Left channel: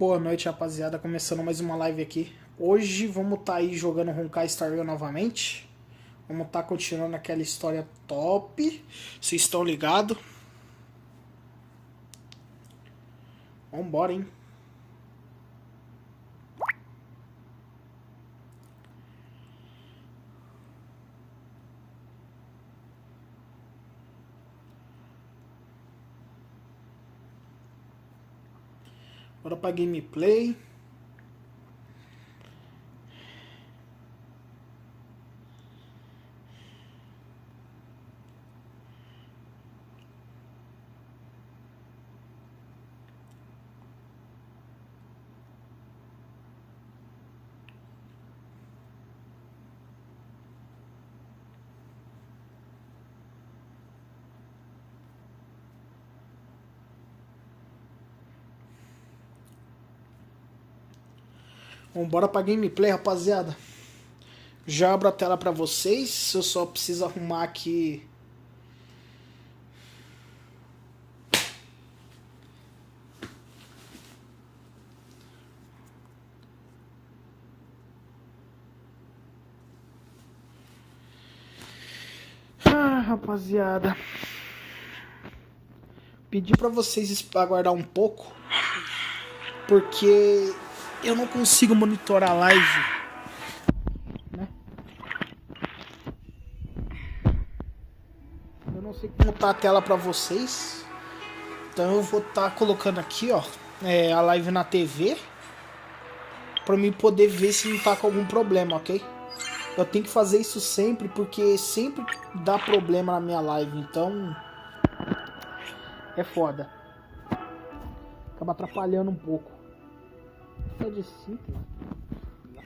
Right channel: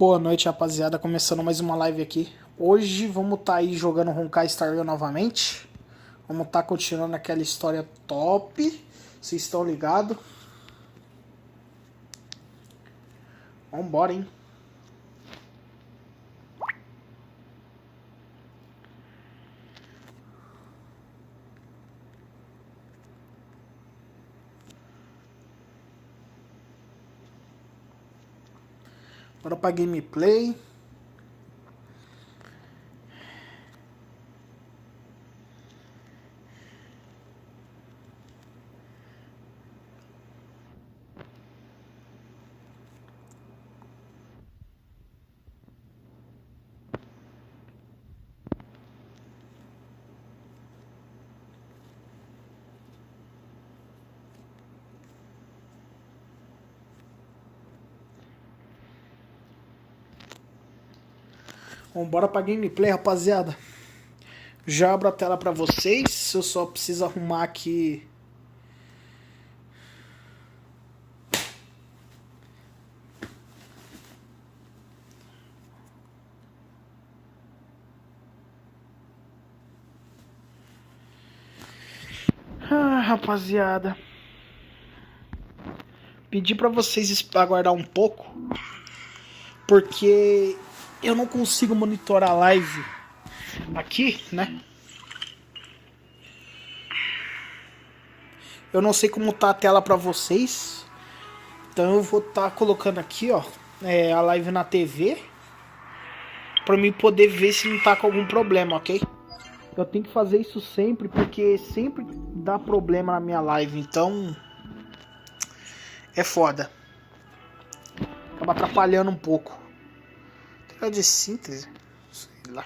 Boa noite, rapaziada, começando mais uma live aqui. Hoje vamos estar aí jogando Honkai novamente. Vamos estar continuando aquela história top. Vocês estão ligados? Vambora, hein? Bora pra gameplay. Vambora pra gameplay, rapaziada. Já abro a tela pra vocês. Eu só preciso arrumar aqui. Rapaziada. Pedi pra vocês aguardar um pouco. Porque eu não consigo monitorar a live aqui, né? Eu não sei como tá a tela pra vocês. Então eu vou estar colocando aqui, ó, a live na TV. Pra mim poder ver se não tá com algum problema, ok? Eu tenho que fazer isso sempre, porque sempre dá problema na minha live. Então é foda. Acaba atrapalhando um pouco. É de síntese? Sei lá.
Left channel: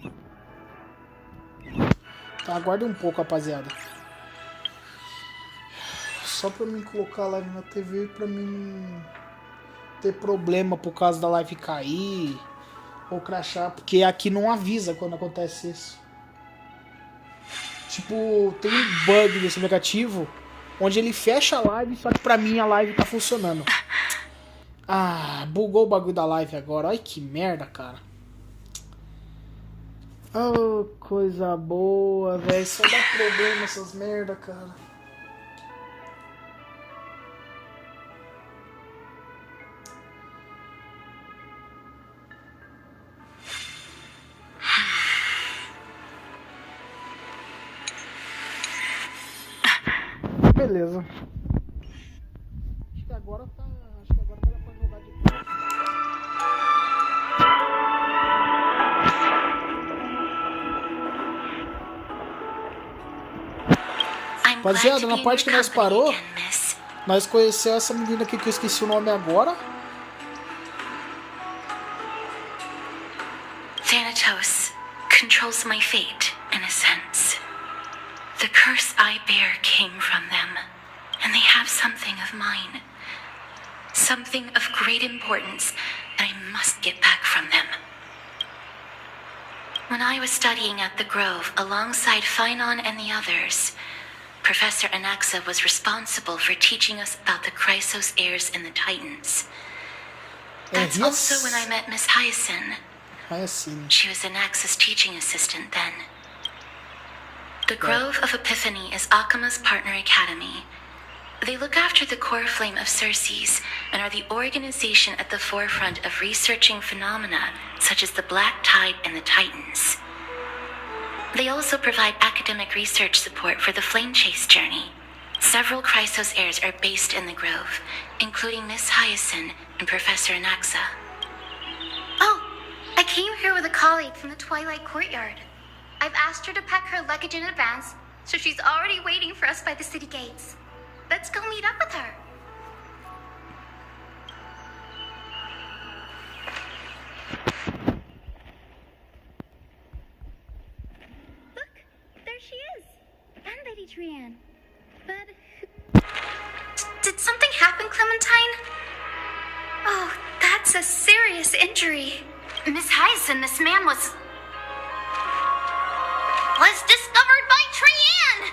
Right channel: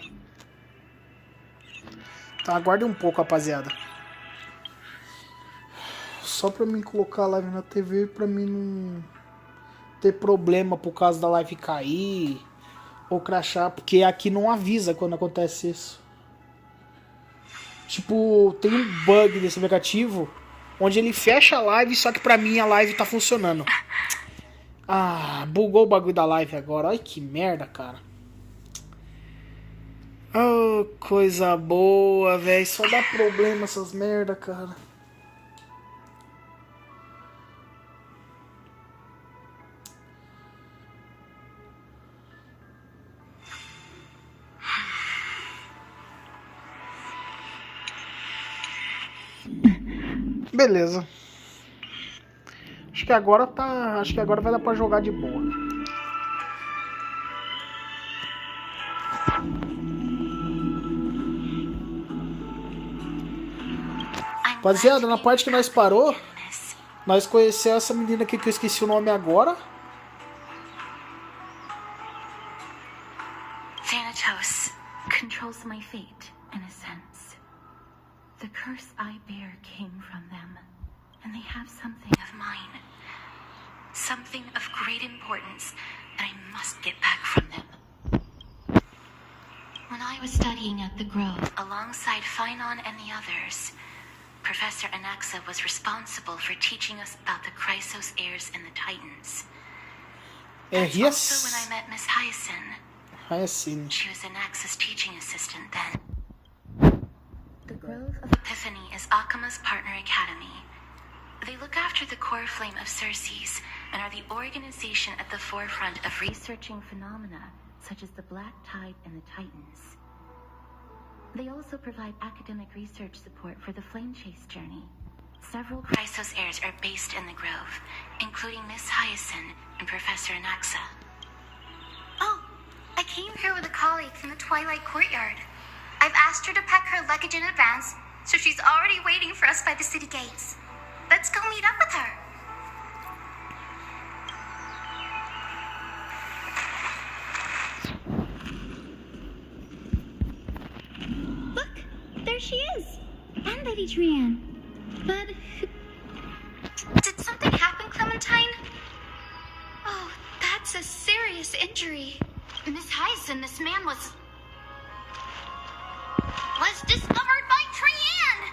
Tá, aguarde um pouco, rapaziada. Só pra mim colocar a live na TV, pra mim não ter problema por causa da live cair ou crashar, porque aqui não avisa quando acontece isso. Tipo, tem um bug desse aplicativo onde ele fecha a live, só que pra mim a live tá funcionando. Ah, bugou o bagulho da live agora. Olha que merda, cara. Oh, coisa boa, velho. Só dá problema essas merda, cara. Beleza. Acho que agora tá. Acho que agora vai dar pra jogar de boa. Rapaziada, na parte que nós parou, nós conhecemos essa menina aqui que eu esqueci o nome agora. Thanatos controls my fate, in a sense. The curse I bear came from them, and they have something of mine. Something of great importance that I must get back from them. When I was studying at the Grove alongside Phynon and the others, Professor Anaxa was responsible for teaching us about the Chrysos heirs and the Titans. That's also when I met Miss Hyacinth. She was Anaxa's teaching assistant then. The Grove of Epiphany is Akima's partner academy. They look after the core flame of Circes and are the organization at the forefront of researching phenomena such as the Black Tide and the Titans. They also provide academic research support for the Flame Chase journey. Several Chrysos heirs are based in the Grove, including Miss Hyacinth and Professor Anaxa. Oh, I came here with a colleague from the Twilight Courtyard. I've asked her to pack her luggage in advance, so she's already waiting for us by the city gates. Let's go meet up with her. There she is! And Lady Trianne. But... Did something happen, Clementine? Oh, that's a serious injury. Miss Hyacinth, this man was discovered by Trianne!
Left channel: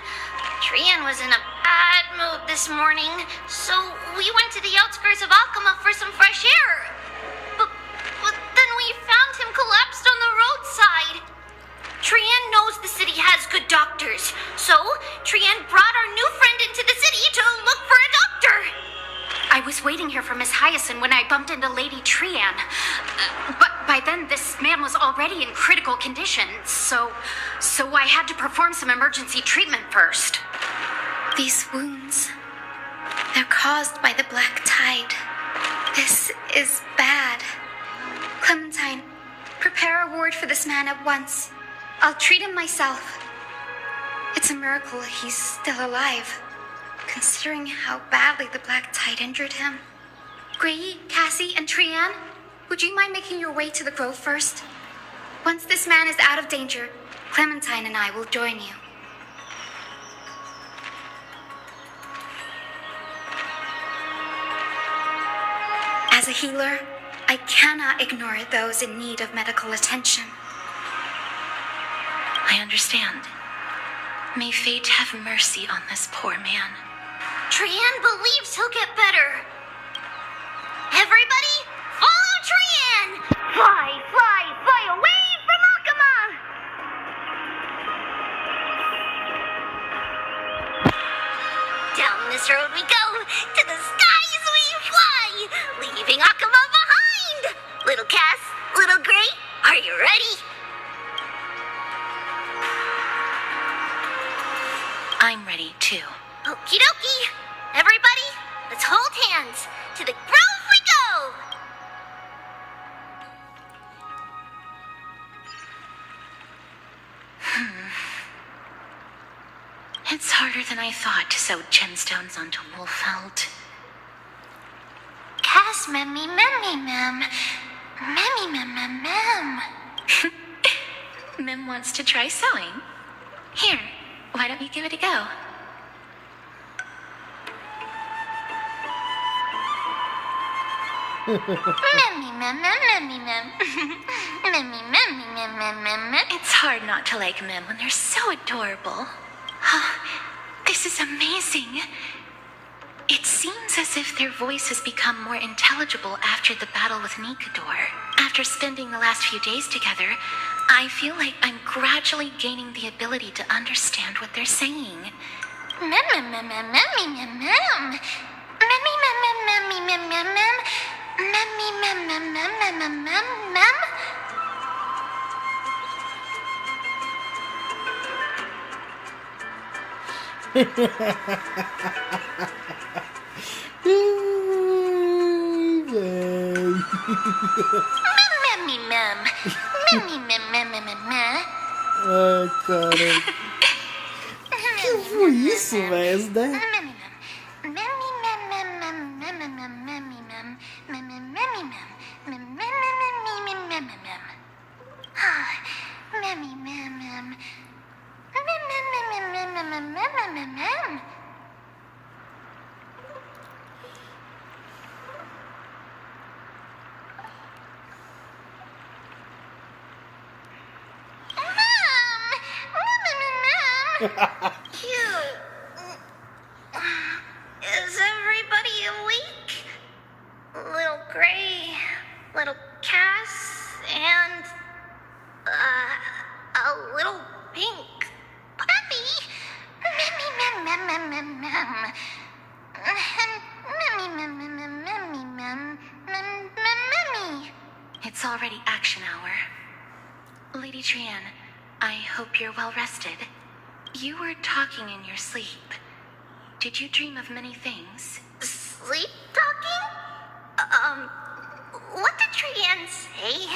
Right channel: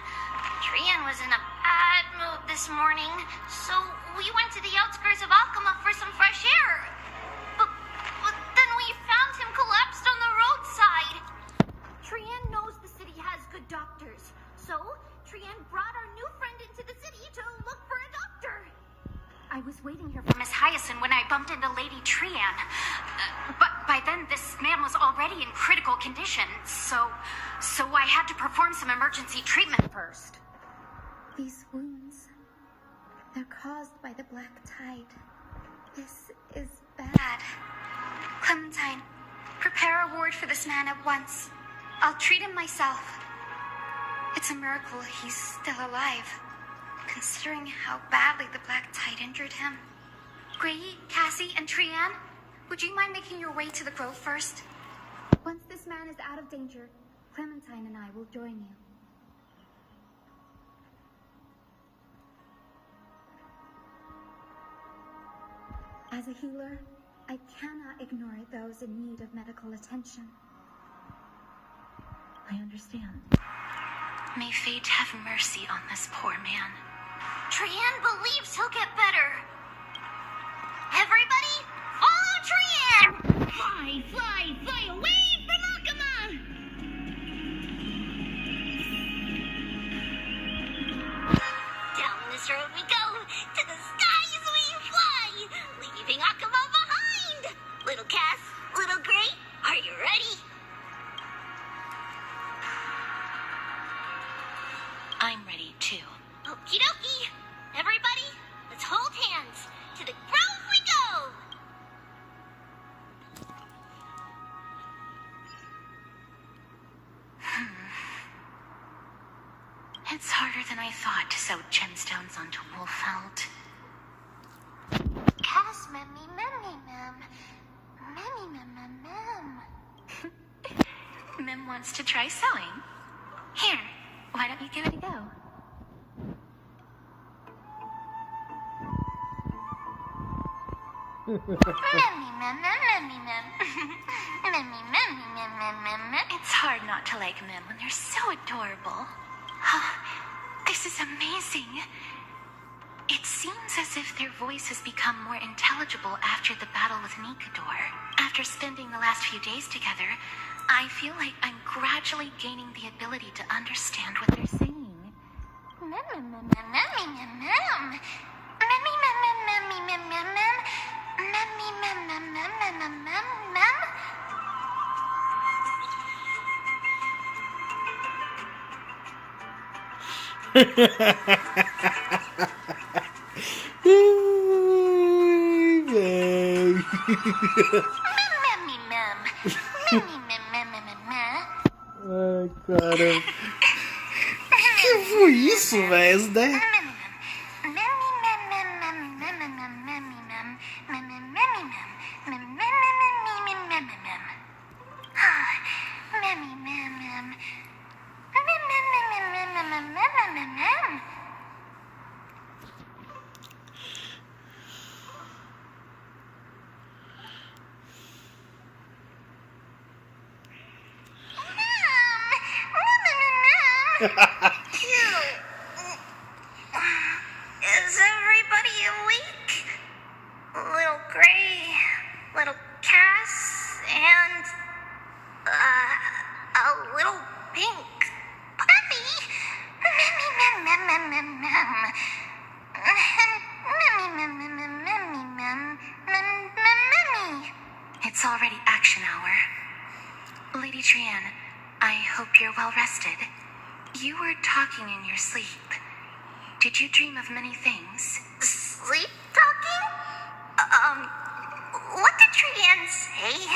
Trianne was in a bad mood this morning, so we went to the outskirts of Akama for some fresh air. But then we doctors. So, Trian brought our new friend into the city to look for a doctor. I was waiting here for Miss Hyacinth when I bumped into Lady Trian. But by then, this man was already in critical condition, so I had to perform some emergency treatment first. These wounds, they're caused by the black tide. This is bad. Clementine, prepare a ward for this man at once. I'll treat him myself. It's a miracle he's still alive, considering how badly the black tide injured him. Gray, Cassie, and Trian, would you mind making your way to the grove first? Once this man is out of danger, Clementine and I will join you. As a healer, I cannot ignore those in need of medical attention. I understand. May fate have mercy on this poor man. Trian believes he'll get better. Everybody, follow Trian! Fly, fly, fly away from Akama! Down this road we go, to the skies we fly, leaving Akama behind! Little Cass, little Gray, are you ready? I'm ready too. Okie dokie. Everybody, let's hold hands. To the grove we go! It's harder than I thought to sew gemstones onto wool felt. Cass, memmy, mem. Memmy, mem. Mem wants to try sewing. Here, why don't you give it a go? Memmy, mem. It's hard not to like Mem when they're so adorable. Oh, this is amazing. It seems as if their voice has become more intelligible after the battle with Nikador. After spending the last few days together, I feel like I'm gradually gaining the ability to understand what they're saying. Ai, cara. Que foi isso, velho? Né? Is everybody awake? Little Gray, little Cass, and a little pink puppy. It's already action hour. Lady Trian, I hope you're well rested. You were talking in your sleep. Did you dream of many things? Sleep talking? What did Trian say?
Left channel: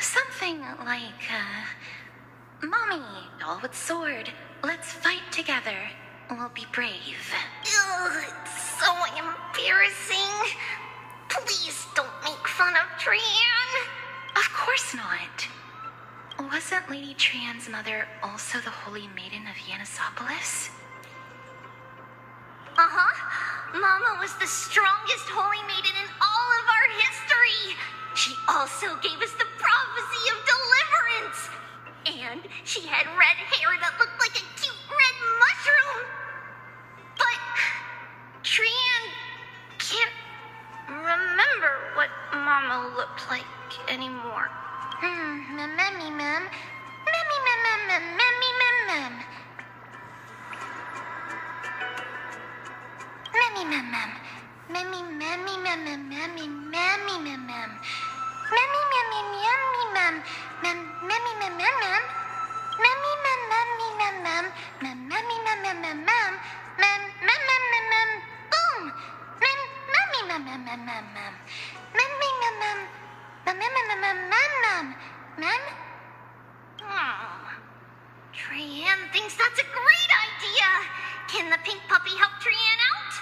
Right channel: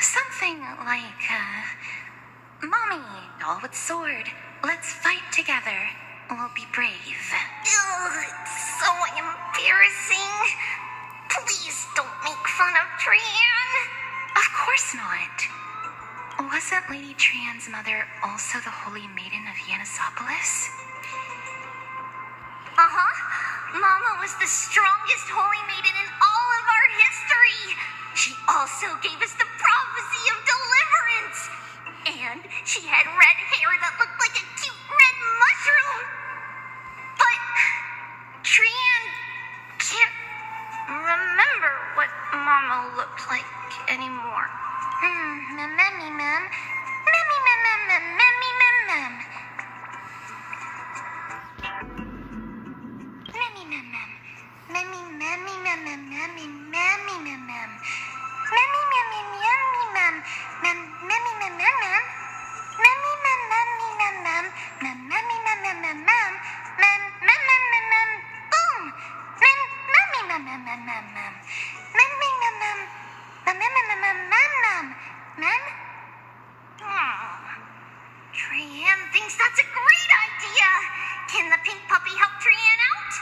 Something like, Mommy, doll with sword, let's fight together. We'll be brave. Ugh, it's so embarrassing. Please don't make fun of Trian. Of course not. Wasn't Lady Trian's mother also the Holy Maiden of Yanisopolis? Mama was the strongest holy maiden in all of our history. She also gave us the prophecy of deliverance. And she had red hair that looked like a cute red mushroom. But Trian can't remember what Mama looked like anymore. Trian thinks that's a great idea. Can the pink puppy help Trian out?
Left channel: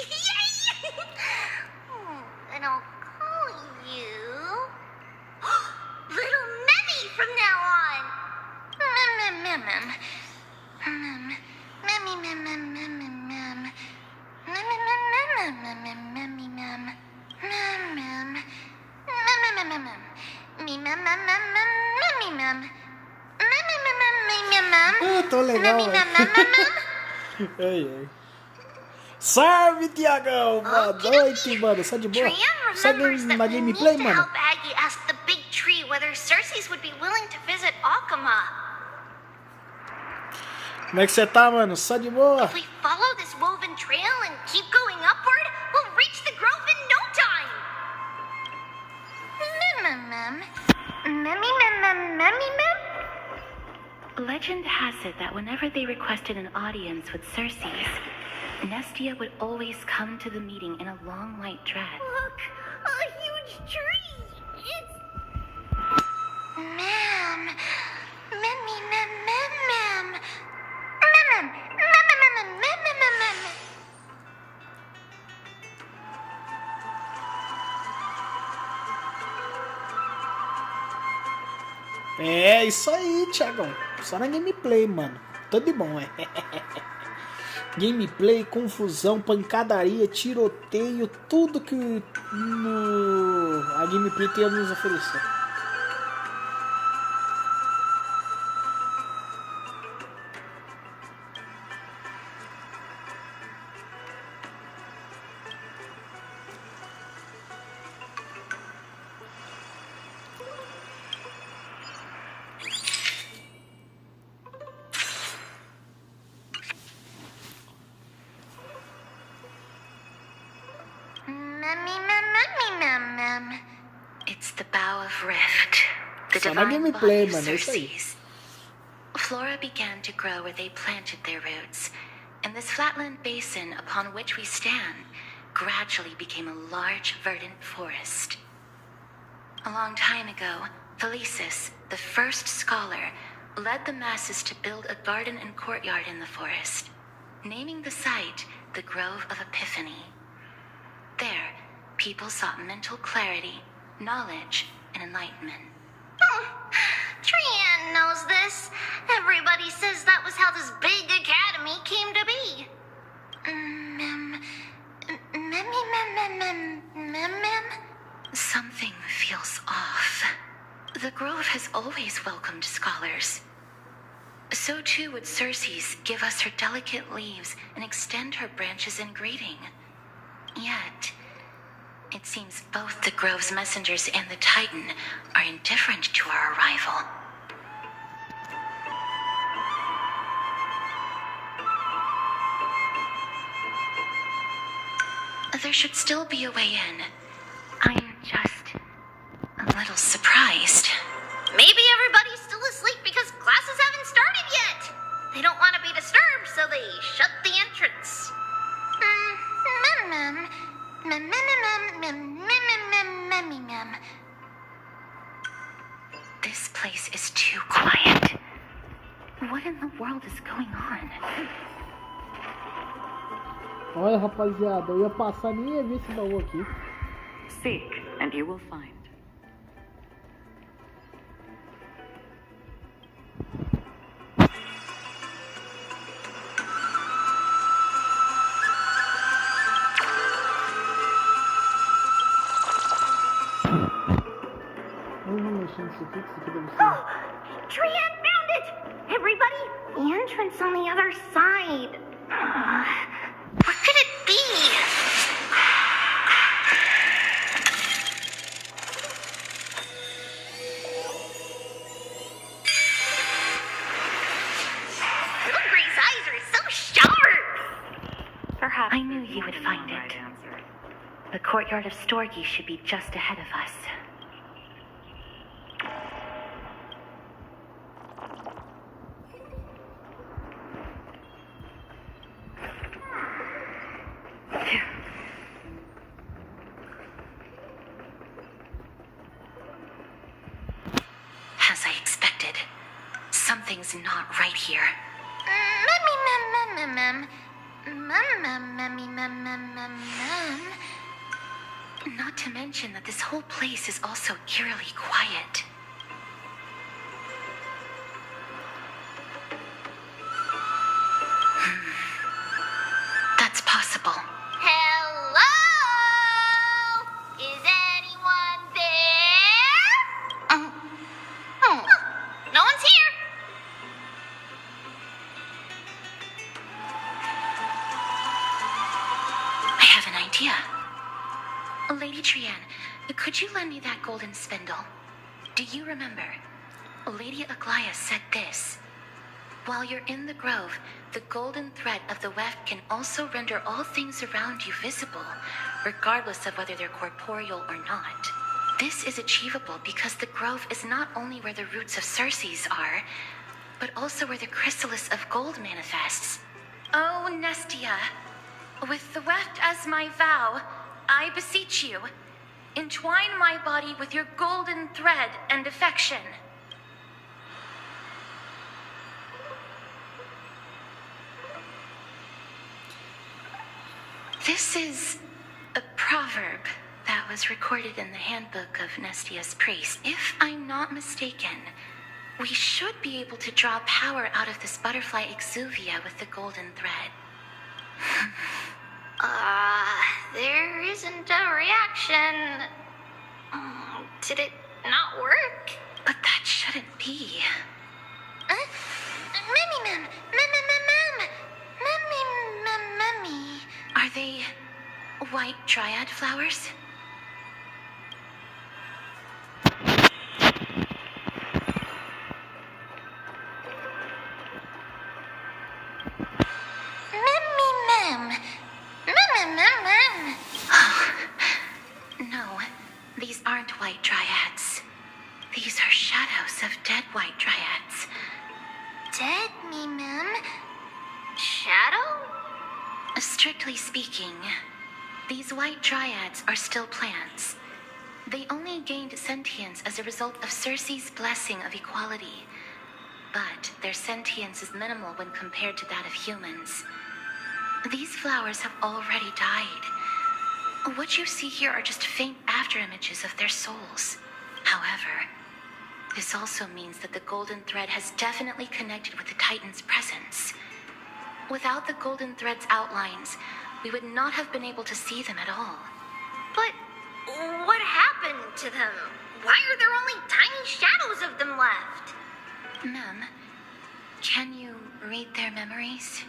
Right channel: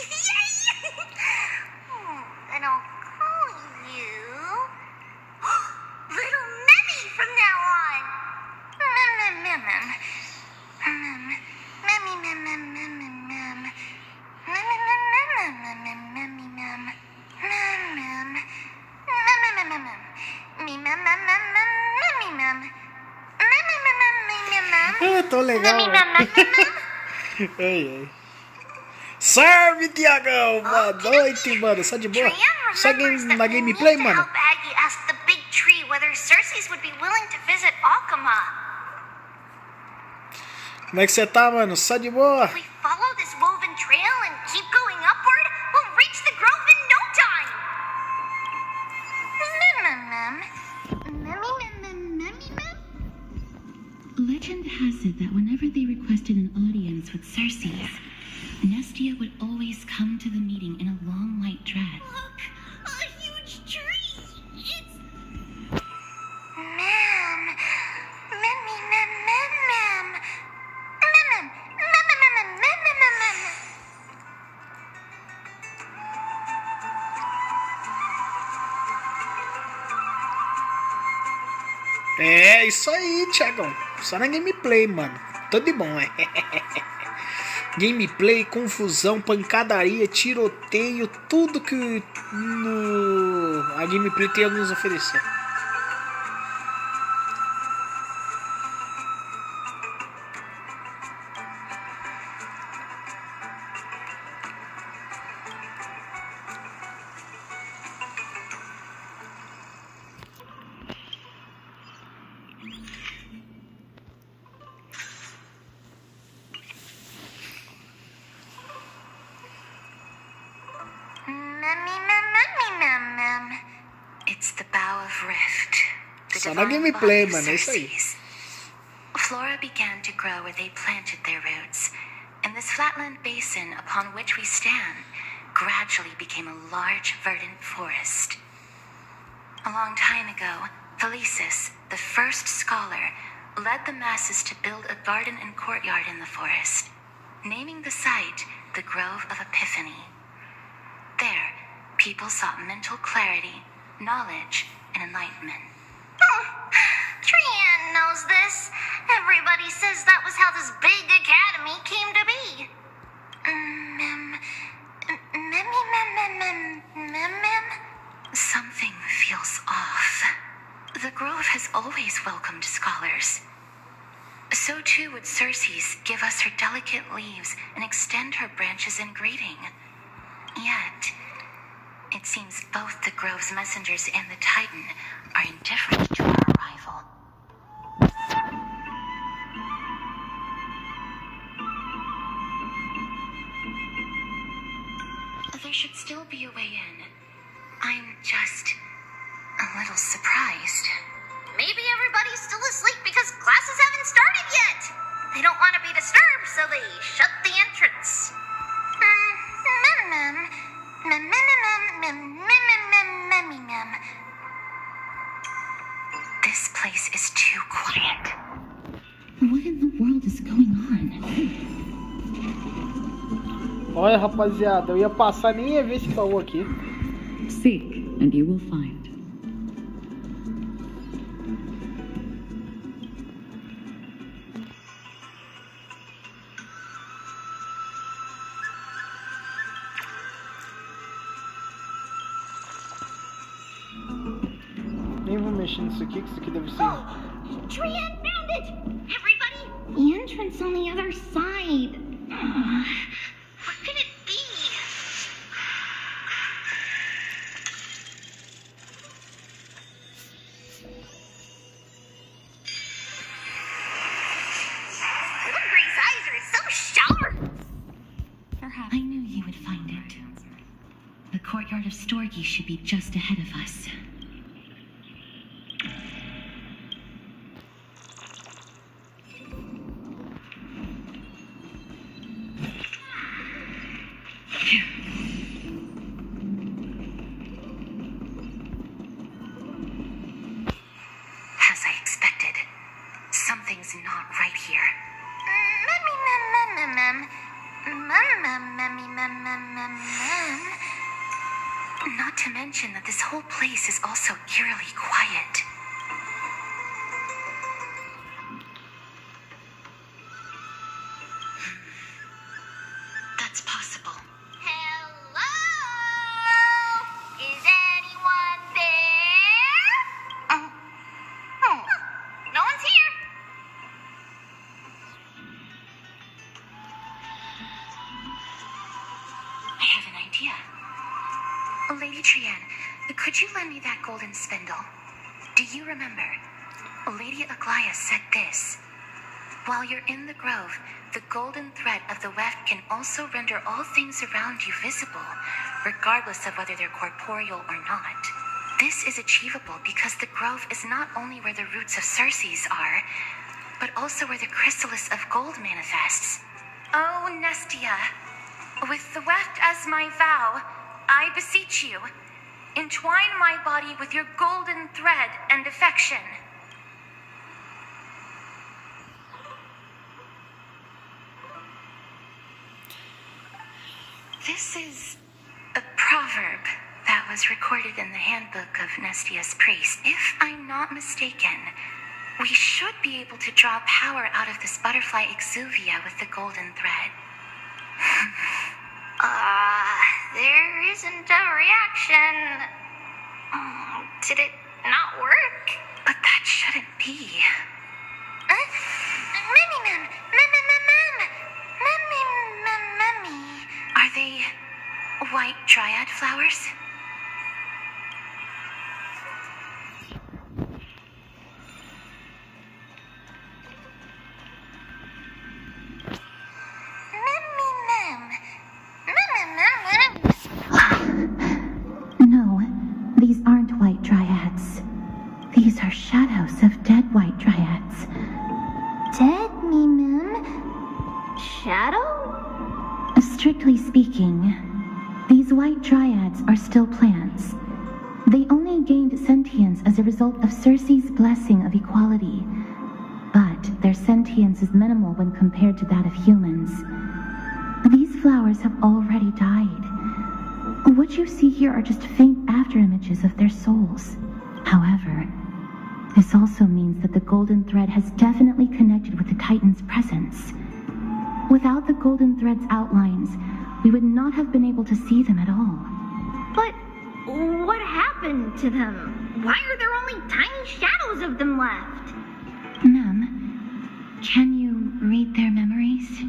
Yay! And I'll call you Little Memmy from now on. Tô legal, ai, ai. Salve, Tiagão! Boa noite, mano. Só de boa? Só na gameplay, mano? Aggie asked the big tree whether Circes would be willing to visit Alkema. Como é que você tá, mano? Só de boa? If we follow this woven trail and keep going upward, we'll reach the grove in no time. Legend has it that whenever they requested an audience with Circes, Nestia would always come to the meeting in a long white dress. Look, a huge tree. It's Ma'am. É, isso aí, Thiagão. Só na gameplay, mano. Tudo de bom, é. Gameplay, confusão, pancadaria, tiroteio, tudo que a gameplay tem a nos oferecer. It's the Bow of Rift, the Só na divine gameplay, body of mano, é isso aí. Circes. Flora began to grow where they planted their roots, and this flatland basin upon which we stand gradually became a large verdant forest. A long time ago, Felicis, the first scholar, led the masses to build a garden and courtyard in the forest, naming the site the Grove of Epiphany. There, people sought mental clarity, knowledge, and enlightenment. Trian knows this. Everybody says that was how this big academy came to be. Something feels off. The Grove has always welcomed scholars. So too would Circes give us her delicate leaves and extend her branches in greeting. Yet, it seems both the Grove's messengers and the Titan are indifferent to our arrival. There should still be a way in. I'm just a little surprised. Maybe everybody's still asleep because classes haven't started yet. They don't want to be disturbed, so they shut the entrance. This place is too quiet. What in the world is going on? Olha, rapaziada, eu ia passar nem ia ver esse baú aqui. Seek, and you will find. Nem vou mexer nisso aqui, que isso aqui deve ser... Trian found it! Everybody, the entrance on the other side. What could it be? shower! Perhaps I knew you would find it. The courtyard of Storgi should be just ahead of us. As I expected, something's not right here. Not to mention that this whole place is also eerily quiet. That's possible. Hello? Is anyone there? Oh, no one's here. I have an idea. Lady Trian, could you lend me that golden spindle? Do you remember? Lady Aglaya said this. While you're in the grove, the golden thread of the weft can also render all things around you visible, regardless of whether they're corporeal or not. This is achievable because the grove is not only where the roots of Circes are, but also where the chrysalis of gold manifests. Oh, Nestia, with the weft as my vow, I beseech you, entwine my body with your golden thread and affection. This is a proverb that was recorded in the handbook of Nestia's priest. If I'm not mistaken, we should be able to draw power out of this butterfly exuvia with the golden thread. There isn't a reaction. Did it not work? But that shouldn't be. Are they white dryad flowers? No, these aren't white dryads. These are shadows of dead white dryads. Dead me, ma'am? Shadow? Strictly speaking, these white dryads are still plants. They only gained sentience as a result of Circe's blessing of equality. But their sentience is minimal when compared to that of humans. These flowers have already died. What you see here are just faint afterimages of their souls. However, this also means that the golden thread has definitely connected with the Titan's presence. Without the golden thread's outlines, we would not have been able to see them at all. But what happened to them? Why are there only tiny shadows of them left? Ma'am, can you read their memories?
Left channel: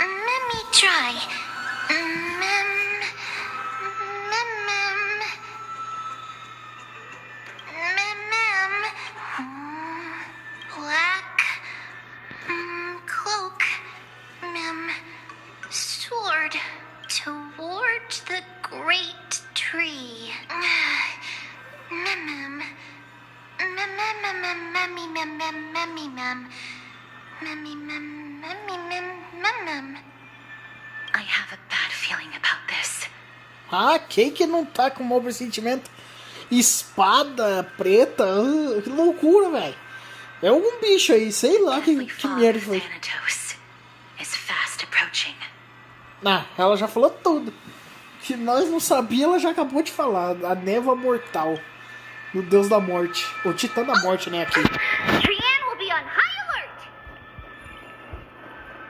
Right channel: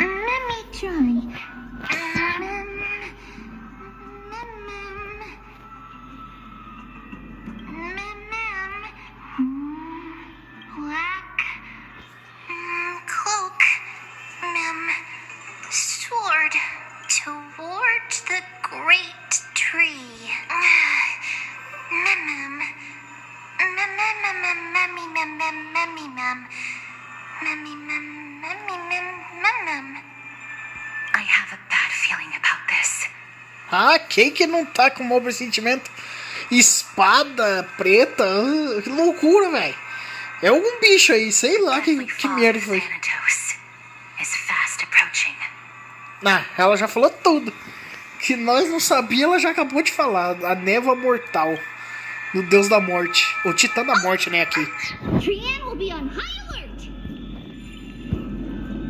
Let me try. Black cloak, sword toward the great tree. I have a bad feeling about this. Ah, quem que não tá com mau pressentimento? Espada preta, que loucura, velho. É algum bicho aí, sei lá que merda foi. Ah, ela já falou tudo. Que nós não sabíamos, ela já acabou de falar. A névoa mortal. O deus da morte. O titã da morte, né, aqui.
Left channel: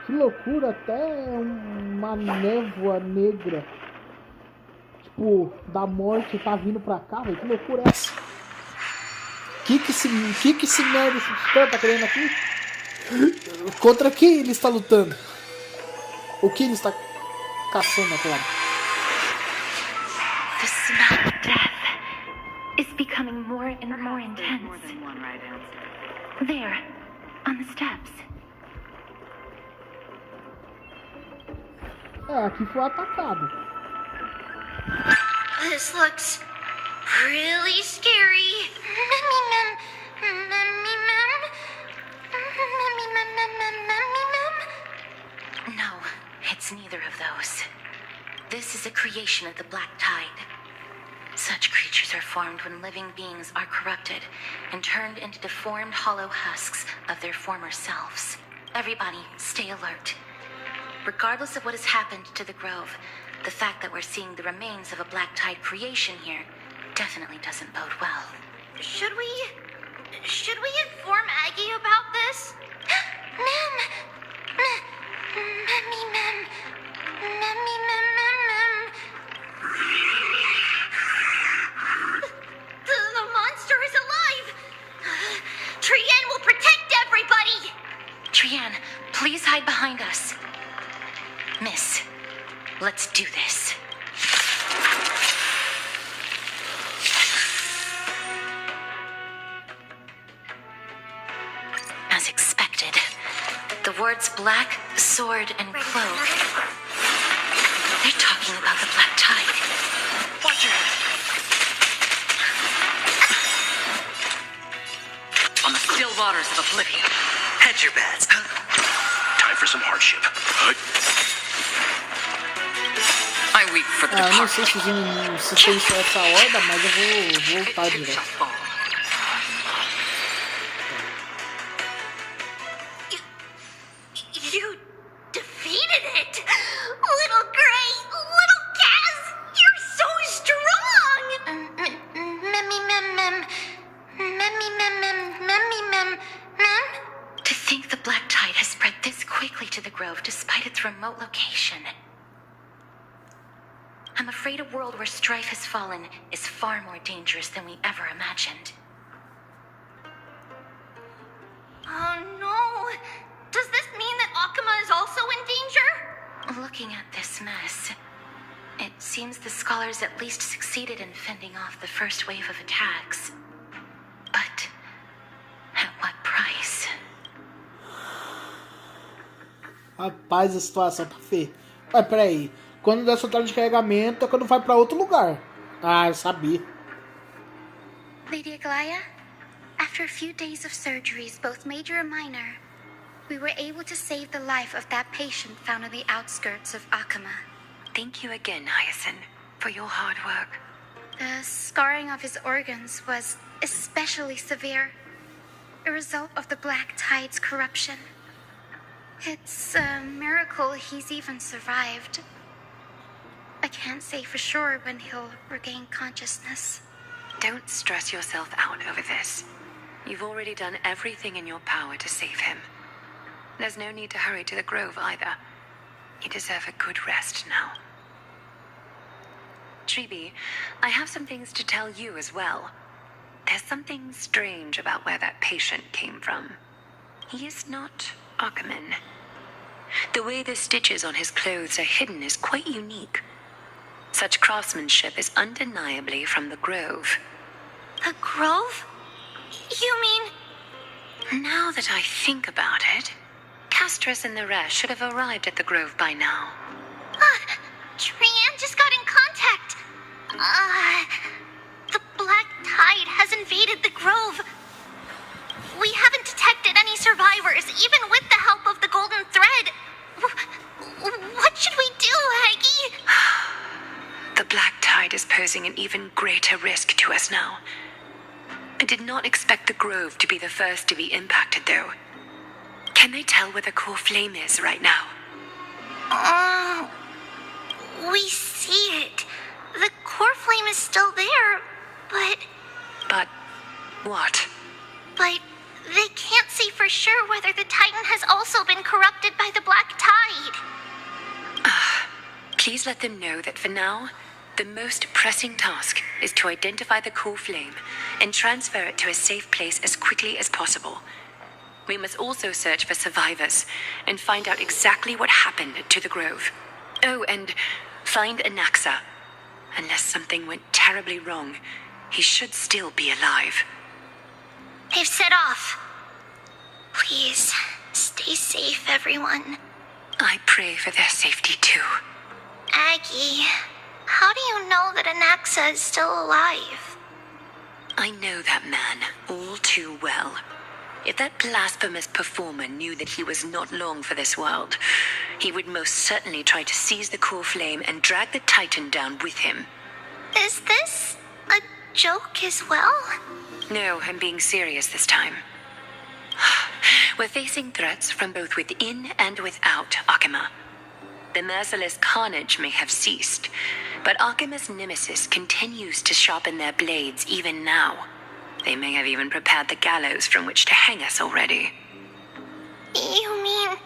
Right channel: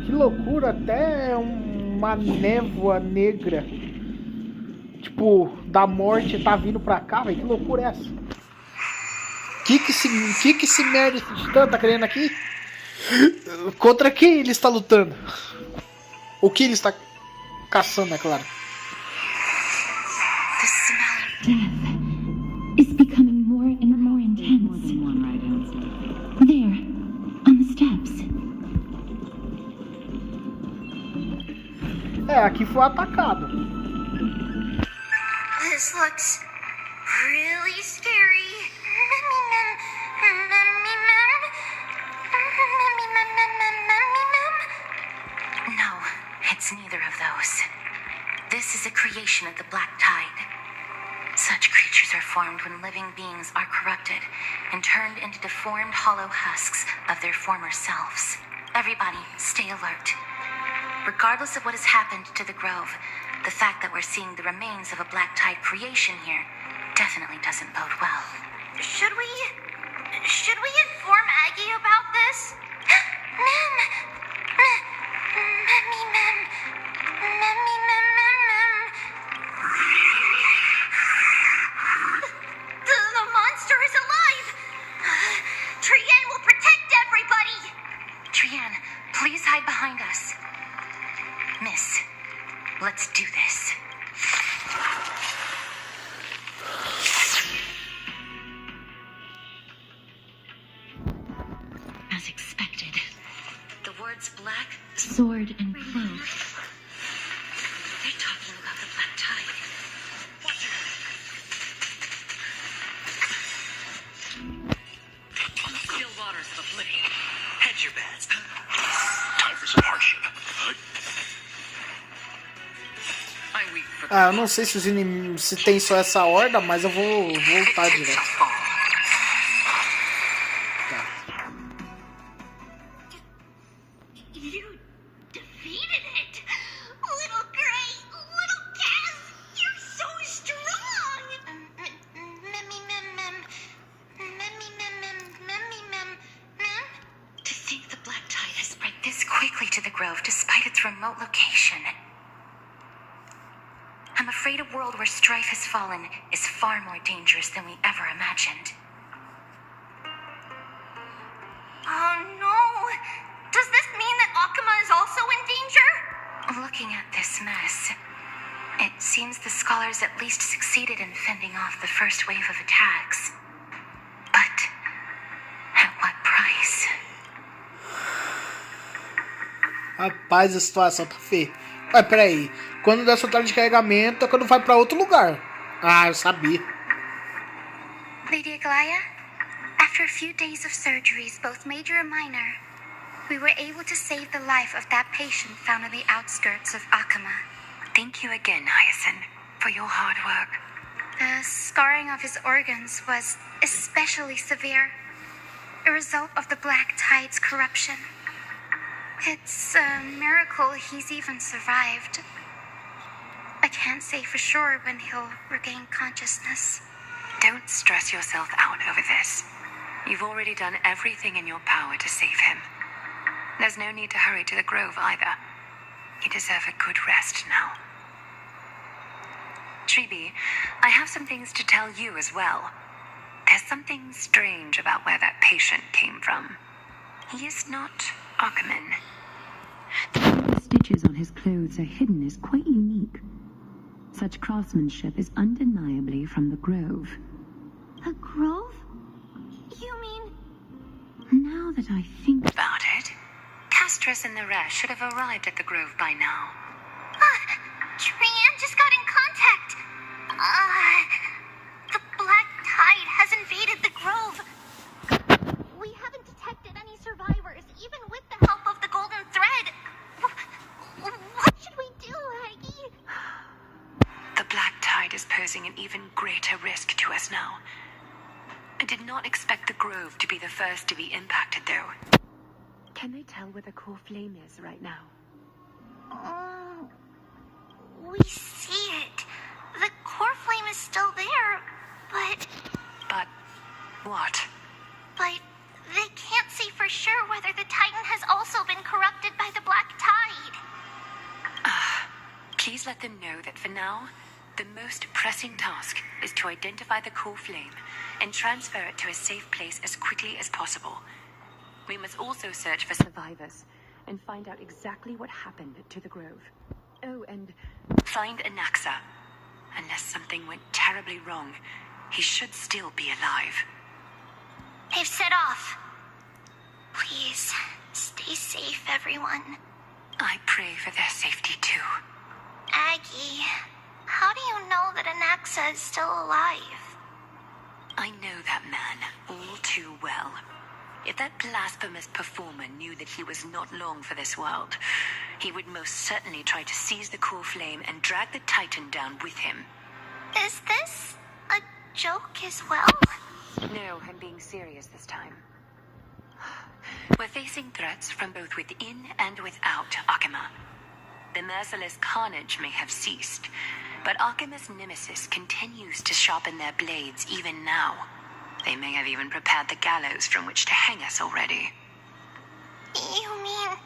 Que loucura, até uma névoa negra. Tipo, da morte tá vindo pra cá, velho. Que loucura é essa? Que esse merda, esse titã tá querendo aqui? Contra quem ele está lutando? O que ele está caçando, é claro. The smell of death is becoming more and more intense. More than one right answer. There, on the steps. É, aqui foi atacado. This looks really scary. Mummy mum. Mummy mum. Mummy mum mum mum mummy mum. No, it's neither of those. This is a creation of the Black Tide. Such creatures are formed when living beings are corrupted and turned into deformed hollow husks of their former selves. Everybody, stay alert. Regardless of what has happened to the Grove, the fact that we're seeing the remains of a Black Tide creation here definitely doesn't bode well. Should we inform Aggie about this? Mum. Mummy mum. Mummy mum mum mum. The monster is alive. Trienne will protect everybody. Trienne, please hide behind us. Miss, let's do this. As expected, the words black, sword, and cloak. They're talking about the Black Tide. Watch her. On the still waters of oblivion. Hedge your bets. Time for some hardship. I weep for the Ah, eu não sei se os inimigos se tem só essa horda, mas eu vou voltar direto. You defeated it! Little Gray! Little Cass! You're so strong! Mummy mum mum. Mummy mum mum. Mummy mum mum. To think the Black Tide has spread this quickly to the Grove despite its remote location. I'm afraid a world where strife has fallen is far more dangerous than we ever imagined. Oh no! Does this mean that Akuma is also in danger? Looking at this mess, it seems the scholars at least succeeded in fending off the first wave of attacks. But at what price? Rapaz, a situação tá feia. Ué, peraí. Quando der sua tela de carregamento é quando vai pra outro lugar. Ah, eu sabia. Lady Aglaya, after a few days of surgeries, both major and minor, we were able to save the life of that patient found on the outskirts of Akuma. Thank you again, Hyacinth, for your hard work. The scarring of his organs was especially severe, a result of the Black Tide's corruption. It's a miracle he's even survived. I can't say for sure when he'll regain consciousness. Don't stress yourself out over this. You've already done everything in your power to save him. There's no need to hurry to the Grove either. You deserve a good rest now. Treeby, I have some things to tell you as well. There's something strange about where that patient came from. He is not Akuman. The way the stitches on his clothes are hidden is quite unique. Such craftsmanship is undeniably from the Grove. A grove? You mean... Now that I think about it, Castris and the rest should have arrived at the Grove by now. Trienne just got in contact. The Black Tide has invaded the Grove. We haven't detected any survivors, even with the help of the Golden Thread. What should we do, Aggie? The Black Tide is posing an even greater risk to us now. I did not expect the Grove to be the first to be impacted, though. Can they tell where the core flame is right now? We see it. The core flame is still there, but... But what? But they can't say for sure whether the Titan has also been corrupted by the Black Tide. Please let them know that for now, the most pressing task is to identify the core flame and transfer it to a safe place as quickly as possible. We must also search for survivors and find out exactly what happened to the Grove. Oh, and find Anaxa. Unless something went terribly wrong, he should still be alive. They've set off. Please, stay safe, everyone. I pray for their safety too. Aggie, how do you know that Anaxa is still alive? I know that man all too well. If that blasphemous performer knew that he was not long for this world, he would most certainly try to seize the core flame and drag the Titan down with him. Is this a joke as well? No, I'm being serious this time. We're facing threats from both within and without Akima. The merciless carnage may have ceased, but Akima's nemesis continues to sharpen their blades even now. They may have even prepared the gallows from which to hang us already. You mean...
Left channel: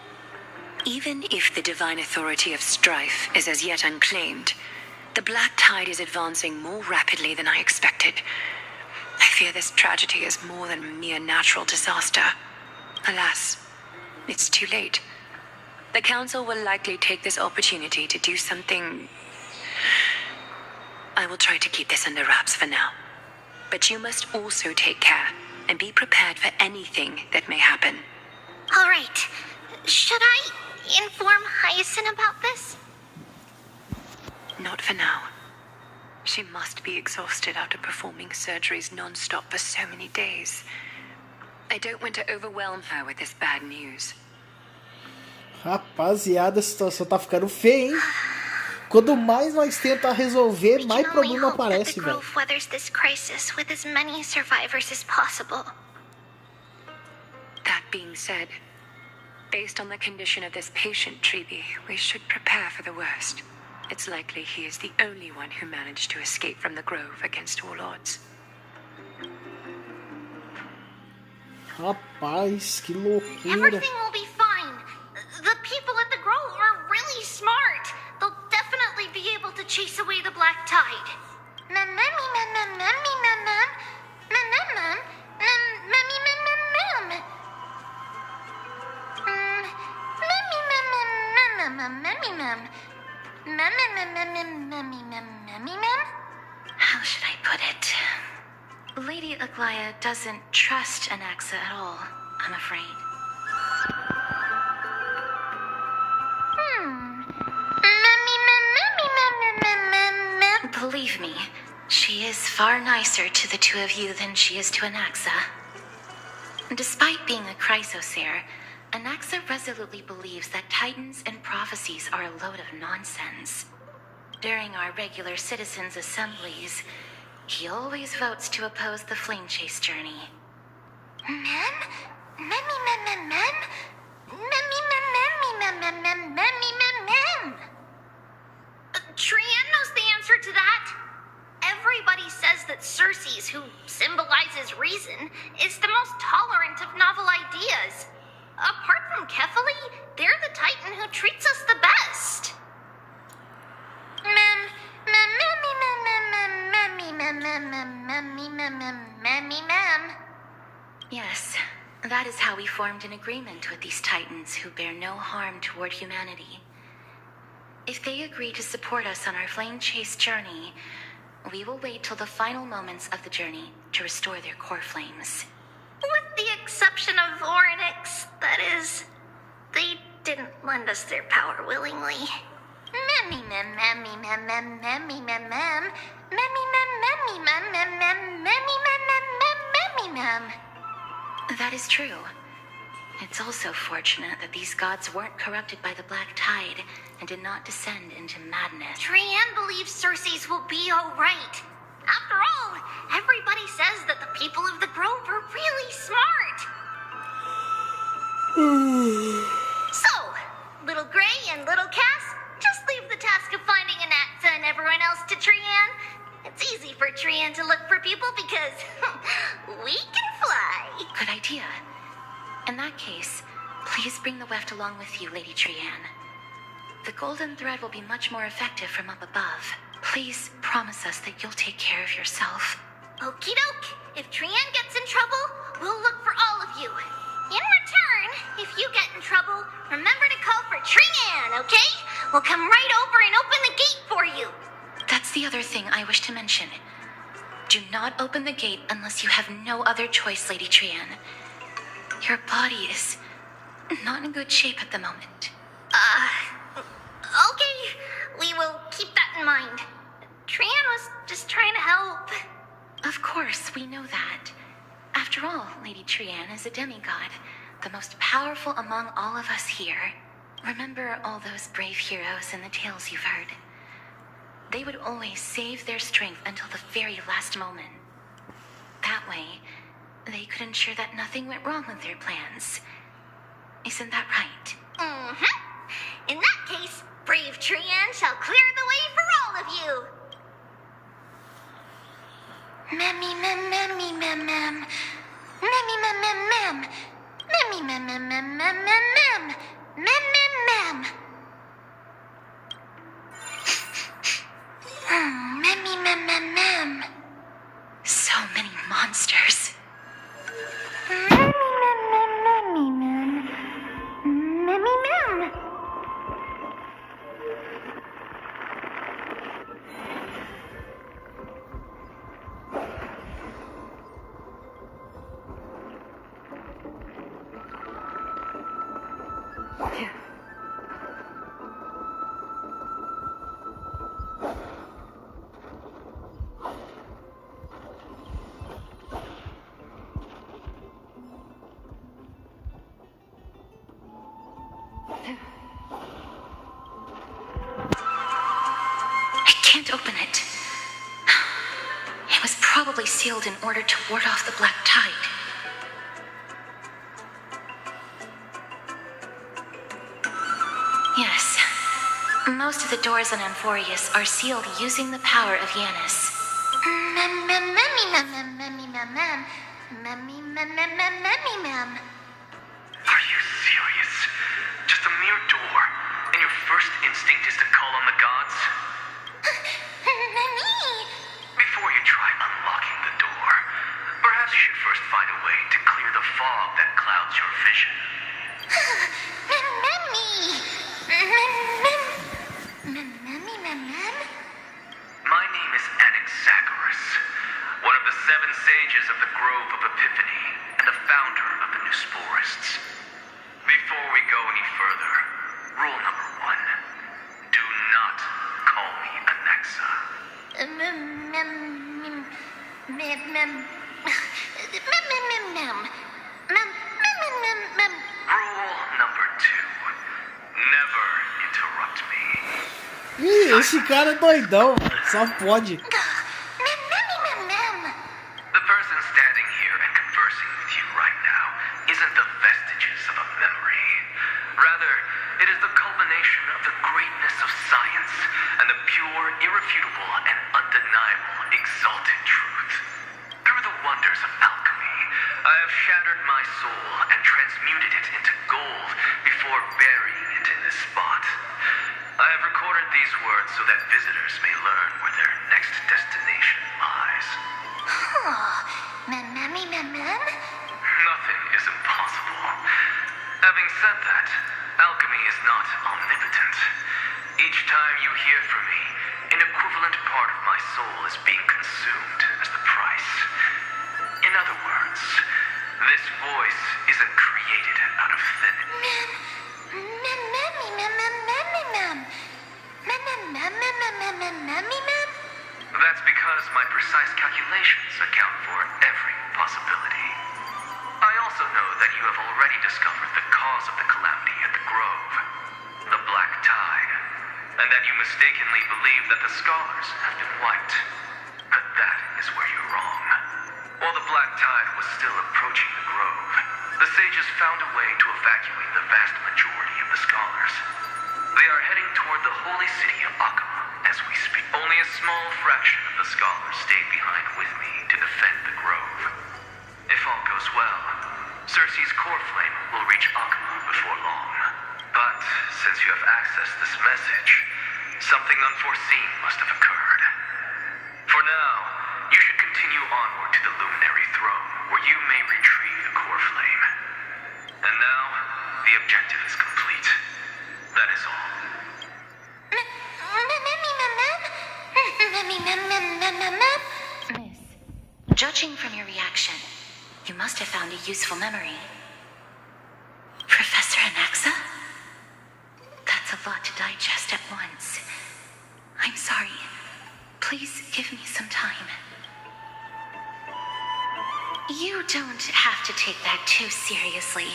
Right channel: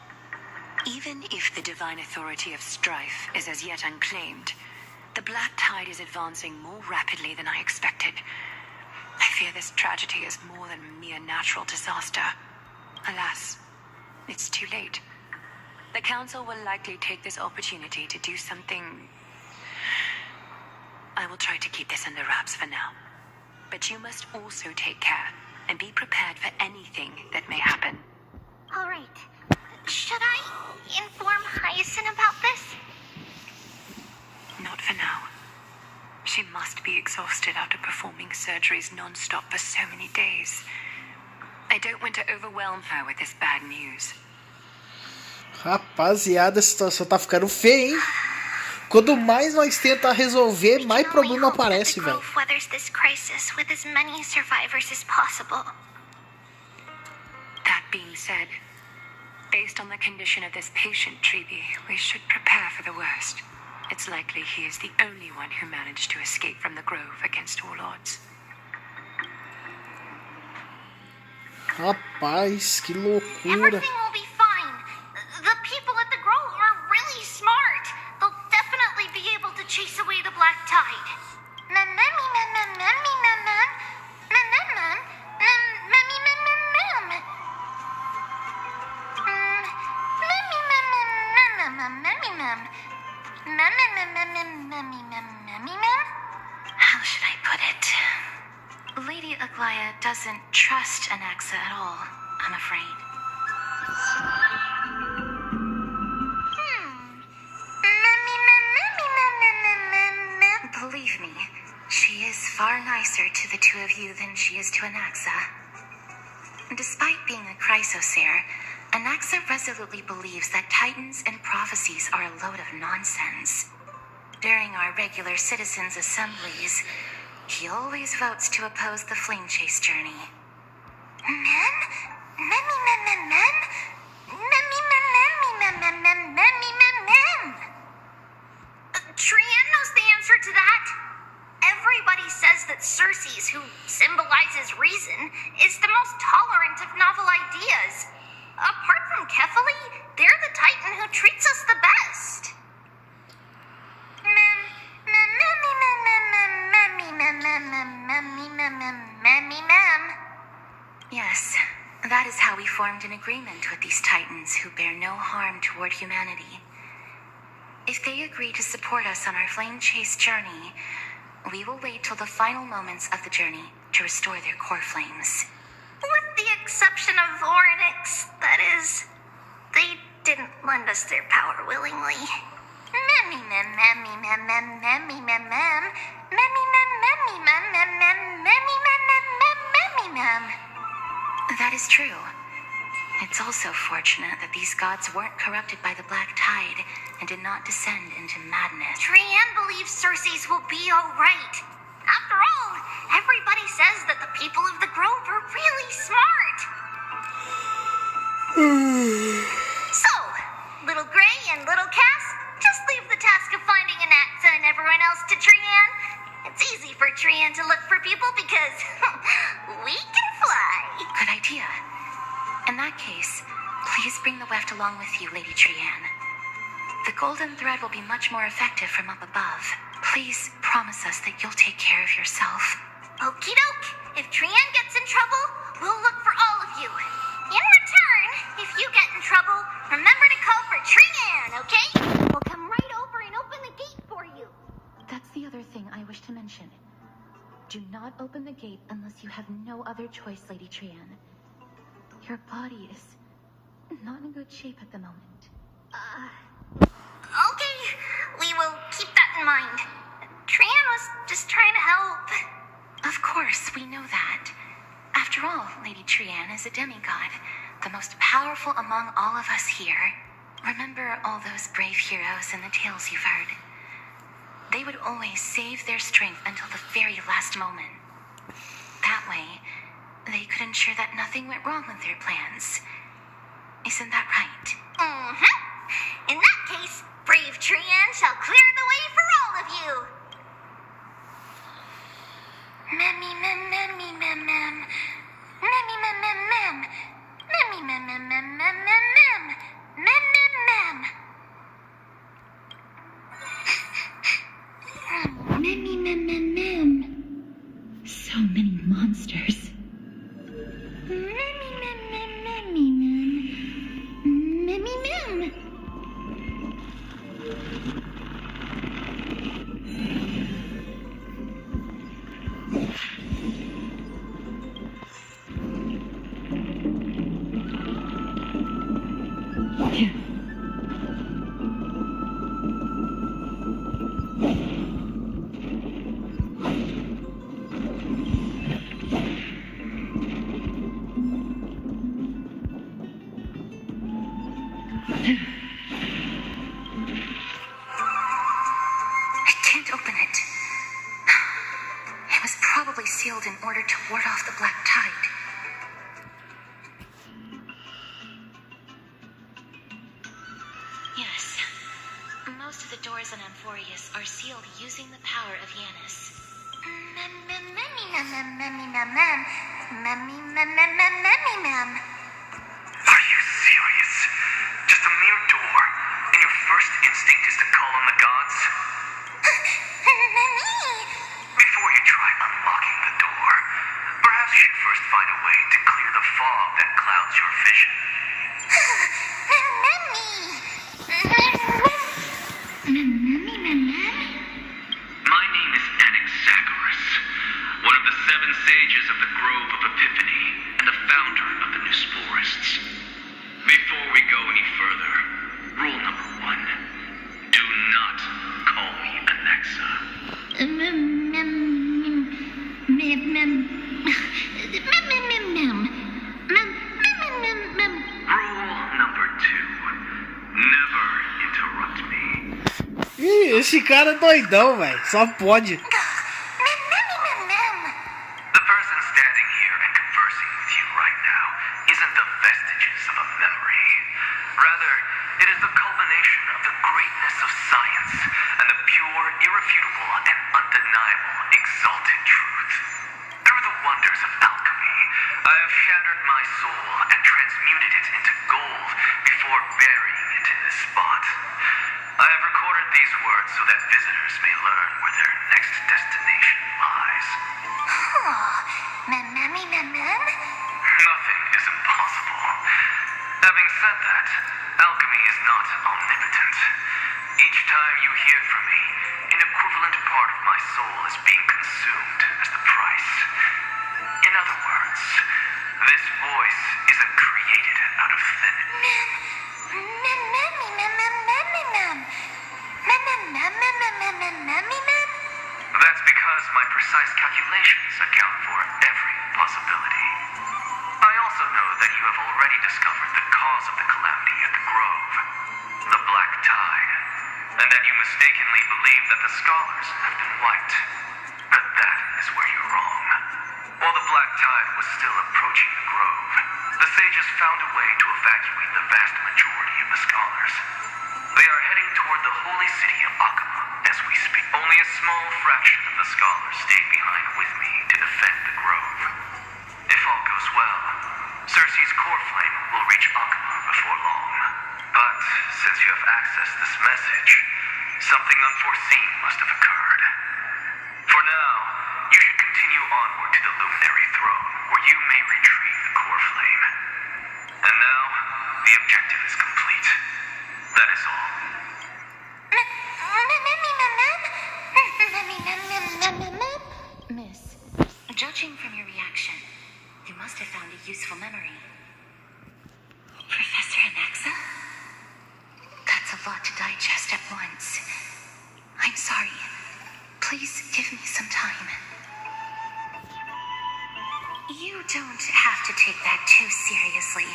Even if the divine authority of strife is as yet unclaimed, the Black Tide is advancing more rapidly than I expected. I fear this tragedy is more than a mere natural disaster. Alas, it's too late. The Council will likely take this opportunity to do something... I will try to keep this under wraps for now. But you must also take care and be prepared for anything that may happen. All right. Should I inform Hyacinth about this? Not for now. She must be exhausted after performing surgeries non-stop for so many days. I don't want to overwhelm her with this bad news. Rapaziada, a situação tá ficando feia, hein? Quanto mais nós tenta resolver, mais problema aparece, velho. Weathers this crisis with as many survivors as possible. That being said, based on the condition of this patient, Treeby, we should prepare for the worst. It's likely he is the only one who managed to escape from the Grove against all odds. Rapaz, que loucura. Everything will be fine. The people at the Grove are really smart. They'll definitely be able to chase away the Black Tide. How should I put it? Lady Aglaya doesn't trust Anaxa at all, I'm afraid. Believe me, she is far nicer to the two of you than she is to Anaxa. Despite being a chrysosaur, Anaxa resolutely believes that titans and prophecies are a load of nonsense. During our regular citizens' assemblies, he always votes to oppose the flame chase journey. Trian knows the answer to that. Everybody says that Circes, who symbolizes reason, is the most tolerant of novel ideas. Apart from Kefali, they're the Titan who treats us the best. Yes, that is how we formed an agreement with these Titans who bear no harm toward humanity. If they agree to support us on our flame chase journey, we will wait till the final moments of the journey to restore their core flames. With the exception of Orynyx, that is. They didn't lend us their power willingly. That is true. It's also fortunate that these gods weren't corrupted by the Black Tide and did not descend into madness. Trian believes Circes will be alright. After all, everybody says that the people of the Grove are really smart. So, Little Gray and Little Cass, just leave the task of finding Anaxa and everyone else to Trian. It's easy for Trian to look for people because we can fly. Good idea. In that case, please bring the weft along with you, Lady Trian. The golden thread will be much more effective from up above. Please promise us that you'll take care of yourself. Okie doke. If Trian gets in trouble, we'll look for all of you. In return, if you get in trouble, remember to call for Trian, okay? We'll come right over and open the gate for you. That's the other thing I wish to mention. Do not open the gate unless you have no other choice, Lady Trian. Your body is not in good shape at the moment. Okay. We will keep that in mind. Trian was just trying to help. Of course, we know that. After all, Lady Trian is a demigod, the most powerful among all of us here. Remember all those brave heroes in the tales you've heard? They would always save their strength until the very last moment. That way, they could ensure that nothing went wrong with their plans. Isn't that right? In that case, brave Trian shall clear the way for all of you. Memmy mem memmy mem mem. Memmy mem mem mem. Memmy mem mem mem mem mem mem. Mem mem mem. Memmy mem mem mem. So many monsters. Memmy mem. Memmy mem. I can't open it. It was probably sealed in order to ward off the black tide. Yes. Most of the doors on Amphorius are sealed using the power of Yanis. Are you serious? Just a mere door, and your first instinct is to call on the gods? Before you try unlocking the door, perhaps you should first find a way to clear the fog that clouds your vision. My name is Anaxagoras, one of the 7 sages of the Grove of Epiphany and the founder of the New Sporists. Before we go any further, rule number 1, do not call me Anaxa. Rule number 2, never interrupt me. Ih, esse cara é doidão, velho. Só pode. The person standing here and conversing with you right now isn't the vestiges of a memory. Rather, it is the culmination of the greatness of science and the pure, irrefutable, and undeniable exalted truth. Through the wonders of alchemy, I have shattered my soul and transmuted it into gold before burying it in this spot. I have recorded these words so that visitors may learn where their next destination lies. Nothing is impossible. Having said that, alchemy is not omnipotent. Each time you hear from me, an equivalent part of my soul is being consumed as the price. In other words, this voice isn't created out of thin air. That's because my precise calculations account for every possibility. I also know that you have already discovered the cause of the calamity at the Grove, the Black Tide, and that you mistakenly believe that the scholars have been wiped. But that is where you're wrong. While the Black Tide was still approaching the Grove, the sages found a way to evacuate the vast majority of the scholars. They are heading toward the holy city of Akama as we speak. Only a small fraction of the scholars stayed behind with me to defend the Grove. If all goes well, Circe's core flame will reach Akama before long. But since you have accessed this message, something unforeseen must have occurred. For now, you should continue onward to the Luminary Throne, where you may retrieve the core flame. And now, the objective is complete. That is all. Miss, judging from your reaction, you must have found a useful memory. Professor Anaxa? That's a lot to digest at once. I'm sorry. Please give me some time. You don't have to take that too seriously.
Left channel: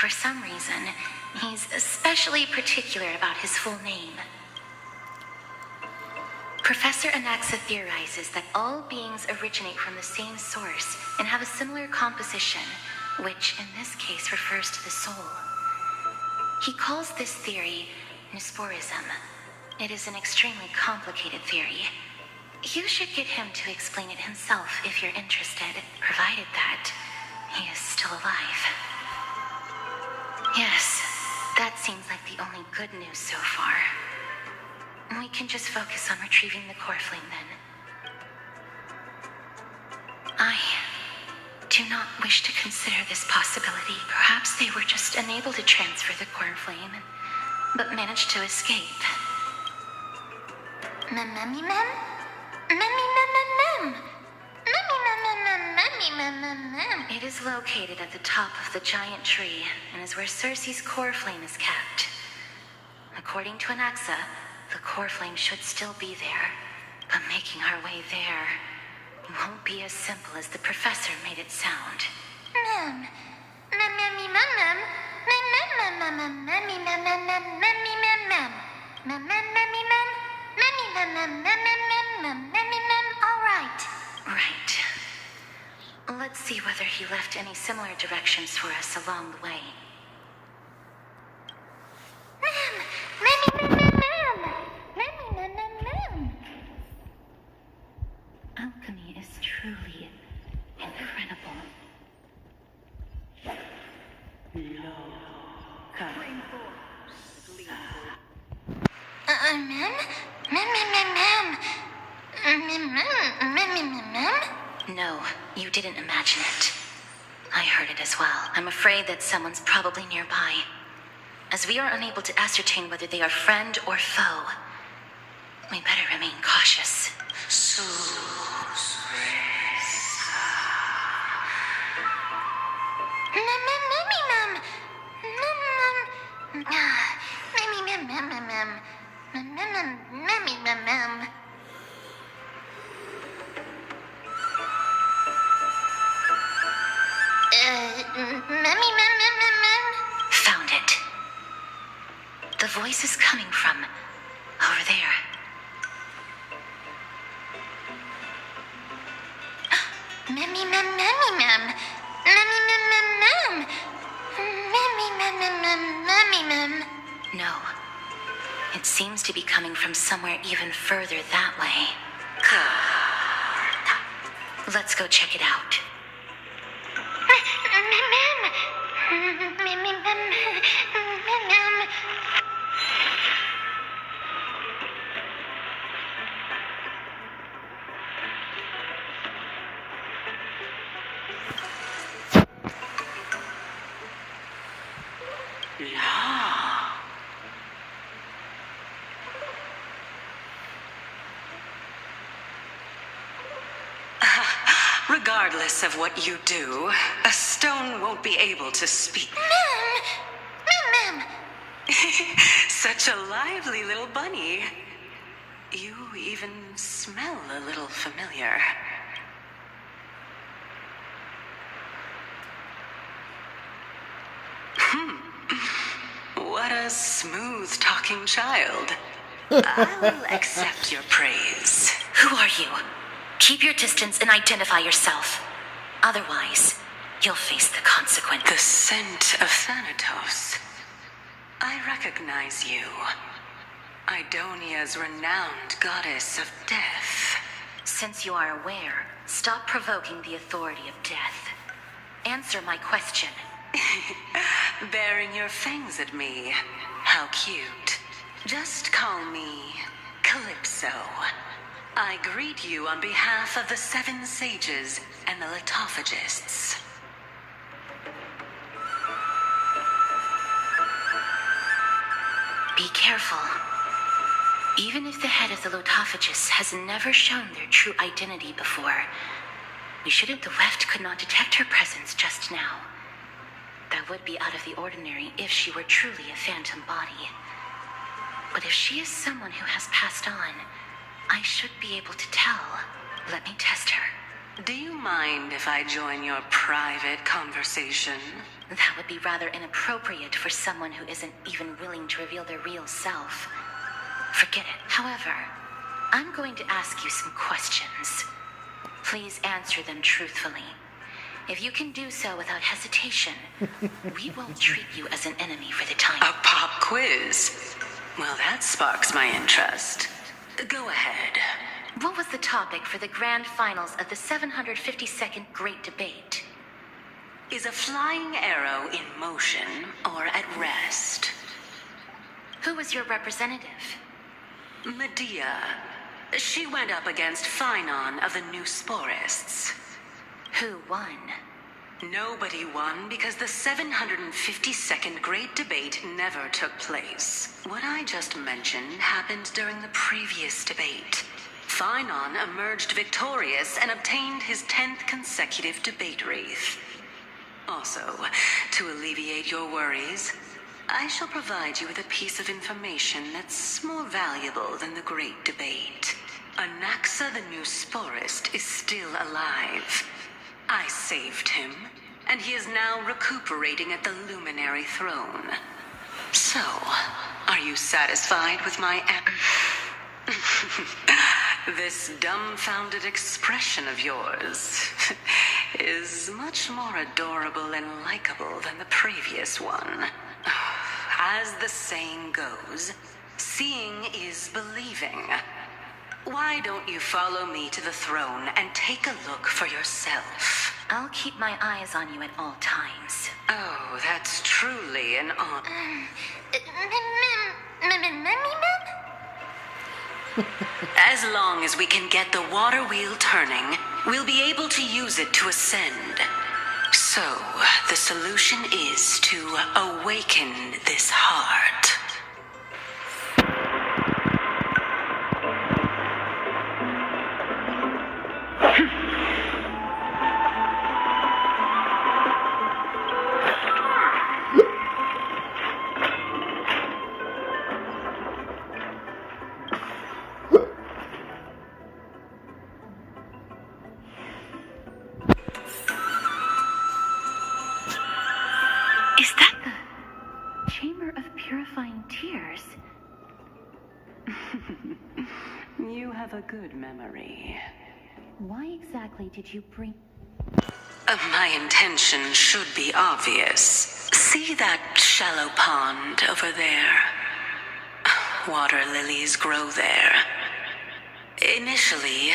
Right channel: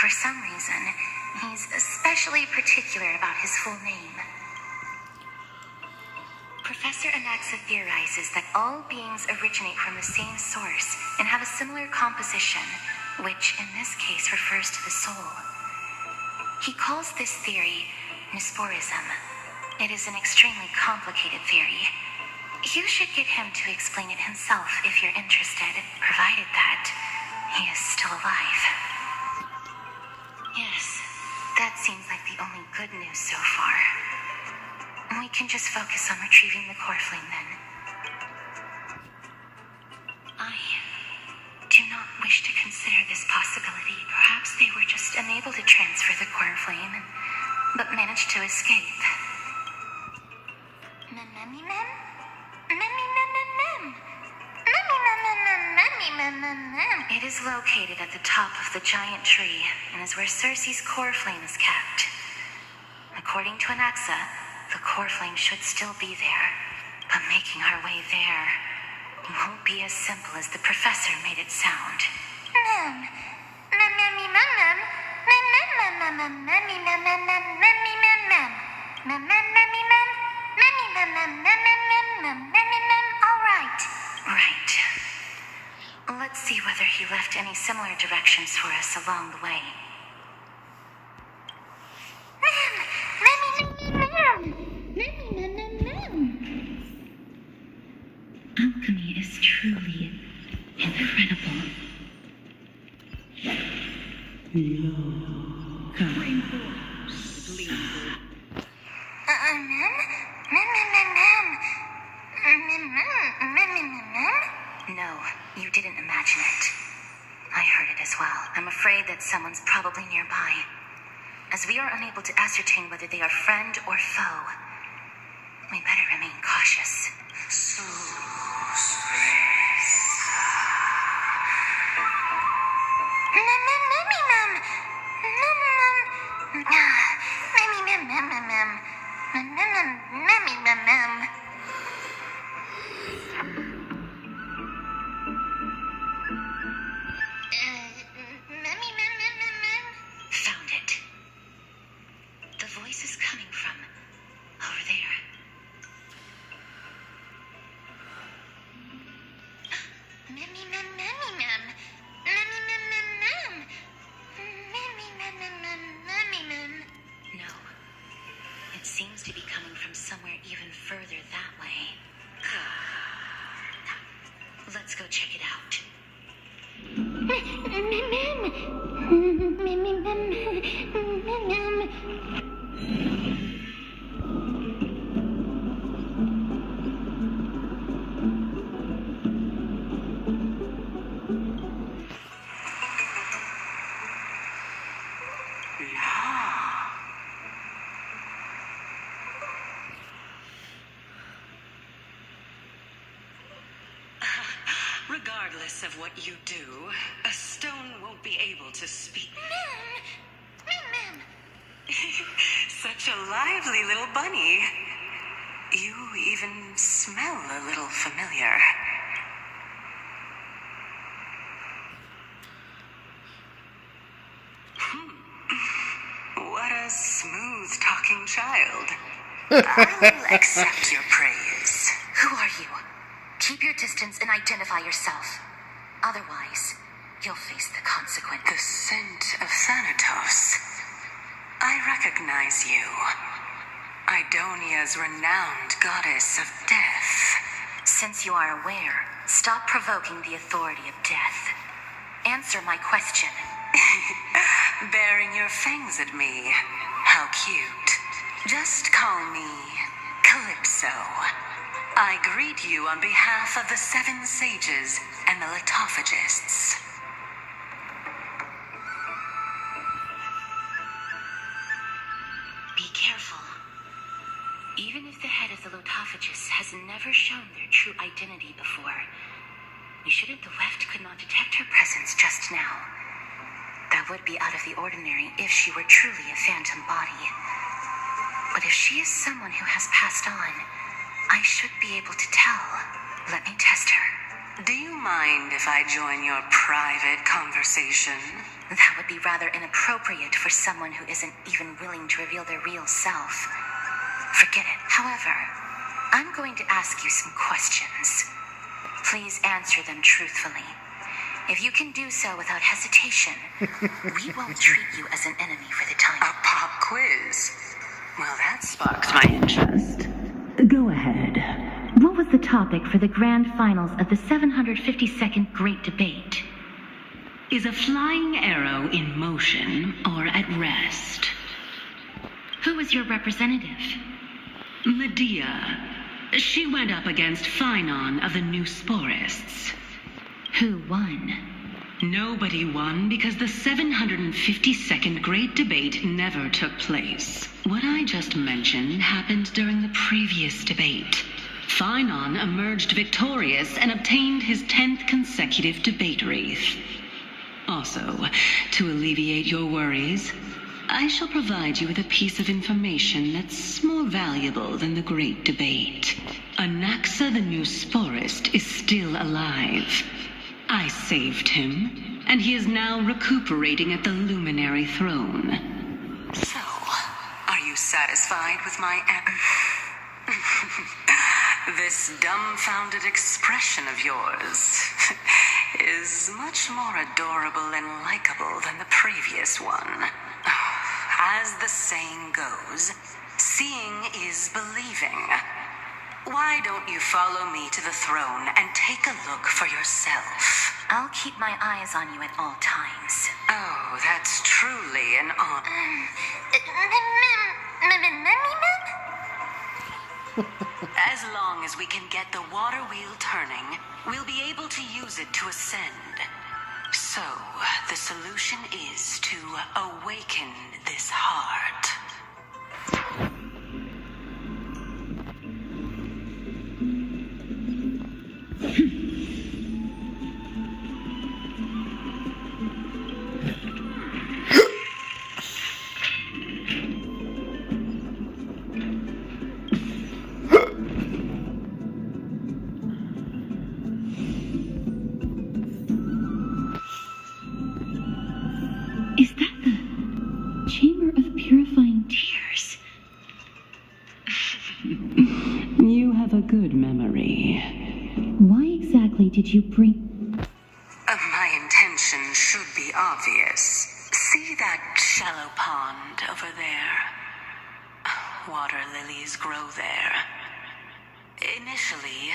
For some reason, he's especially particular about his full name. Professor Anaxa theorizes that all beings originate from the same source and have a similar composition, which in this case refers to the soul. He calls this theory Nisporism. It is an extremely complicated theory. You should get him to explain it himself if you're interested, provided that he is still alive. Yes, that seems like the only good news so far. We can just focus on retrieving the core flame then. I do not wish to consider this possibility. Perhaps they were just unable to transfer the core flame, but managed to escape. It is located at the top of the giant tree and is where Circe's core flame is kept. According to Anaxa, the core flame should still be there, but making our way there won't be as simple as the professor made it sound. Right. Let's see whether he left any similar directions for us along the way. Alchemy is truly incredible. No, you didn't imagine it. I heard it as well. I'm afraid that someone's probably nearby. As we are unable to ascertain whether they are friend or foe, we better remain cautious. Found it. The voice is coming from over there. No. It seems to be coming from somewhere even further that way. Let's go check it out. Regardless of what you do, a stone won't be able to speak. Such a lively little bunny. You even smell a little familiar. What a smooth-talking child. I'll accept your praise. Who are you? Keep your distance and identify yourself. Otherwise, you'll face the consequence. The scent of Thanatos. I recognize you. Idonia's renowned goddess of death. Since you are aware, stop provoking the authority of death. Answer my question. Baring your fangs at me. How cute. Just call me Calypso. I greet you on behalf of the 7 sages and the Lithophagists. Be careful. Even if the head of the Lithophagists has never shown their true identity before, we shouldn't. The Weft could not detect her presence just now. That would be out of the ordinary if she were truly a phantom body. But if she is someone who has passed on, I should be able to tell. Let me test her. Do you mind if I join your private conversation? That would be rather inappropriate for someone who isn't even willing to reveal their real self. Forget it. However, I'm going to ask you some questions. Please answer them truthfully. If you can do so without hesitation, we won't treat you as an enemy for the time. A pop quiz? Well, that sparks my interest. Go ahead. What was the topic for the grand finals of the 752nd Great Debate? Is a flying arrow in motion or at rest? Who was your representative? Medea. She went up against Phynon of the New Sporists. Who won? Nobody won because the 752nd Great Debate never took place. What I just mentioned happened during the previous debate. Phynon emerged victorious and obtained his 10th consecutive debate wreath. Also, to alleviate your worries, I shall provide you with a piece of information that's more valuable than the Great Debate. Anaxa the New Sporist is still alive. I saved him, and he is now recuperating at the Luminary Throne. So, are you satisfied with my This dumbfounded expression of yours is much more adorable and likable than the previous one. As the saying goes, seeing is believing. Why don't you follow me to the throne and take a look for yourself? I'll keep my eyes on you at all times. Oh, that's truly an honor. As long as we can get the water wheel turning, we'll be able to use it to ascend. So, the solution is to awaken this heart. Is that the Chamber of Purifying Tears? You have a good memory. Why exactly did you bring... My intention should be obvious. See that shallow pond over there? Water lilies grow there. Initially,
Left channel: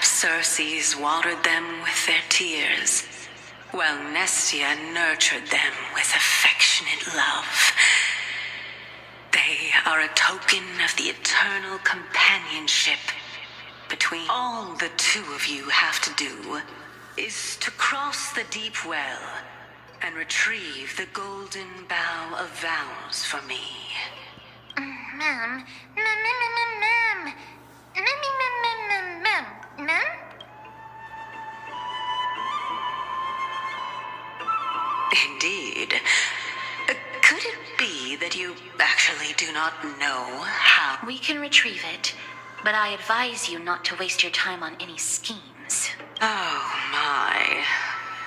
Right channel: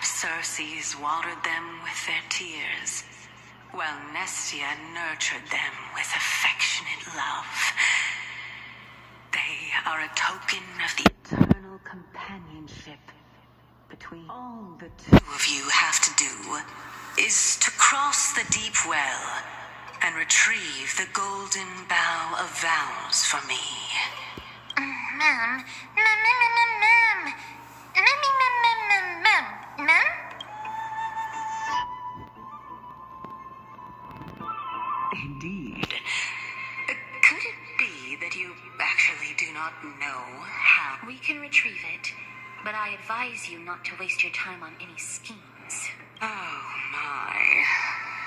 Circes watered them with their tears, while Nestia nurtured them with affectionate love. They are a token of the eternal companionship between. All the two of you have to do is to cross the deep well and retrieve the golden bough of vows for me. Ma'am. Indeed. Could it be that you actually do not know how? We can retrieve it, but I advise you not to waste your time on any schemes. Oh my.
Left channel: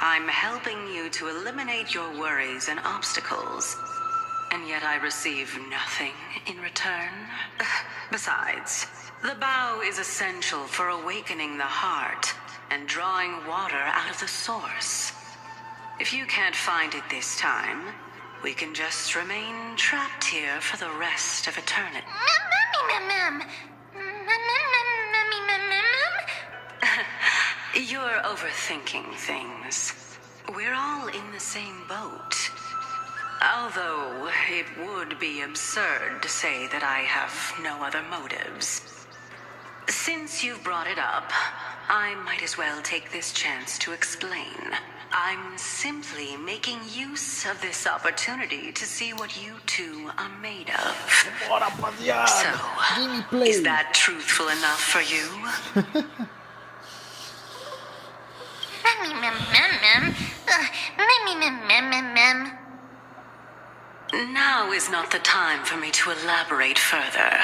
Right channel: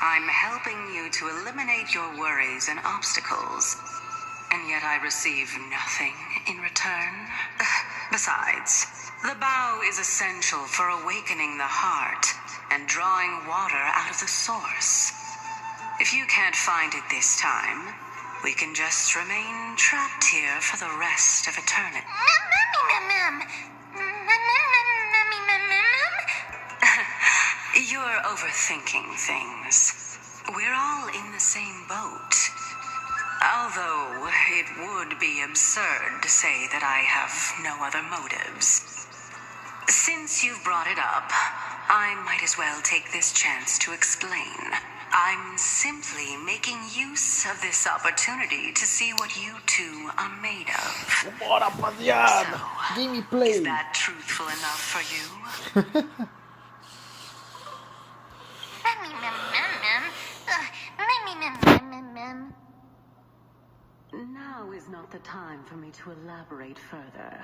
I'm helping you to eliminate your worries and obstacles, and yet I receive nothing in return. Besides, the bow is essential for awakening the heart and drawing water out of the source. If you can't find it this time, we can just remain trapped here for the rest of eternity. You're overthinking things. We're all in the same boat. Although it would be absurd to say that I have no other motives. Since you've brought it up, I might as well take this chance to explain. I'm simply making use of this opportunity to see what you two are made of. Boa Rapaziada. So, Gameplay. is that truthful enough for you? Now is not the time for me to elaborate further.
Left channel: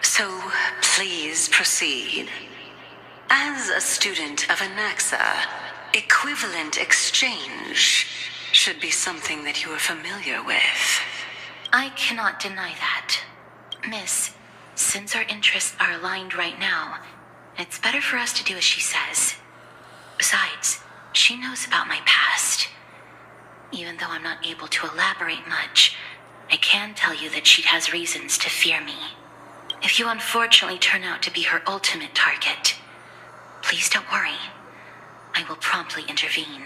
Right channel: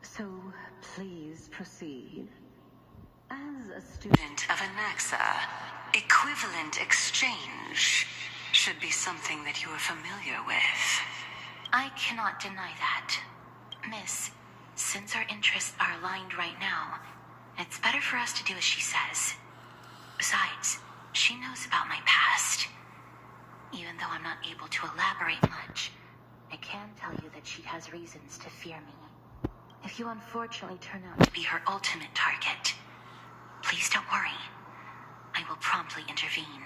So, please proceed. As a student of Anaxa, equivalent exchange should be something that you are familiar with. I cannot deny that. Miss, since our interests are aligned right now, it's better for us to do as she says. Besides, she knows about my past. Even though I'm not able to elaborate much, I can tell you that she has reasons to fear me. If you unfortunately turn out to be her ultimate target, please don't worry. I will promptly intervene.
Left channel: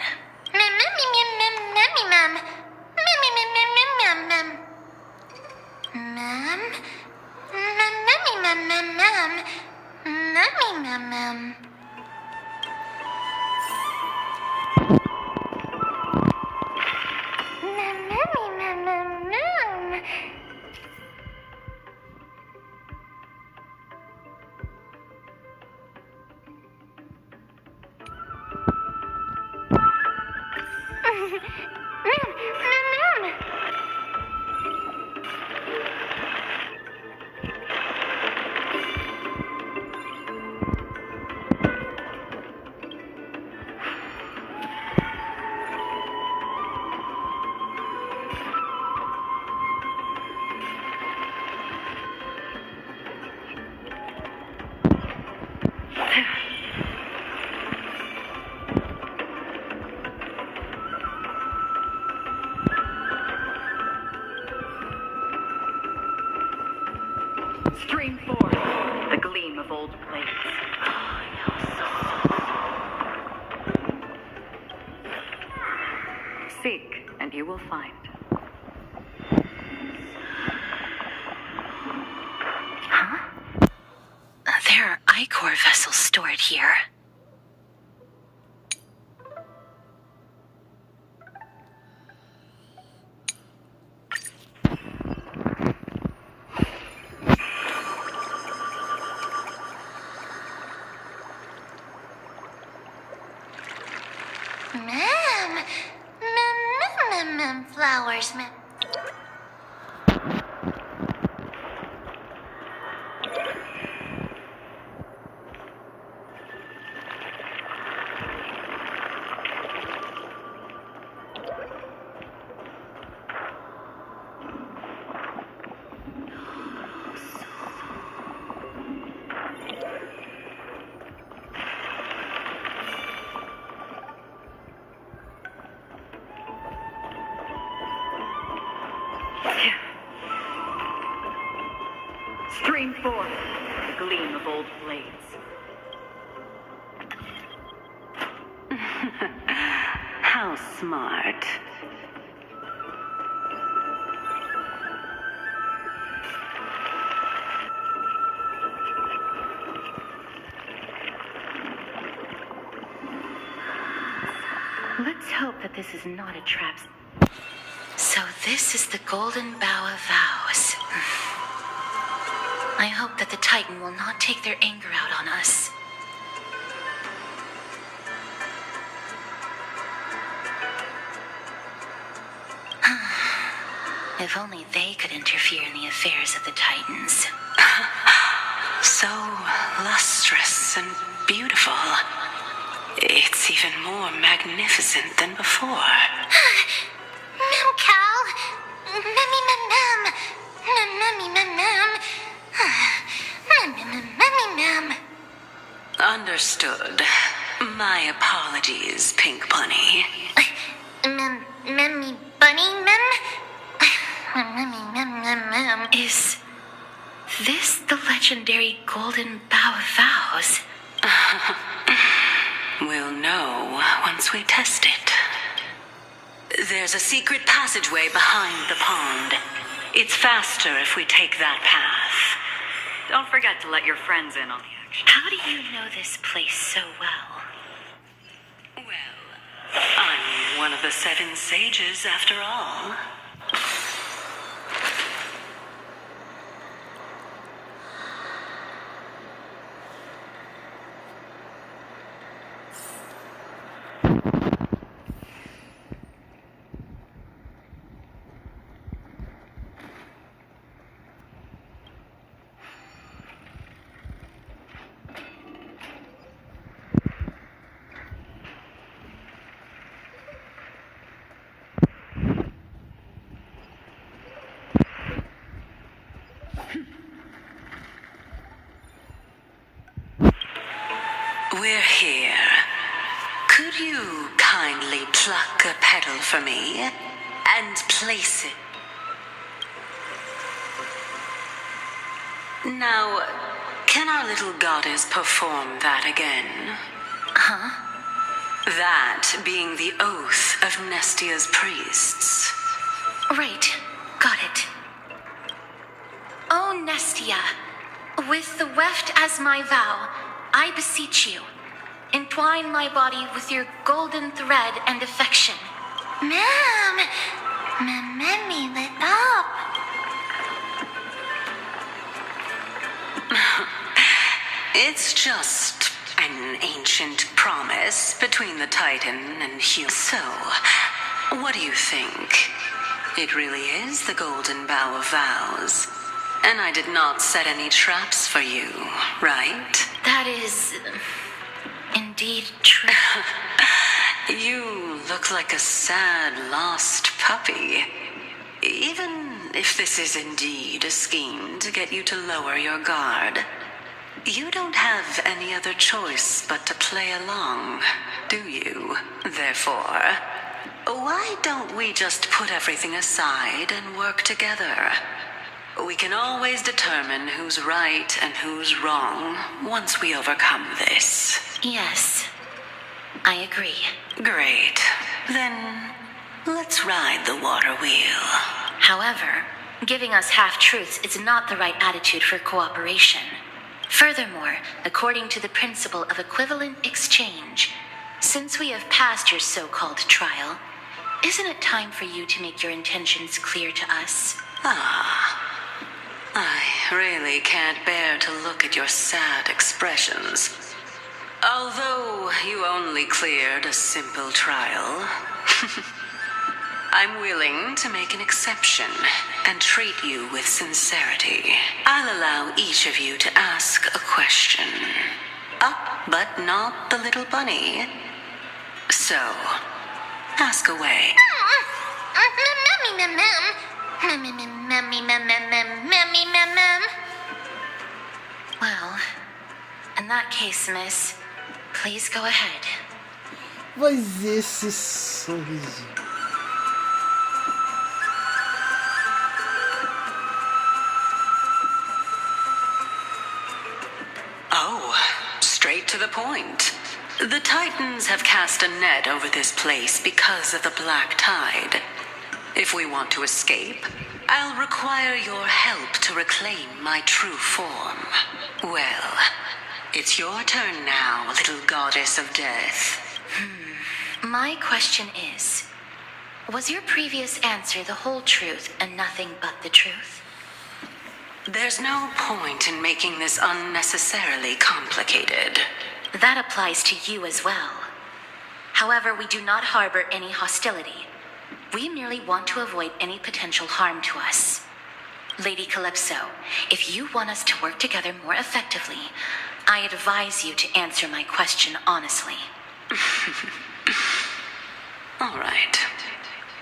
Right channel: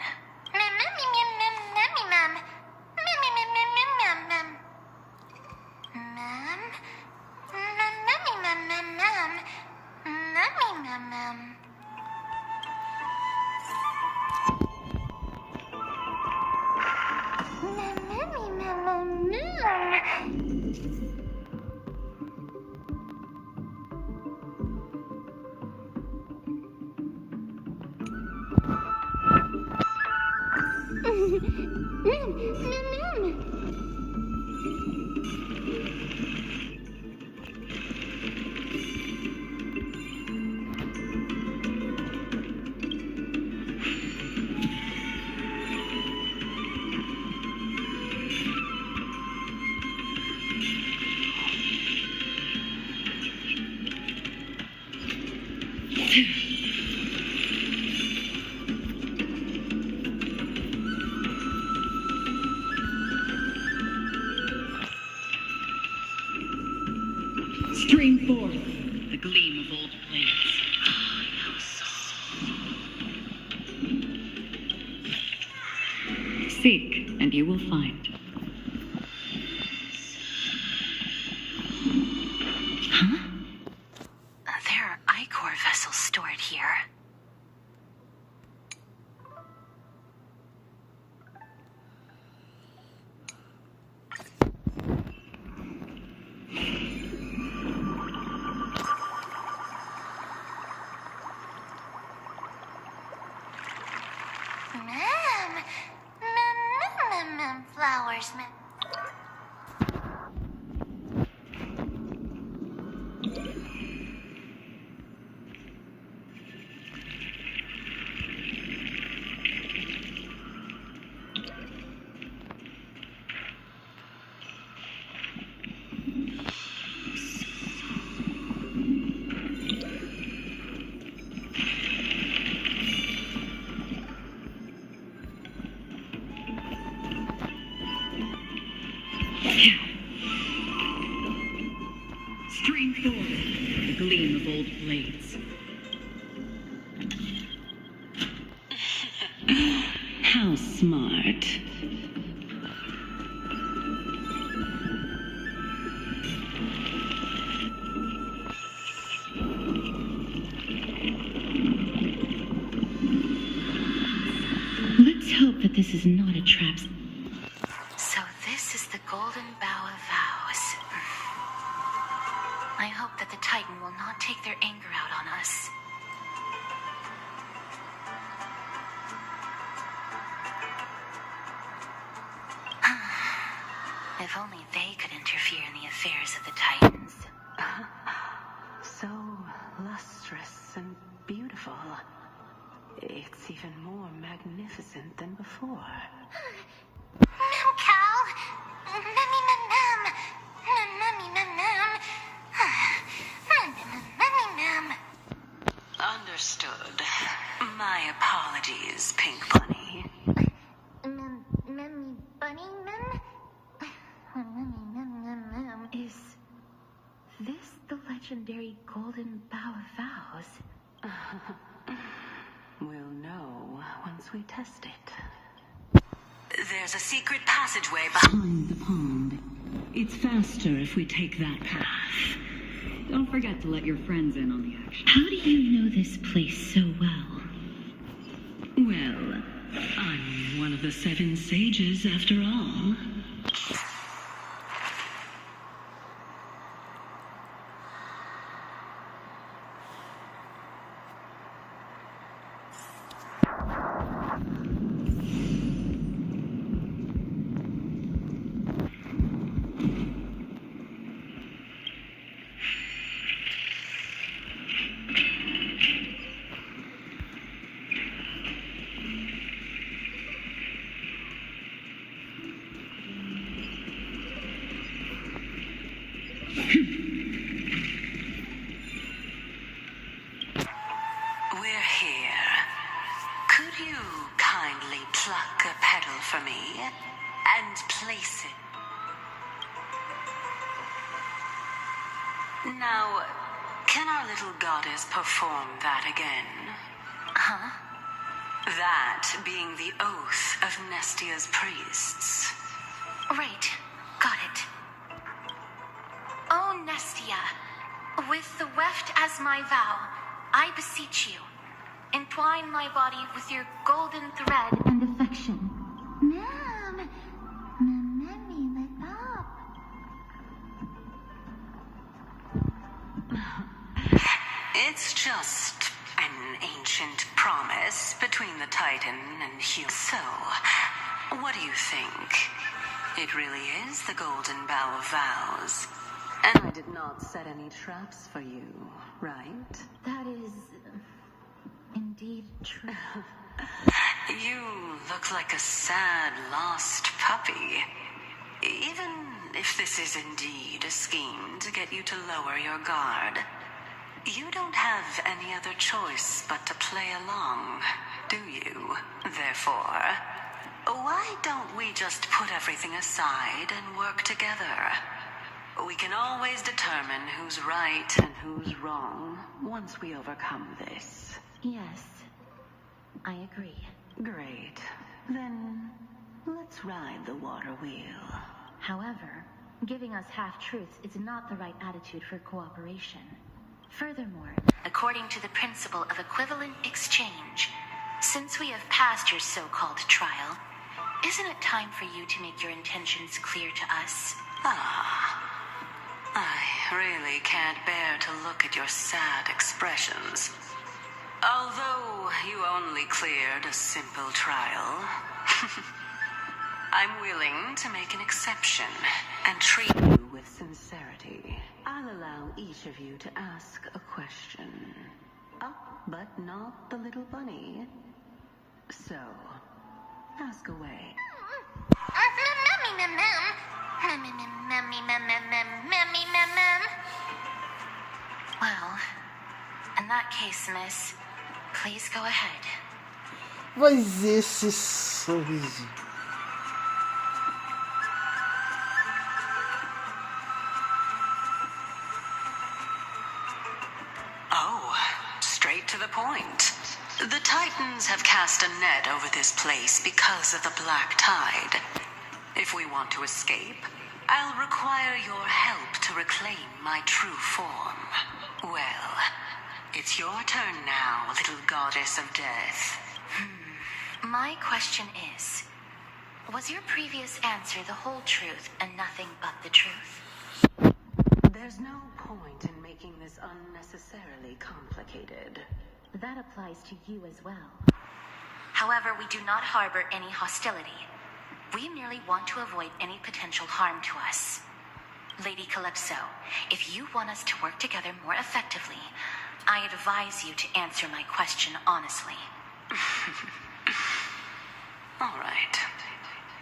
Stream forth the gleam of old blades. Seek, and you will find. Huh? There are Ichor vessels stored here. Flowers, ma'am. Stream forth the gleam of old blades. How smart. Let's hope that this is not a trap. So this is the Golden Bough of Vows. I hope that the Titan will not take their anger out on us. If only they could interfere in the affairs of the Titans. So lustrous and beautiful. It's even more magnificent than before. Mem Cal. Memmy mem mem. Memmy mem mem. Memmy mem. Understood. My apologies, Pink Bunny. Memmy bunny mem. Memmy mem mem mem. Is this the legendary Golden Bough of Vows? We'll know once we test it. There's a secret passageway behind the pond. It's faster if we take that path. Don't forget to let your friends in on the action. How do you know this place so well? Well, I'm one of the 7 sages after all. We're here. Could you kindly pluck a petal for me and place it? Now, can our little goddess perform that again? Huh? That being the oath of Nestia's priests. Right. Got it. Oh, Nestia, with the weft as my vow, I beseech you, entwine my body with your golden thread and affection. Ma'am, me lit up. It's just an ancient promise between the Titan and human. So, what do you think? It really is the golden bow of vows. And I did not set any traps for you, right? That is indeed true. You look like a sad, lost puppy. Even if this is indeed a scheme to get you to lower your guard, you don't have any other choice but to play along, do you? Therefore, why don't we just put everything aside and work together? We can always determine who's right and who's wrong once we overcome this. Yes, I agree. Great. Then let's ride the water wheel. However, giving us half-truths is not the right attitude for cooperation. Furthermore, according to the principle of equivalent exchange, since we have passed your so-called trial, isn't it time for you to make your intentions clear to us? I really can't bear to look at your sad expressions. Although you only cleared a simple trial, I'm willing to make an exception and treat you with sincerity. I'll allow each of you to ask a question. Up, but not the little bunny. So, ask away. Well, in that case, miss, please go ahead. Mas esse sorriso. Oh, straight to the point. The Titans have cast a net over this place because of the black tide. If we want to escape, I'll require your help to reclaim my true form. Well, it's your turn now, little goddess of death. My question is, was your previous answer the whole truth and nothing but the truth? There's no point in making this unnecessarily complicated. That applies to you as well. However, we do not harbor any hostility. We merely want to avoid any potential harm to us. Lady Calypso, if you want us to work together more effectively, I advise you to answer my question honestly. All right.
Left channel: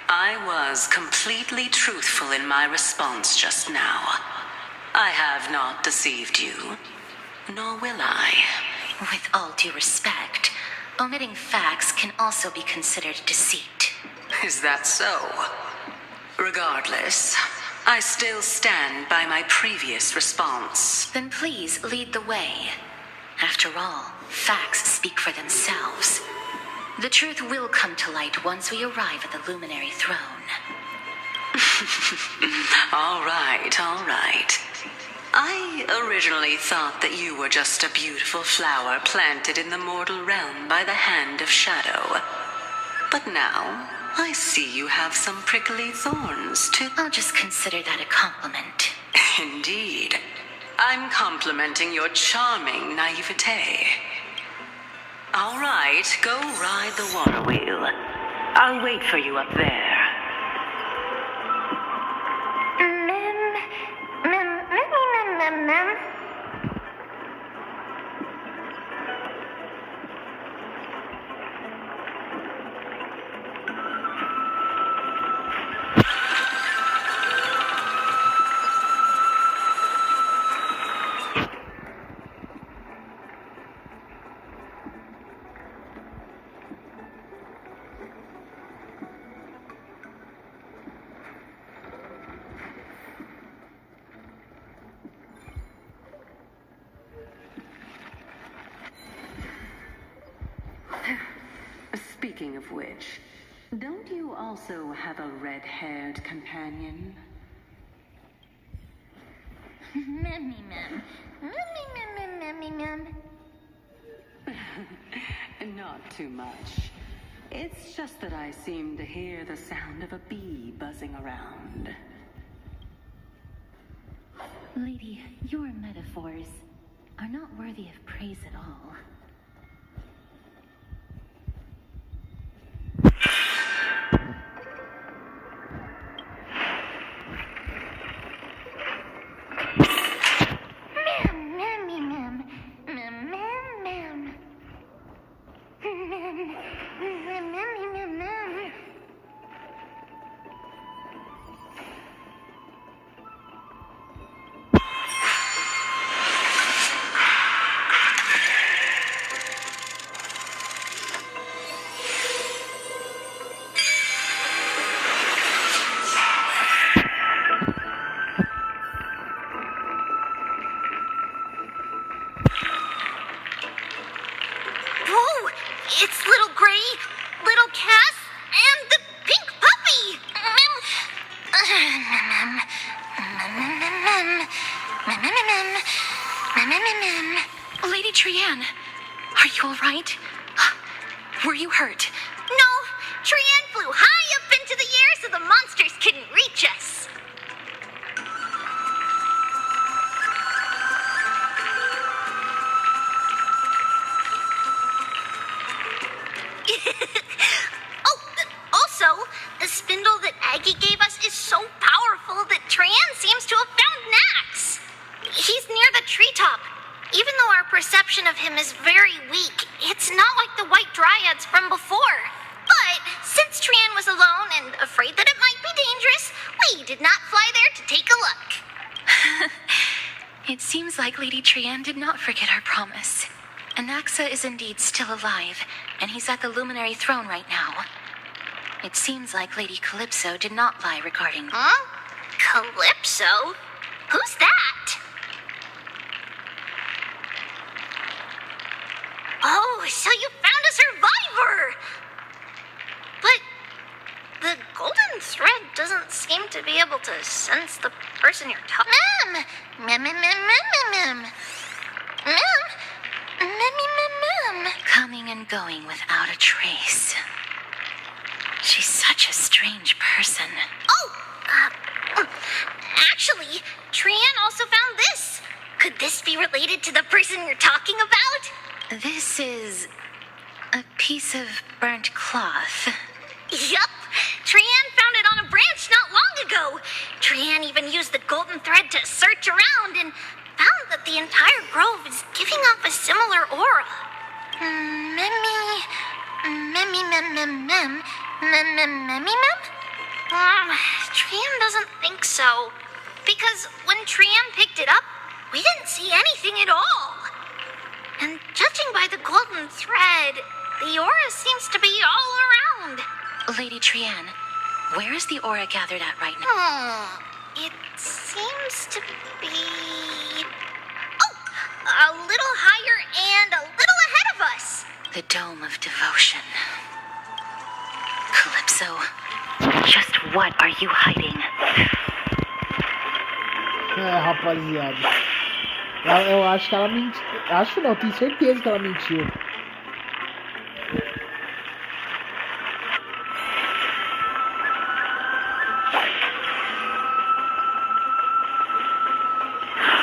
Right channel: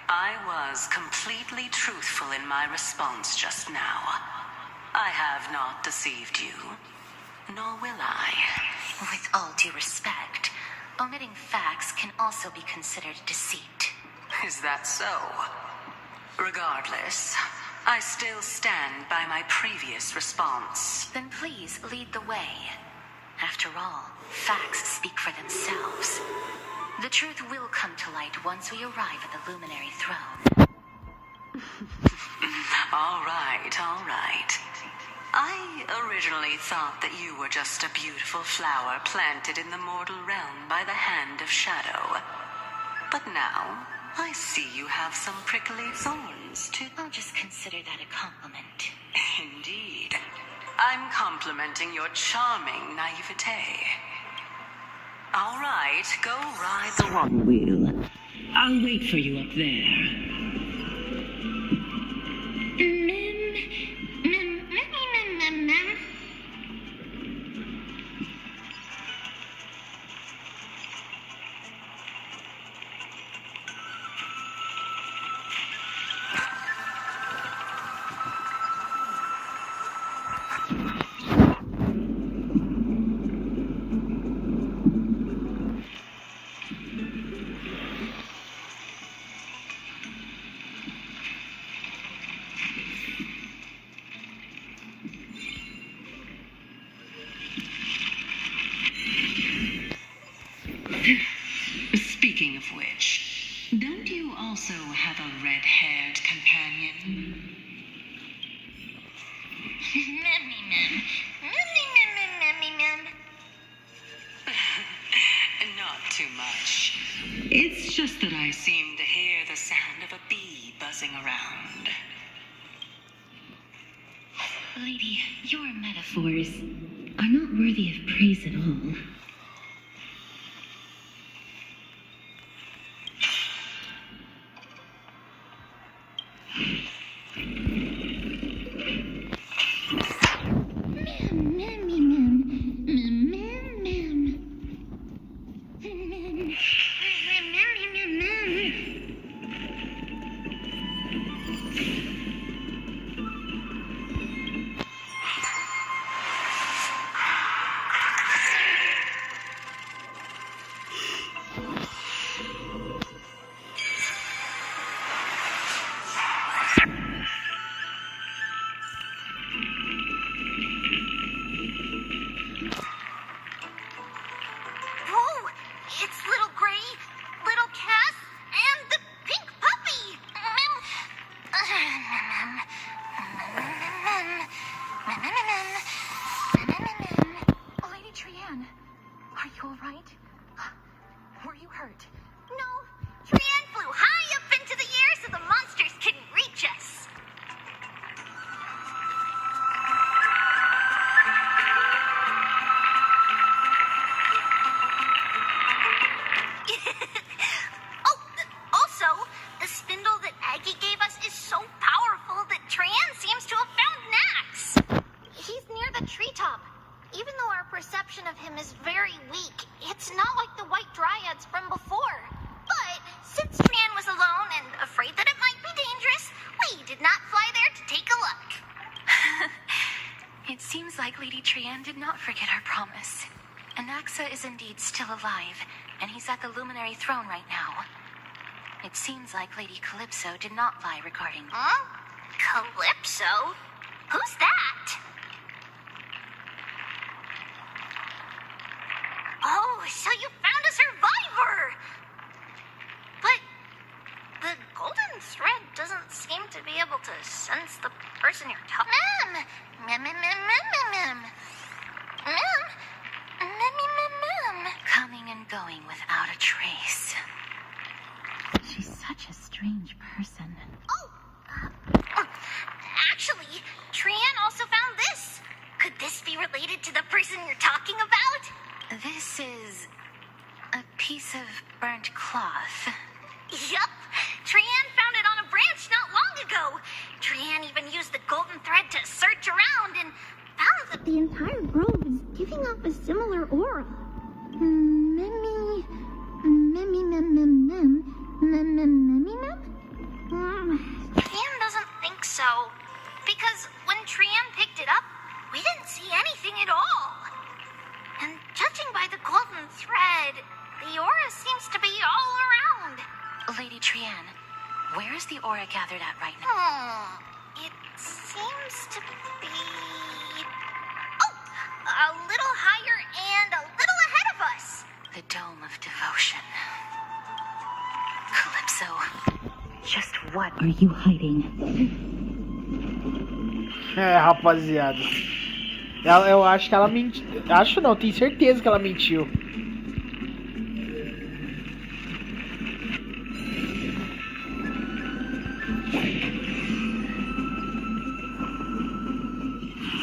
I was completely truthful in my response just now. I have not deceived you, nor will I. With all due respect, omitting facts can also be considered deceit. Is that so? Regardless, I still stand by my previous response. Then please lead the way. After all, facts speak for themselves. The truth will come to light once we arrive at the luminary throne. All right. I originally thought that you were just a beautiful flower planted in the mortal realm by the hand of shadow. But now, I see you have some prickly thorns too. I'll just consider that a compliment. Indeed. I'm complimenting your charming naivete. All right, go ride the water wheel. I'll wait for you up there. Mem. chief witch, don't you also have a red-haired companion? Not too much. It's just that I seem to hear the sound of a bee buzzing around. Lady, your metaphors are not worthy of praise at all. It's little Gray, little Cass, and the pink puppy. Lady Trianne, are you all right? Were you hurt? No, Trianne flew high up into the air so the monsters couldn't reach us. Also, the spindle that Aggie gave us is so powerful that Trianne seems to have found Nax. He's near the treetop. Even though our perception of him is very weak, it's not like the white dryads from before. But since Trianne was alone and afraid that it might be dangerous, we did not fly there to take a look. It seems like Lady Trianne did not forget our promise. Anaxa is indeed still alive, and he's at the Luminary Throne right now. It seems like Lady Calypso did not lie regarding... Huh? Calypso? Who's that? Oh, so you found a survivor! But the golden thread doesn't seem to be able to sense the person you're talking to. Coming and going without a trace. She's such a strange person. Oh! Actually, Trianne also found this. Could this be related to the person you're talking about? This is a piece of burnt cloth. Yup. Trianne found it on a branch not long ago. Trianne even used the golden thread to search around and found that the entire grove is giving off a similar aura. Trianne doesn't think so. Because when Trianne picked it up, we didn't see anything at all. And judging by the golden thread, the aura seems to be all around. Lady Trianne, where is the aura gathered at right now? It seems to be... Oh! A little higher and a little ahead of us. The Dome of Devotion. Calypso, just what are you hiding? Rapaziada. Eu acho que ela mentiu. Acho não, tenho certeza que ela mentiu.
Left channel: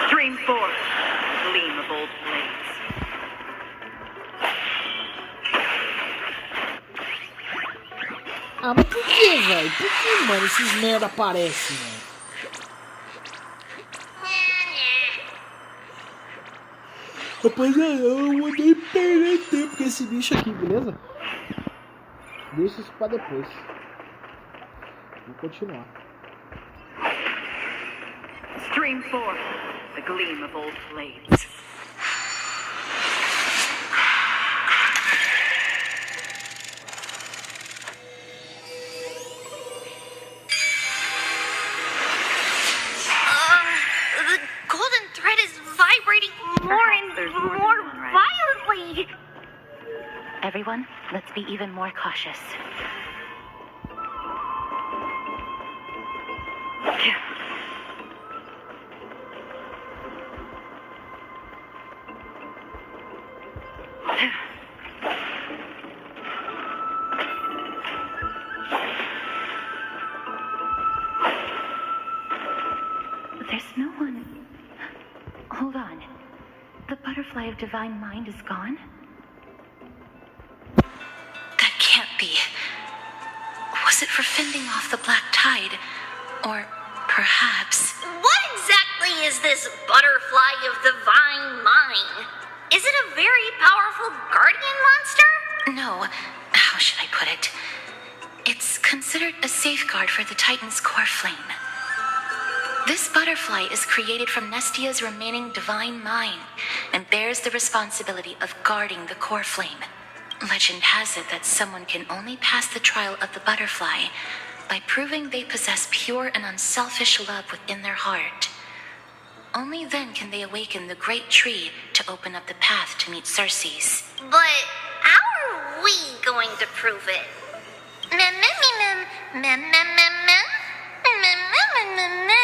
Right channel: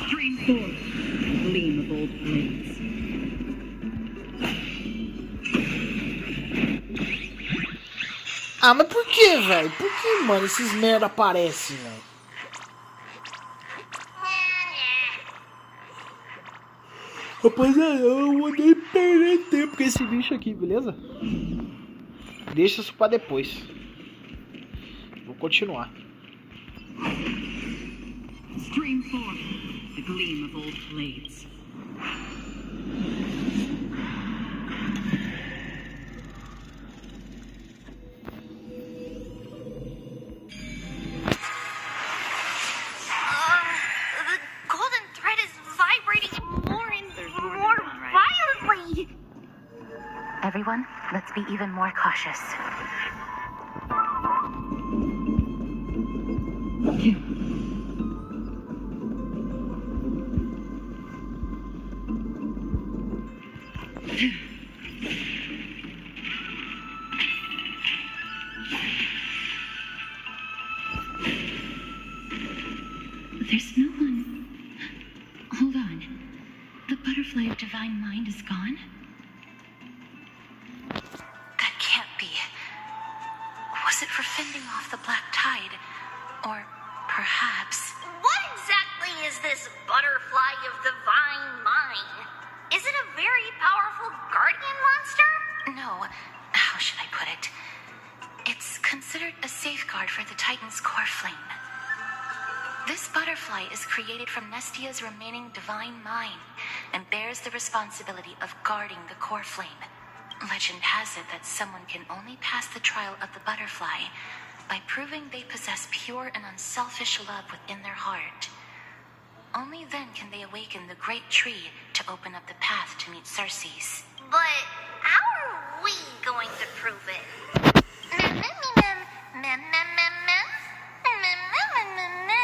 Stream 4. Gleam of old blades. Ah, mas por que, velho? Por que, mano, esses merda aparecem, velho? Rapaziada, eu não vou nem perder tempo com esse bicho aqui, beleza? Deixa isso pra depois. Vou continuar. Stream 4. The gleam of old blades. The golden thread is vibrating more and more violently. Everyone, let's be even more cautious. There's no one. Hold on. The butterfly of divine mind is gone? That can't be. Was it for fending off the black tide? Or perhaps... What exactly is this butterfly of divine mind? Is it a very powerful guardian monster? No, how should I put it? It's considered a safeguard for the Titan's core flame. This butterfly is created from Nestia's remaining divine mind and bears the responsibility of guarding the core flame. Legend has it that someone can only pass the trial of the butterfly by proving they possess pure and unselfish love within their heart. Only then can they awaken the great tree to open up the path to meet Circe's. But how are we going to prove it? Mem, mem, mem, mem, mem, mem, mem, mem, mem, mem, mem.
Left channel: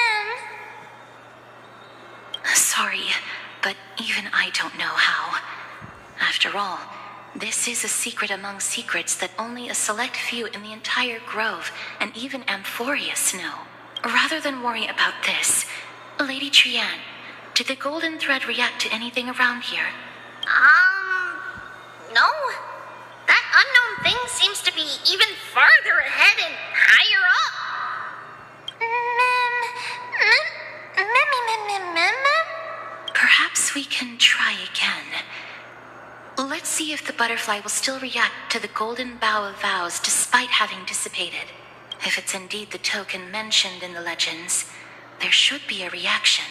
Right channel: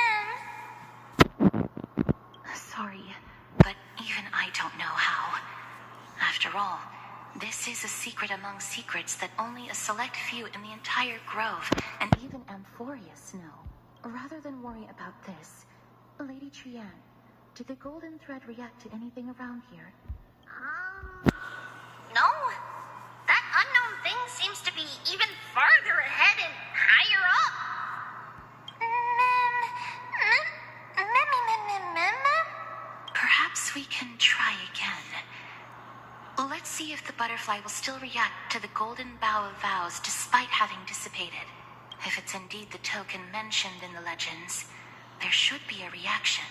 Sorry, but even I don't know how. After all, this is a secret among secrets that only a select few in the entire grove and even Amphorius know. Rather than worry about this, Lady Trian, did the golden thread react to anything around here? No. That unknown thing seems to be even farther ahead and higher up. Perhaps we can try again. Let's see if the butterfly will still react to the golden bough of vows despite having dissipated. If it's indeed the token mentioned in the legends, there should be a reaction.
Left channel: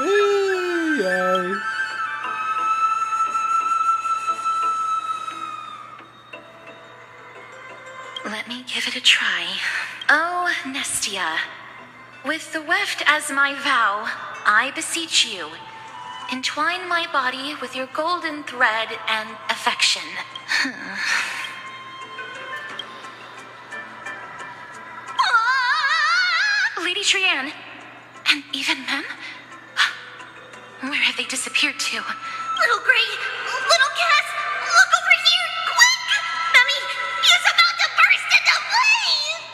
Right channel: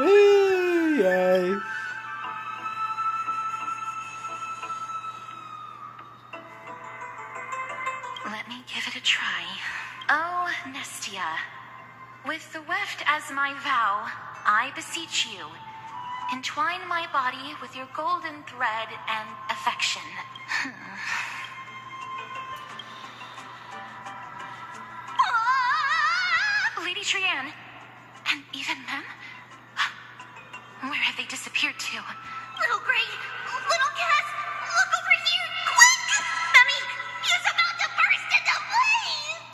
Ai, ai. Let me give it a try. Oh, Nestia, with the weft as my vow, I beseech you, entwine my body with your golden thread and affection. Lady Trian, and even Mem? Where have they disappeared to? Little Gray, little Cass, look over here, quick! Mummy, he's about to burst into flames!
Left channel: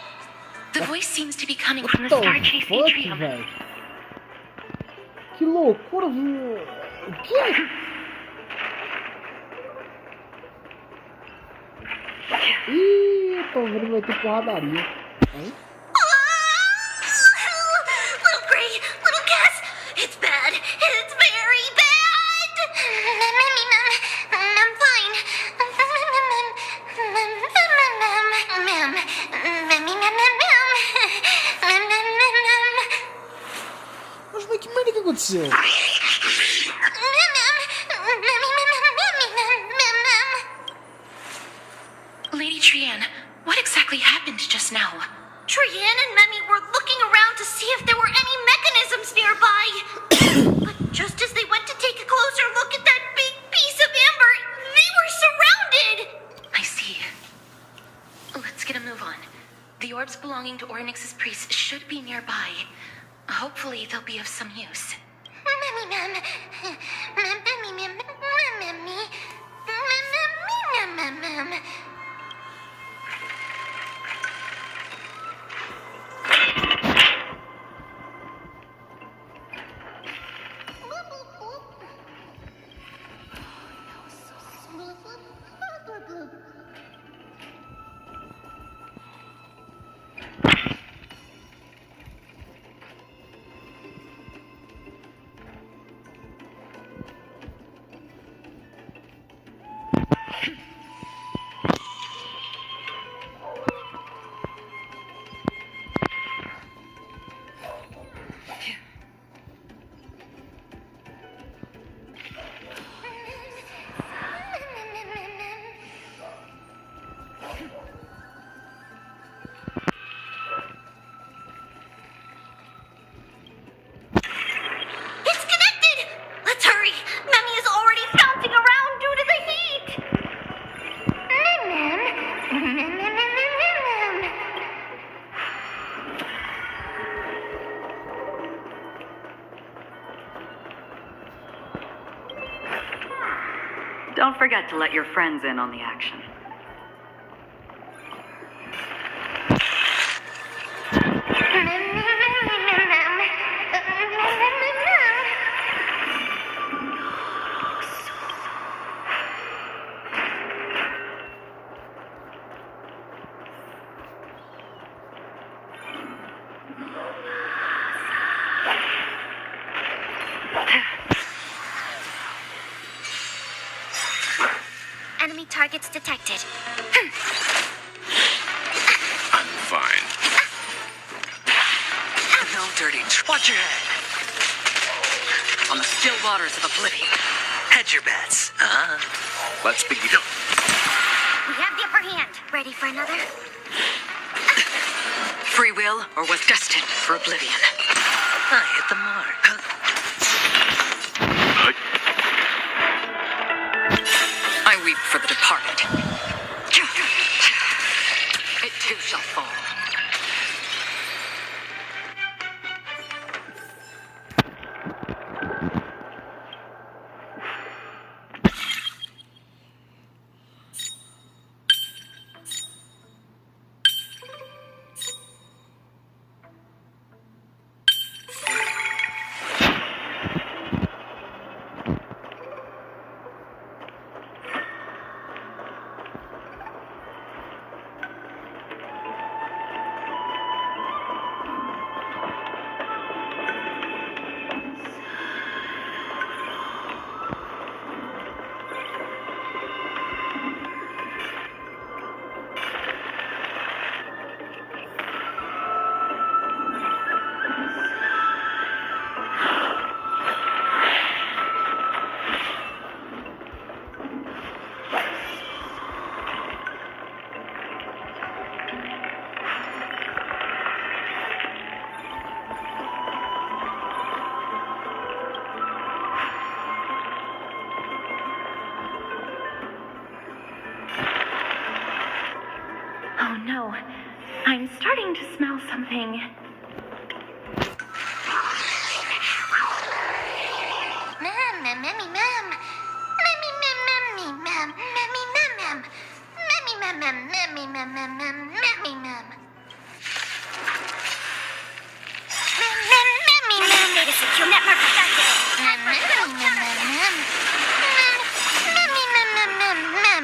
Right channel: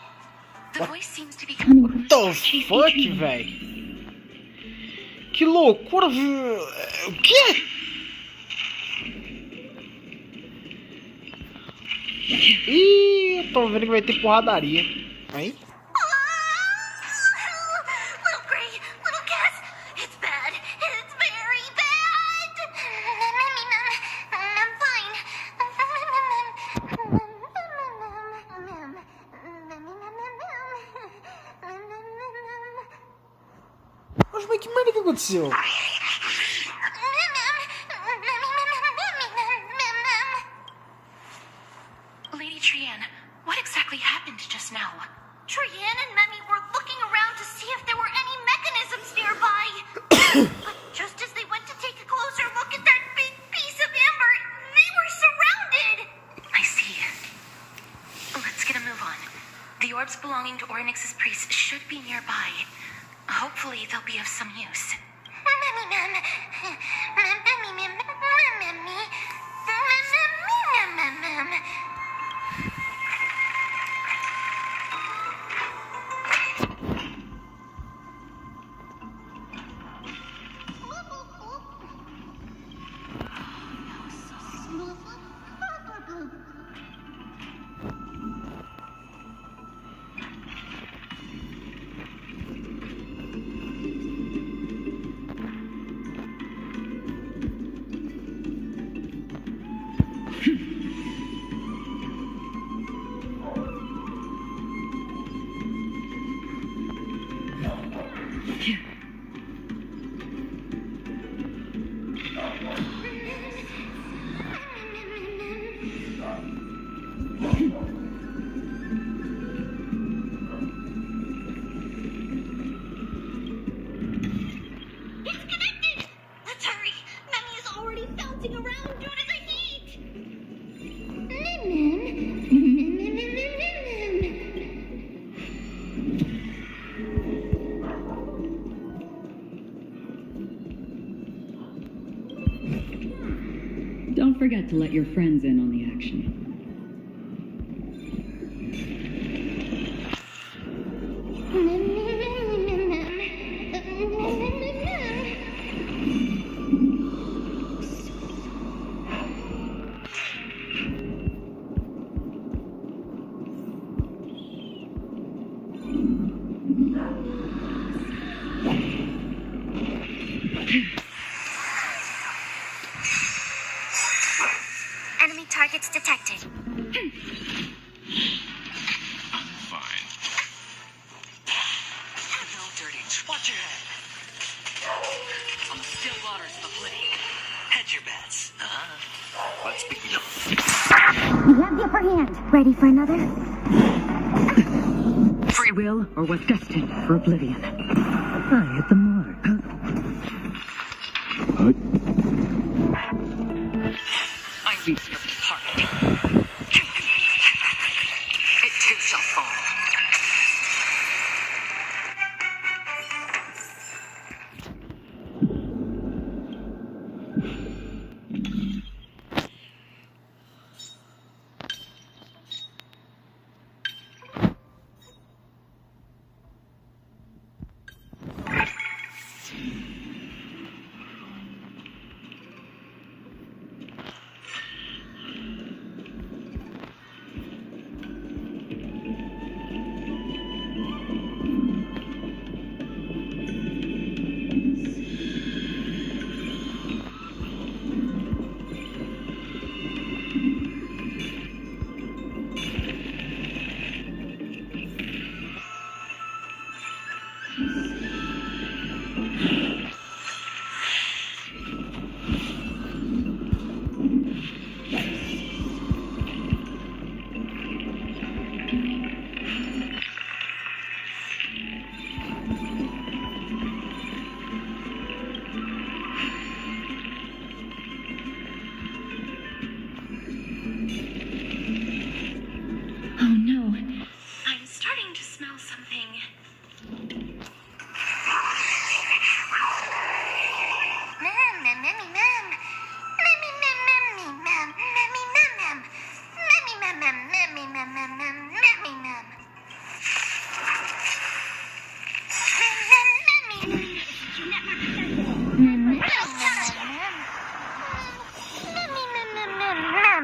The voice seems to be coming from the What star the chase fuck, atrium. velho? Que loucura! O quê? Ih, eu tô vendo que vai ter porradaria. Hein? Little Gray, little Cass, it's bad. It's very bad. I'm fine. Mas que merda que aconteceu? Lady Trian, what exactly happened just now? Trian and Memmy were looking around to see if there were any mechanisms nearby. But just as they went to take a closer look at that big piece of amber, they were surrounded. I see. Let's get a move on. The orbs belonging to Ornyx's priests should be nearby. Hopefully they'll be of some use. forget to let your friends in on the action. Enemy targets detected. I'm fine. No dirty. Watch your head. On the still waters of oblivion. Hedge your bets. Let's begin. We have the upper hand. Ready for another? Free will or was destined for oblivion. I hit the mark. I weep for the departed. It too shall fall. Oh no, I'm starting to smell something.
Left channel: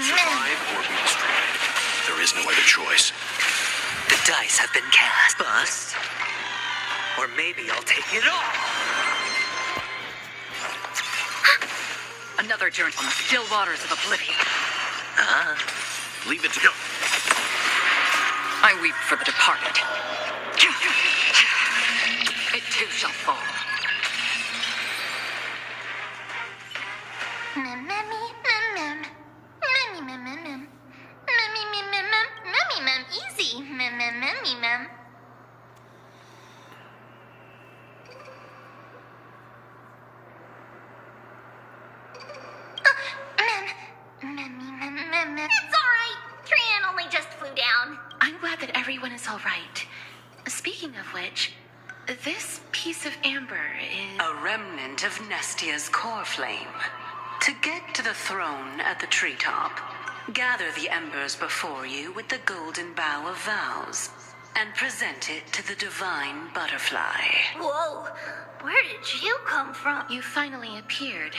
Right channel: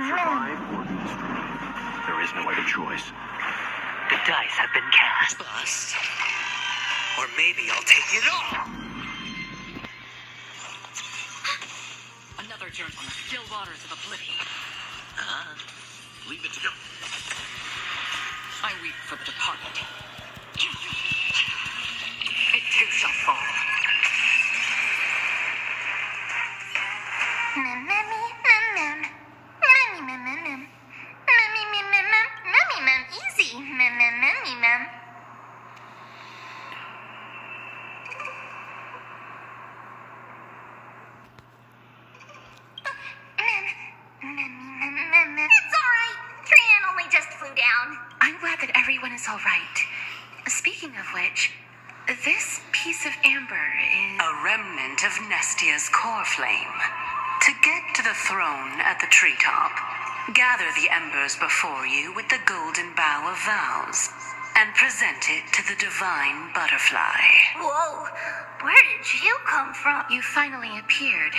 Survive or be destroyed. There is no other choice. The dice have been cast. Bust. Or maybe I'll take it all. Another journey on the still waters of oblivion. Leave it to go. I weep for the departed. It too shall fall. Easy. It's all right. Trian only just flew down. I'm glad that everyone is all right. Speaking of which, this piece of amber is... A remnant of Nestia's core flame. To get to the throne at the treetop, gather the embers before you with the golden bough of vows, and present it to the divine butterfly. Whoa, where did you come from? You finally appeared,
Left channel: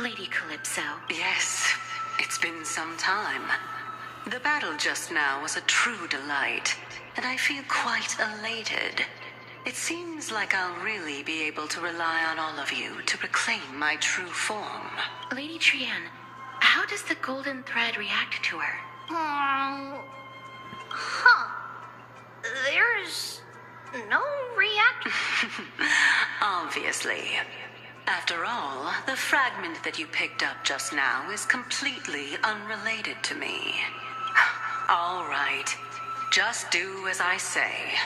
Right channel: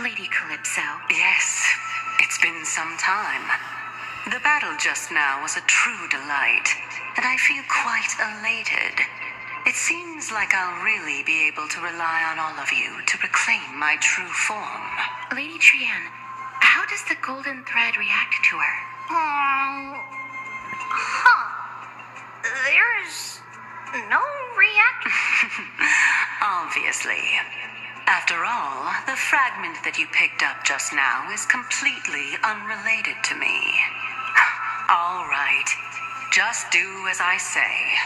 Lady Calypso. Yes, it's been some time. The battle just now was a true delight, and I feel quite elated. It seems like I'll really be able to rely on all of you to reclaim my true form. Lady Trian, how does the golden thread react to her? There's no reaction. Obviously. After all, the fragment that you picked up just now is completely unrelated to me. All right. Just do as I say.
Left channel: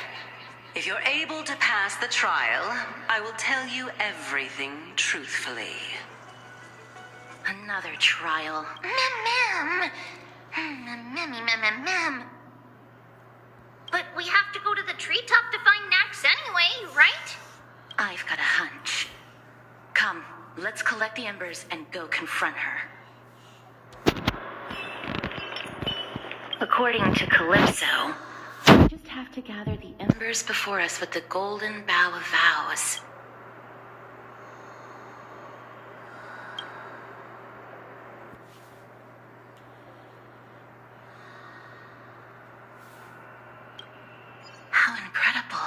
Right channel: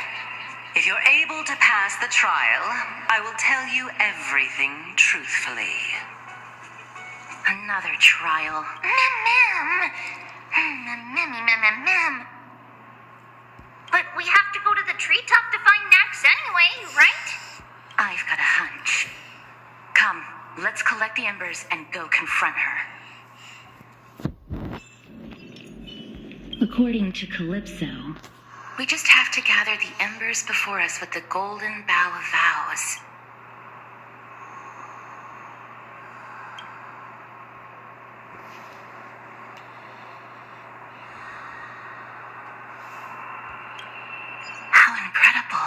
If you're able to pass the trial, I will tell you everything truthfully. Another trial. Ma'am. But we have to go to the treetop to find Nax anyway, right? I've got a hunch. Come, let's collect the embers and go confront her. According to Calypso, we just have to gather the embers before us with the golden bough of vows. How incredible.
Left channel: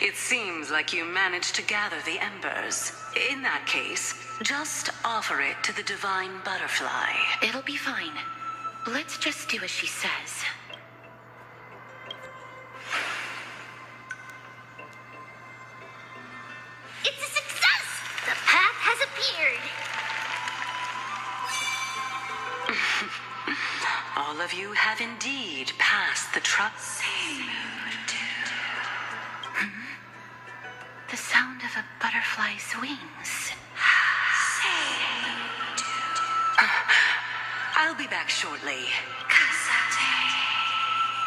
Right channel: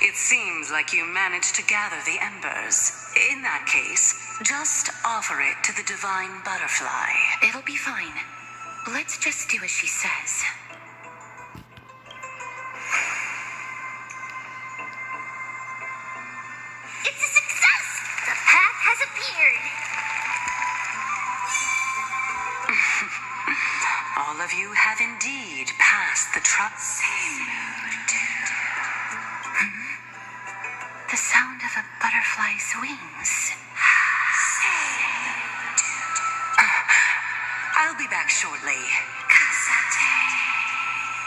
It seems like you managed to gather the embers. In that case, just offer it to the divine butterfly. It'll be fine. Let's just do as she says. It's a success! The path has appeared! All of you have indeed passed the trust. The sound of a butterfly's wings. I'll be back shortly.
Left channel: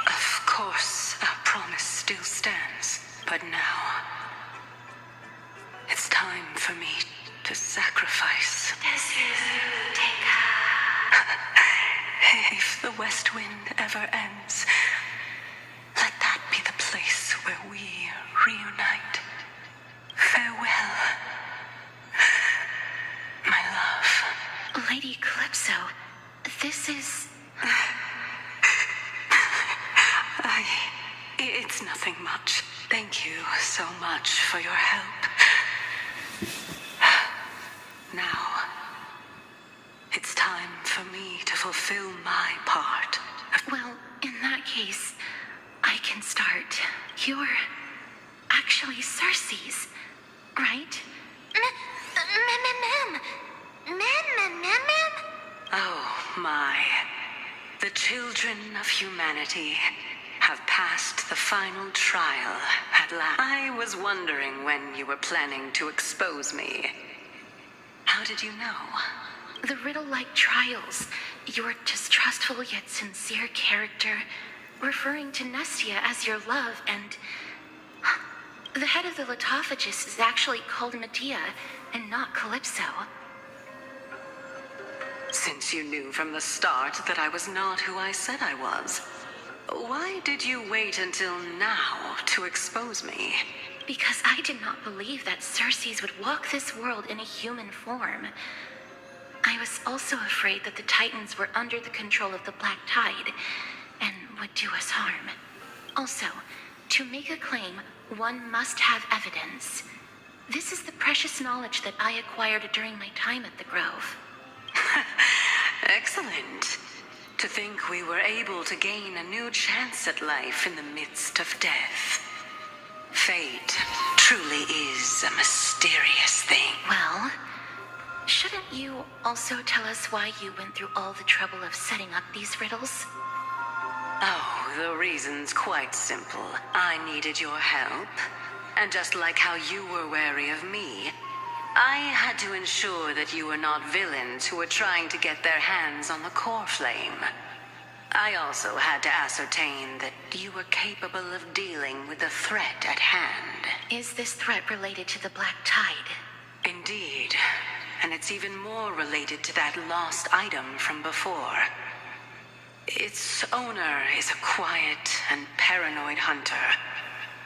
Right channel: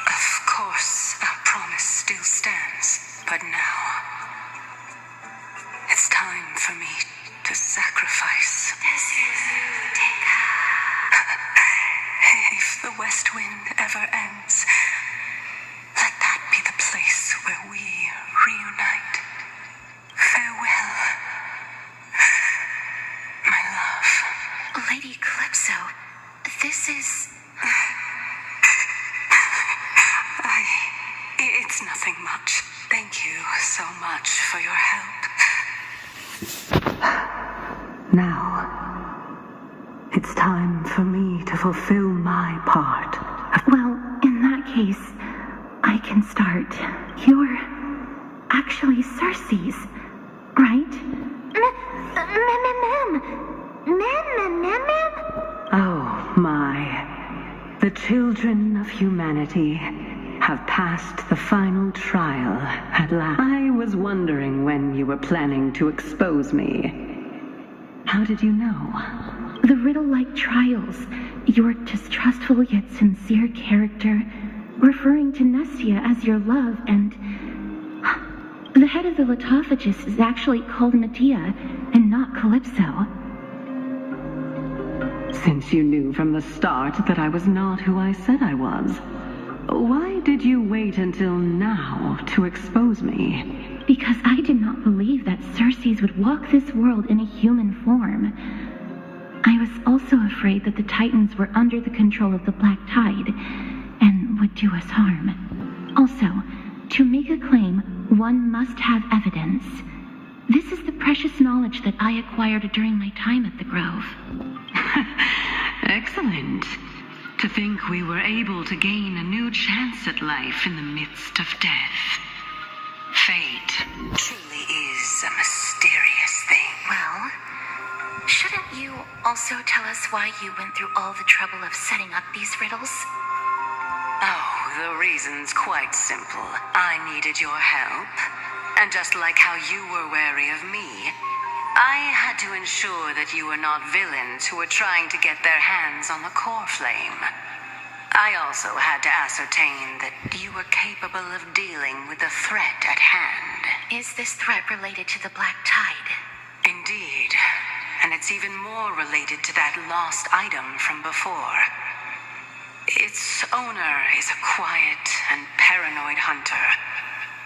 Of course, our promise still stands. But now, it's time for me to sacrifice. If the west wind ever ends, let that be the place where we reunite. Farewell, my love. Lady Calypso, this is... It's nothing much. Thank you so much for your help. Now, it's time for me to fulfill my part. Well, in that case, I can start. You're actually Cersei's, right? Oh, my. The children of humanity have passed the final trial at last. I was wondering when you were planning to expose me. How did you know? The riddle-like trials, your distrustful yet sincere character, referring to Nestia as your love, and... The head of the Litophagus is actually called Medea, and not Calypso. Since you knew from the start that I was not who I said I was, why did you wait until now to expose me? Because I did not believe that Cersei's would walk this world in a human form. I was also afraid that the Titans were under the control of the Black Tide, and would do us harm. Also, to make a claim, one must have evidence. This is the precious knowledge that I acquired during my time at the Grove. Excellent. To think we were able to gain a new chance at life in the midst of death. Fate truly is a mysterious thing. Well, shouldn't you also tell us why you went through all the trouble of setting up these riddles? Oh, the reason's quite simple. I needed your help. And just like how you were wary of me, I had to ensure that you were not villains who were trying to get their hands on the core flame. I also had to ascertain that you were capable of dealing with the threat at hand. Is this threat related to the Black Tide? Indeed. And it's even more related to that lost item from before. Its owner is a quiet and paranoid hunter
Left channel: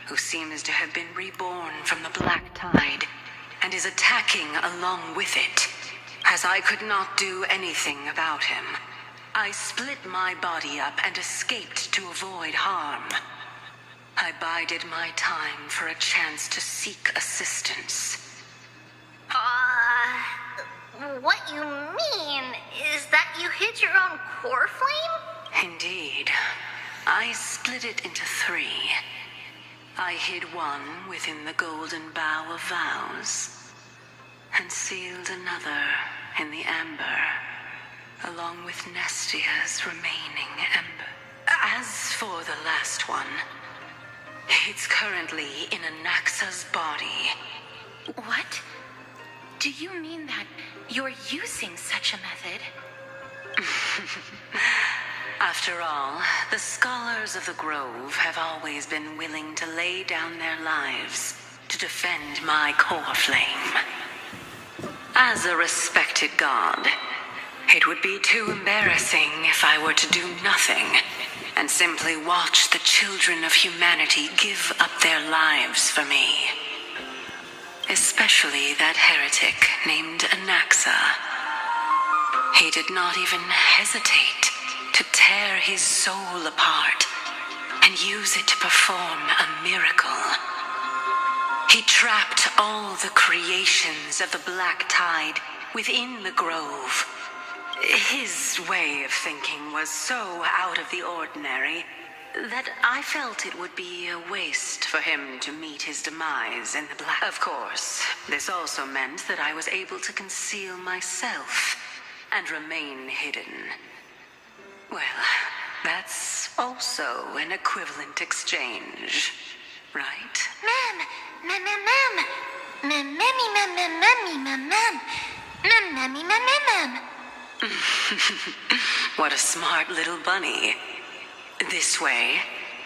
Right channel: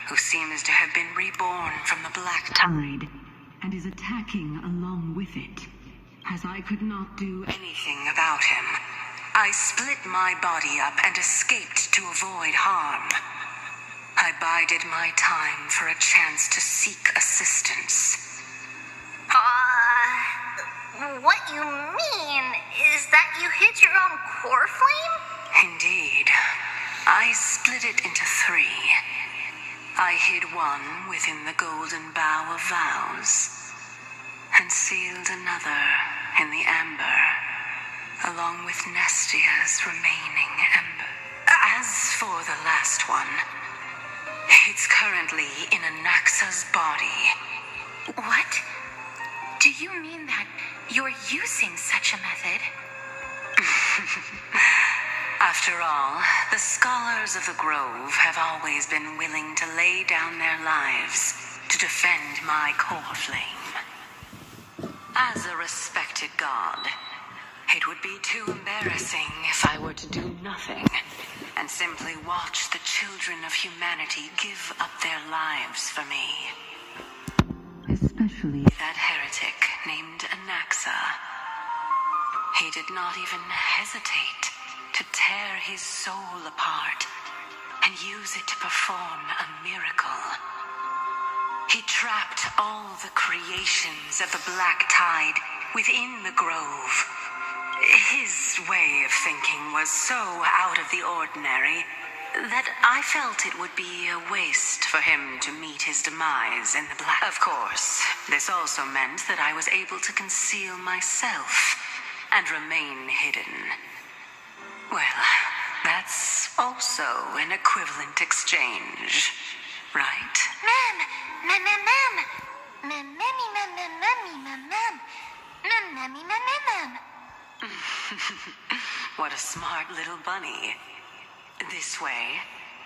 who seems to have been reborn from the Black Tide and is attacking along with it. As I could not do anything about him, I split my body up and escaped to avoid harm. I bided my time for a chance to seek assistance. What you mean is that you hid your own core flame? Indeed. I split it into 3. I hid one within the golden bough of vows, and sealed another in the amber, along with Nestia's remaining ember. As for the last one, it's currently in Anaxa's body. What? Do you mean that you're using such a method? After all, the scholars of the Grove have always been willing to lay down their lives to defend my core flame. As a respected god, it would be too embarrassing if I were to do nothing and simply watch the children of humanity give up their lives for me. Especially that heretic named Anaxa. He did not even hesitate to tear his soul apart and use it to perform a miracle. He trapped all the creations of the Black Tide within the Grove. His way of thinking was so out of the ordinary that I felt it would be a waste for him to meet his demise in the Black. Of course, this also meant that I was able to conceal myself and remain hidden. Well, that's also an equivalent exchange, right? Ma'am! What a smart little bunny. This way,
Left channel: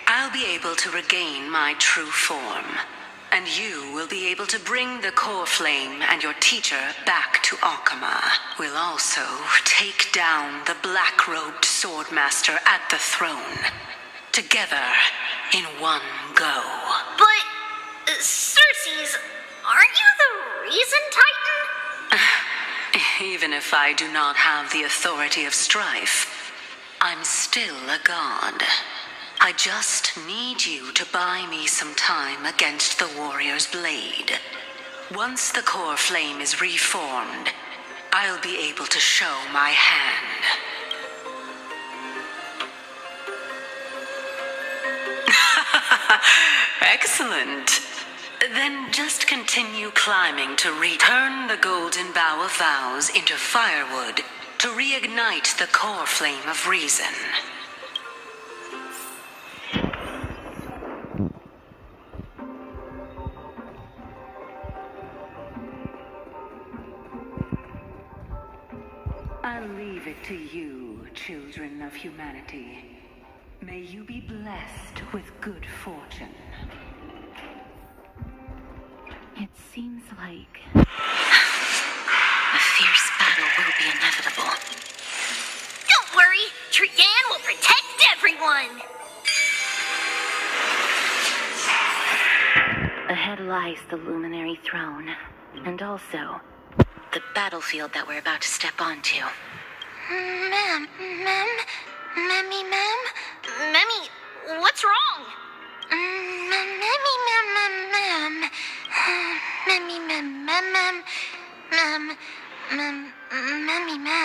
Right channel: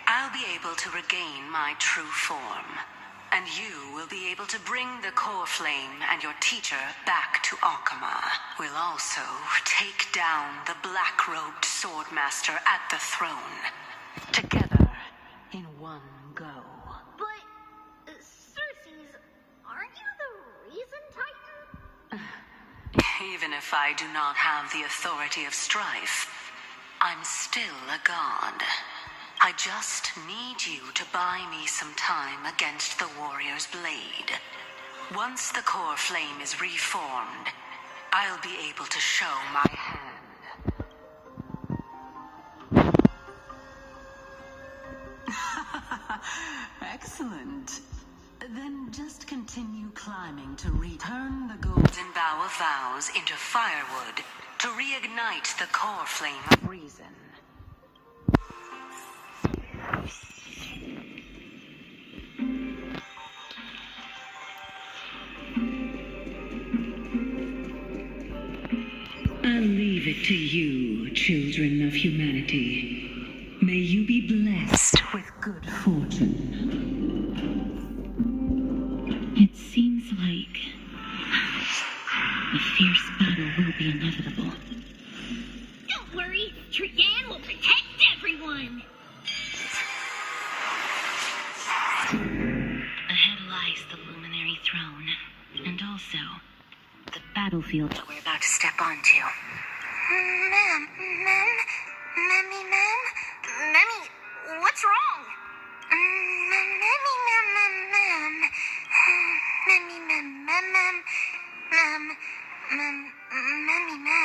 I'll be able to regain my true form, and you will be able to bring the core flame and your teacher back to Akama. We'll also take down the black-robed swordmaster at the throne, together in one go. But, Cersei's, aren't you the reason, Titan? Even if I do not have the authority of strife, I'm still a god. I just need you to buy me some time against the warrior's blade. Once the core flame is reformed, I'll be able to show my hand. Excellent. Then just continue climbing to turn the golden bough of vows into firewood to reignite the core flame of reason. I'll leave it to you, children of humanity. May you be blessed with good fortune. It seems like a fierce battle will be inevitable. Don't worry, Trian will protect everyone! Ahead lies the luminary throne, and also the battlefield that we're about to step onto. Ma'am, Memmy, what's wrong?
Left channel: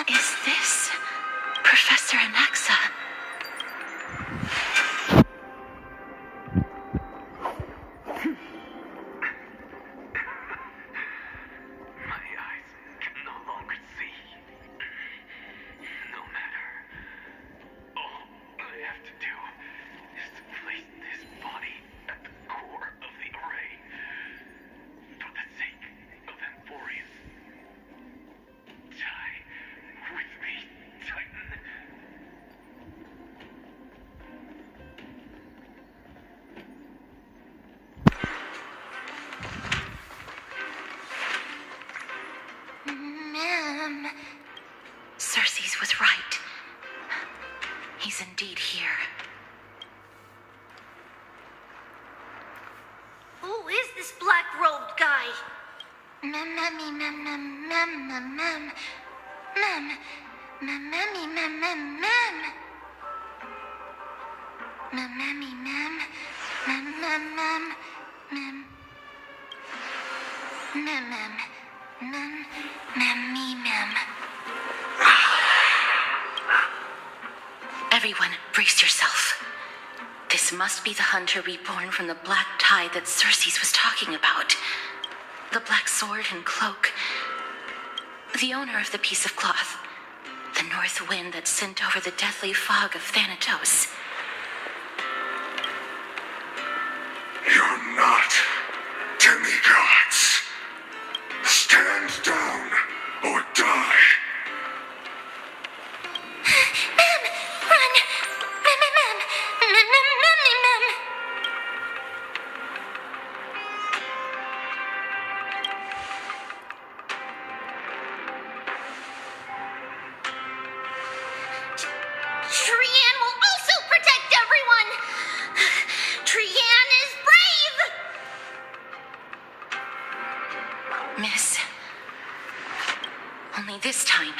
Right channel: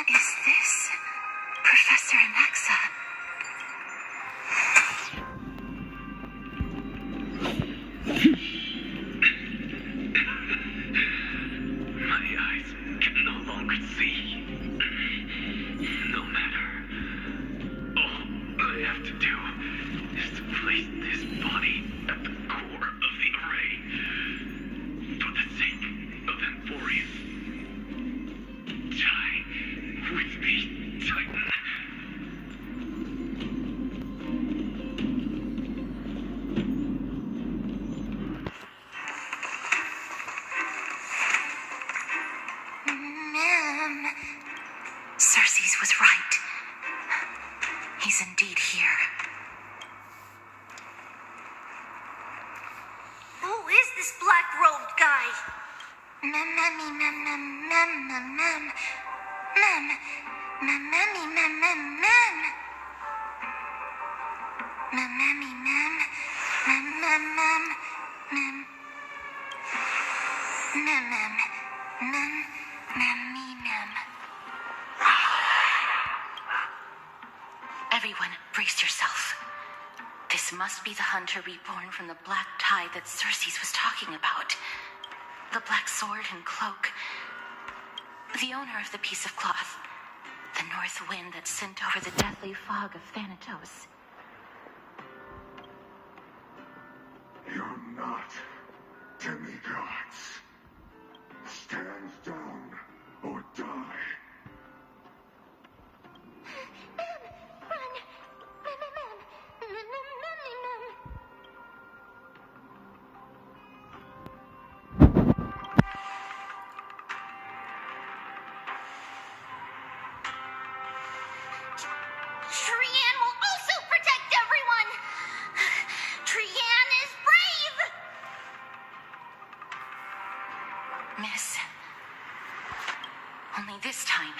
Is this Professor Anaxa? My eyes can no longer see. No matter. All I have to do is to place this body at the core of the array. For the sake of Emphorius. Die with me, Titan. Ma'am. Cersei's was right. He's indeed here. Who is this black-robed guy? Everyone, brace yourself. This must be the hunter reborn from the black tide that Circes was talking about. The black sword and cloak. The owner of the piece of cloth. The north wind that sent over the deathly fog of Thanatos. You're not demigods. Stand down or die. Mem! Run! Mem, mem, mem! Mem, mem, mem, mem, mem! Trian will also protect everyone! Trian is brave! Miss. Only this time,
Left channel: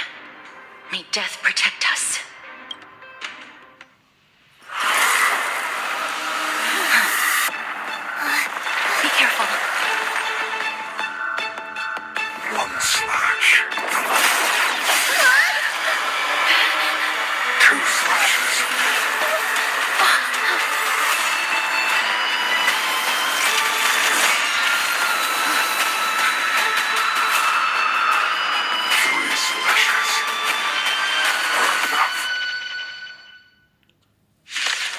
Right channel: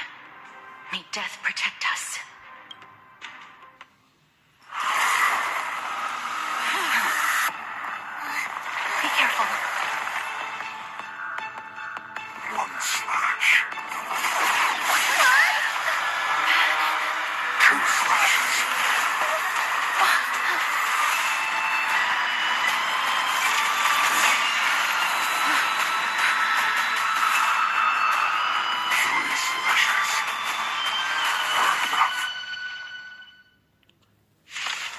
may death protect us. Be careful. One slash. Two slashes. Three slashes. Enough.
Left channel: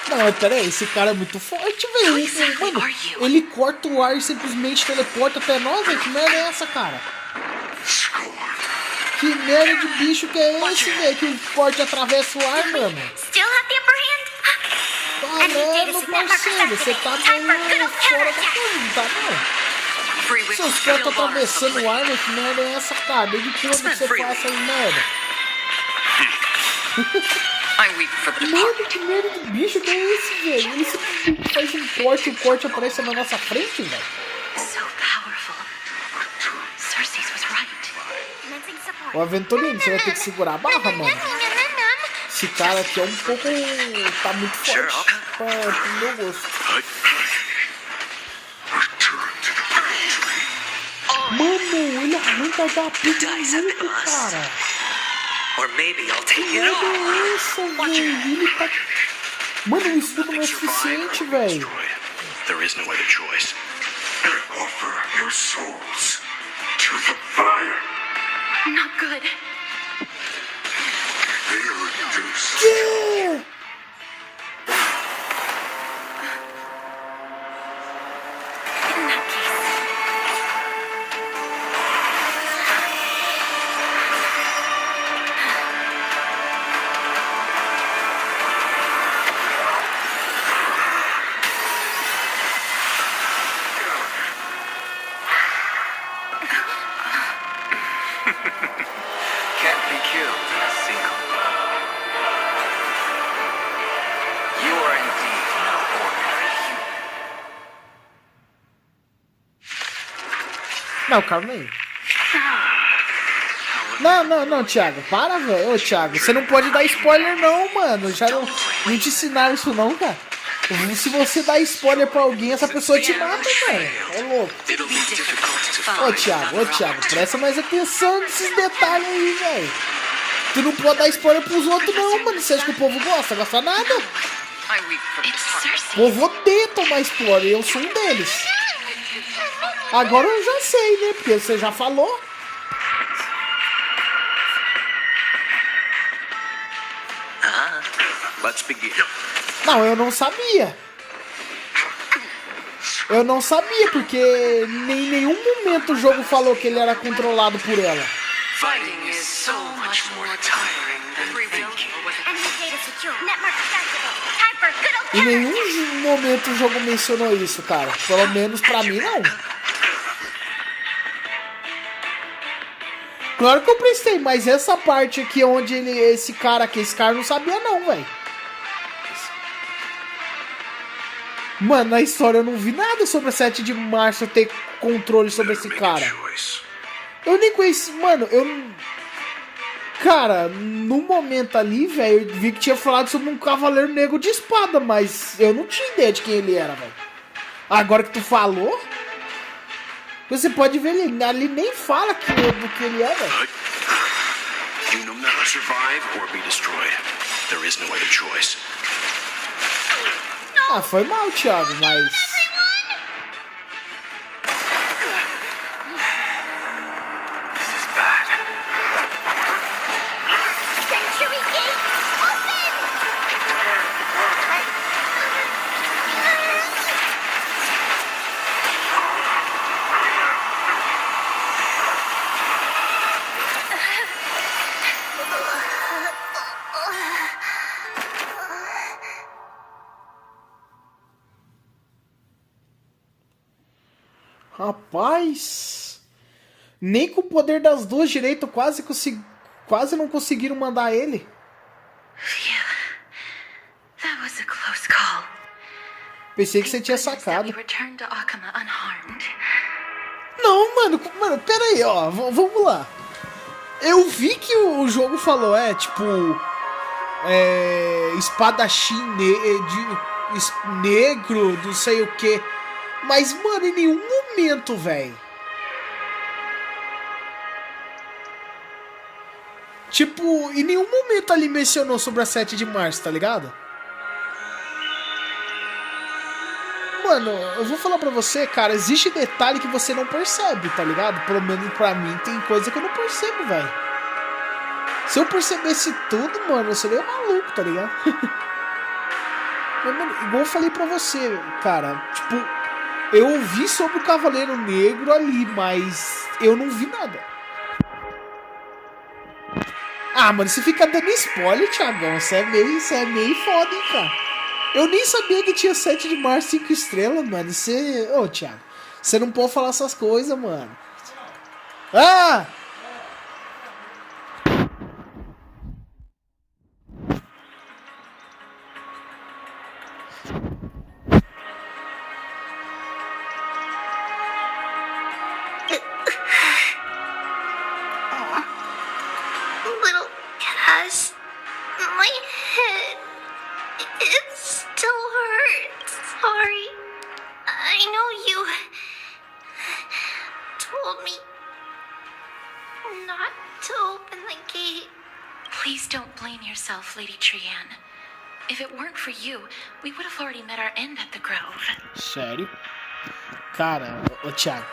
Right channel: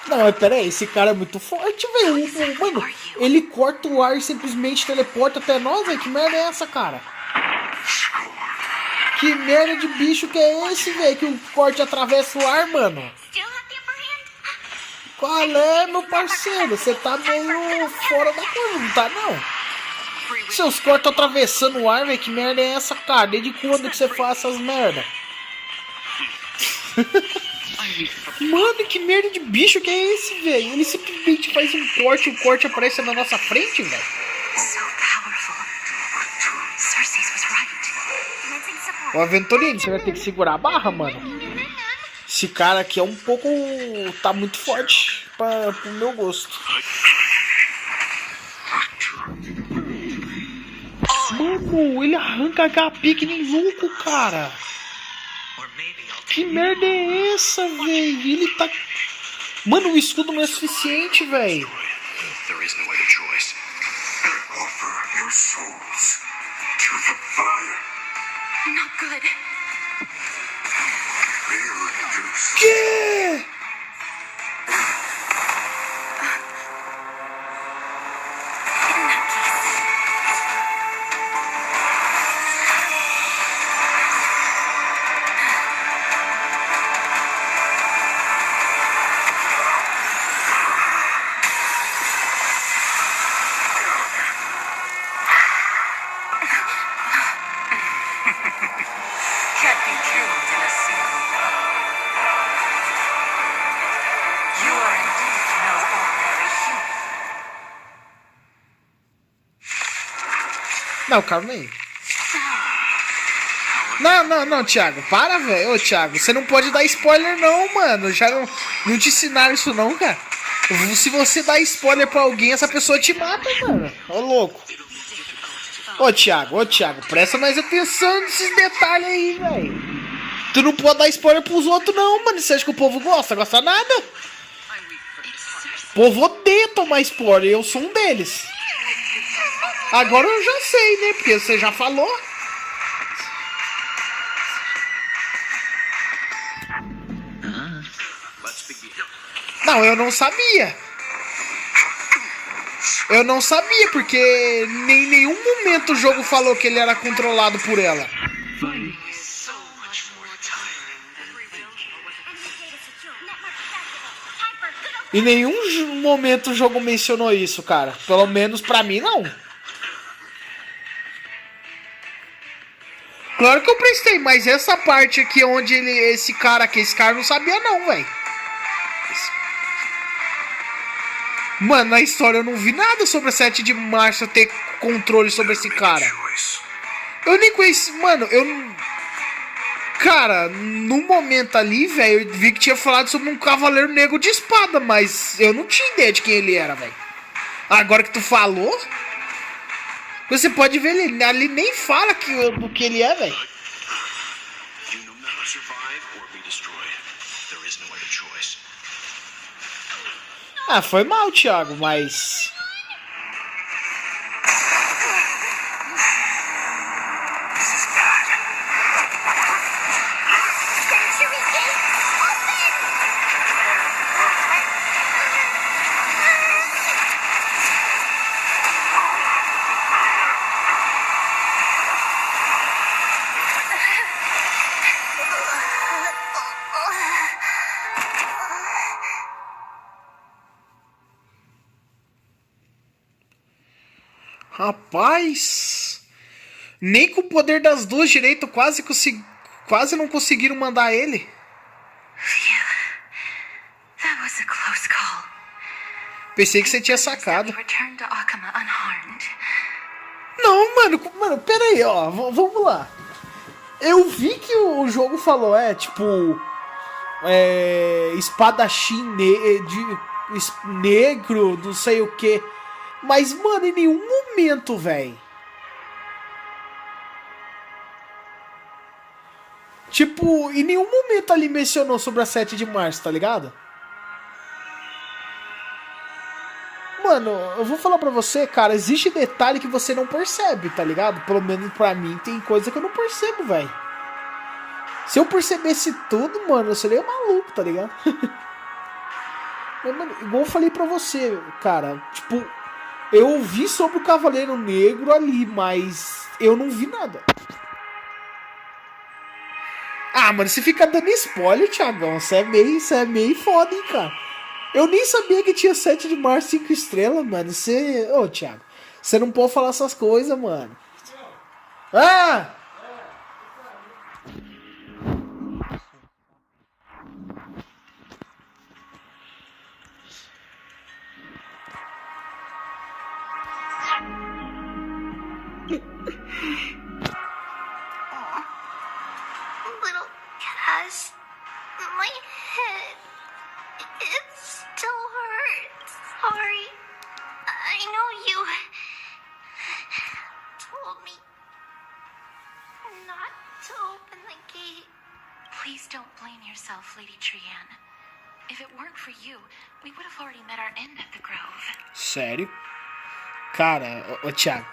Não, mas pera aí, esse cara é muito forte, velho. Mano, ele corta o ar e simplesmente teleporta até nós, velho. Que merda é essa, cara? Que merda de bicho que é esse, velho? Que o corte atravessa o ar, mano. Still have the upper hand? Qual é, meu parceiro? Você tá meio fora da coisa, não tá, não? Seus cortes atravessando o ar, velho. Que merda é essa, cara? Desde quando que você faz essas merda? Mano, que merda de bicho que é esse, velho? Ele simplesmente faz um corte e o corte aparece na nossa frente, velho. So powerful. Circes was right. Missing support. Ô, Aventurino, você vai ter que segurar a barra, mano. Mem, mem, mem, mem. Esse cara aqui é um pouco... tá muito forte pro meu gosto. Mano, ele arranca HP que nem louco, cara. Que merda é essa, velho? Ele tá... Mano, o escudo não é suficiente, velho. There is no other choice. Offer your souls to the fire. Not good. Be reduced. Que? In that case, Can't be killed in a single blow. You are indeed no ordinary human. Não, calma aí. Não, Thiago. Para, velho. Ô, Thiago, você não pode dar spoiler, não, mano. Já não te ensinaram isso, não, cara. Se você dá spoiler pra alguém, essa pessoa te mata, mano. Ô, louco. Ô, Thiago, presta mais atenção nesses detalhes aí, velho. Tu não pode dar spoiler pros outros, não, mano. Você acha que o povo gosta? Gosta nada? it's Circe. O povo odeia tomar spoiler. Eu sou um deles. Agora eu já sei, né? Porque você já falou. Let's begin. Não, eu não sabia. Eu não sabia, porque em nenhum momento o jogo falou que ele era controlado por ela. Fighting is so much more tiring than thinking. Enemy data secure. Network activated. Time for good old... Em nenhum momento o jogo mencionou isso, cara. Pelo menos pra mim, não. Claro que eu prestei, mas essa parte aqui onde esse cara não sabia não, velho. Mano, na história eu não vi nada sobre a 7 de março ter controle sobre esse cara. Eu nem conheci, mano, eu não... Cara, no momento ali, velho, eu vi que tinha falado sobre um cavaleiro negro de espada, mas eu não tinha ideia de quem ele era, velho. Agora que tu falou, você pode ver, ele ali nem fala do que ele é, velho. You know now survive or be destroyed. There is no other choice. No! Ah, foi mal, Thiago, mas... Rapaz, nem com o poder das duas direito quase não conseguiram mandar ele. That was a close call. Pensei que você tinha sacado. Não, mano, pera aí, ó, vamos lá. Eu vi que o jogo falou, espadachim negro, não sei o que. Mas, mano, em nenhum momento, velho. Tipo, em nenhum momento ali mencionou sobre a 7 de março, tá ligado? Mano, eu vou falar pra você, cara, existe detalhe que você não percebe, tá ligado? Pelo menos pra mim tem coisa que eu não percebo, velho. Se eu percebesse tudo, mano, eu seria maluco, tá ligado? Mas, mano, igual eu falei pra você, cara, tipo... Eu ouvi sobre o Cavaleiro Negro ali, mas eu não vi nada. Ah, mano, você fica dando spoiler, Thiagão. Você é meio foda, hein, cara. Eu nem sabia que tinha 7 de março 5 estrelas, mano. Você... Ô, Thiago, você não pode falar essas coisas, mano. Ah! Lady Trian. If it weren't for you, we would have already met our end at the Grove. Sério? Cara, ô Thiago.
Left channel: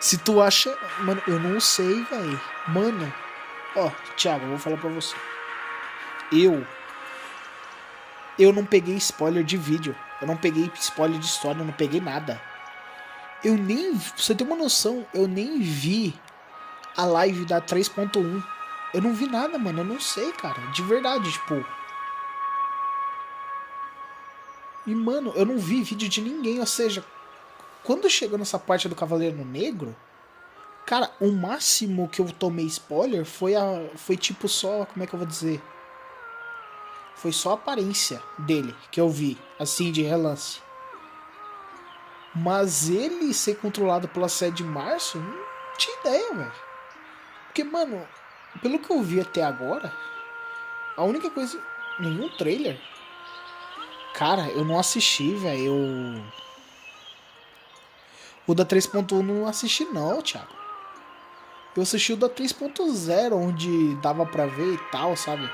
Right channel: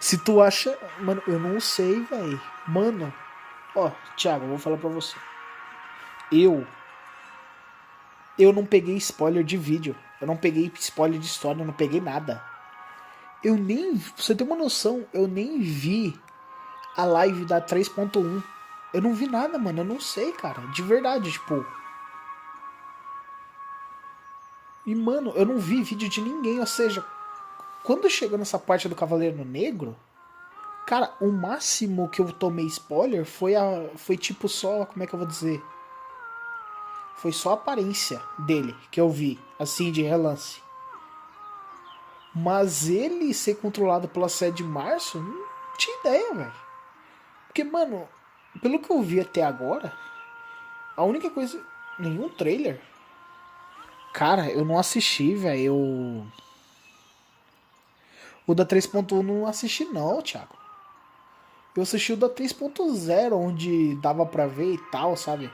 Se tu acha... Mano, eu não sei, velho. Mano, ó, Thiago, eu vou falar pra você. Eu não peguei spoiler de vídeo. Eu não peguei spoiler de história, eu não peguei nada. Pra você ter uma noção, eu nem vi a live da 3.1. Eu não vi nada, mano. Eu não sei, cara. De verdade, tipo... E, mano, eu não vi vídeo de ninguém. Ou seja, quando chegou nessa parte do Cavaleiro Negro... Cara, o máximo que eu tomei spoiler foi tipo só... Como é que eu vou dizer? Foi só a aparência dele que eu vi. Assim, de relance. Mas ele ser controlado pela 7 de março... Não tinha ideia, velho. Porque, mano... Pelo que eu vi até agora, a única coisa... Nenhum trailer. Cara, eu não assisti, velho. O da 3.1 não assisti não, Thiago. Eu assisti o da 3.0, onde dava pra ver e tal, sabe?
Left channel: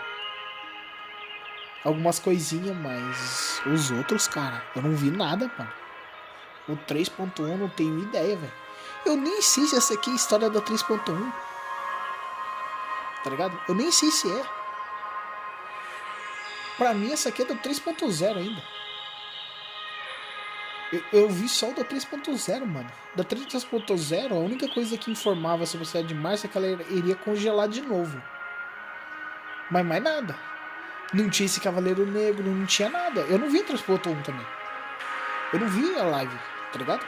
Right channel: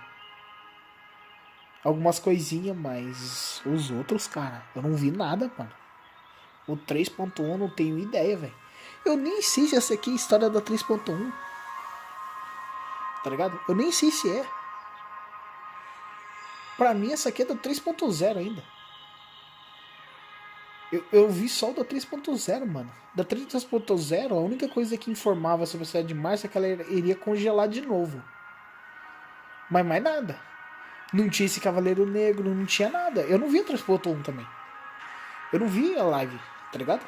Algumas coisinhas, mas... Os outros, cara, eu não vi nada, mano. O 3.1 não tenho ideia, velho. Eu nem sei se essa aqui é a história da 3.1. Tá ligado? Eu nem sei se é. Pra mim essa aqui é do 3.0 ainda. Eu vi só o da 3.0, mano. Da 3.0, a única coisa que informava sobre a 7 de março é que ela iria congelar de novo. Mas mais nada. Não tinha esse Cavaleiro Negro, não tinha nada. Eu não vi a 3.1 também. Eu não vi a live, tá ligado?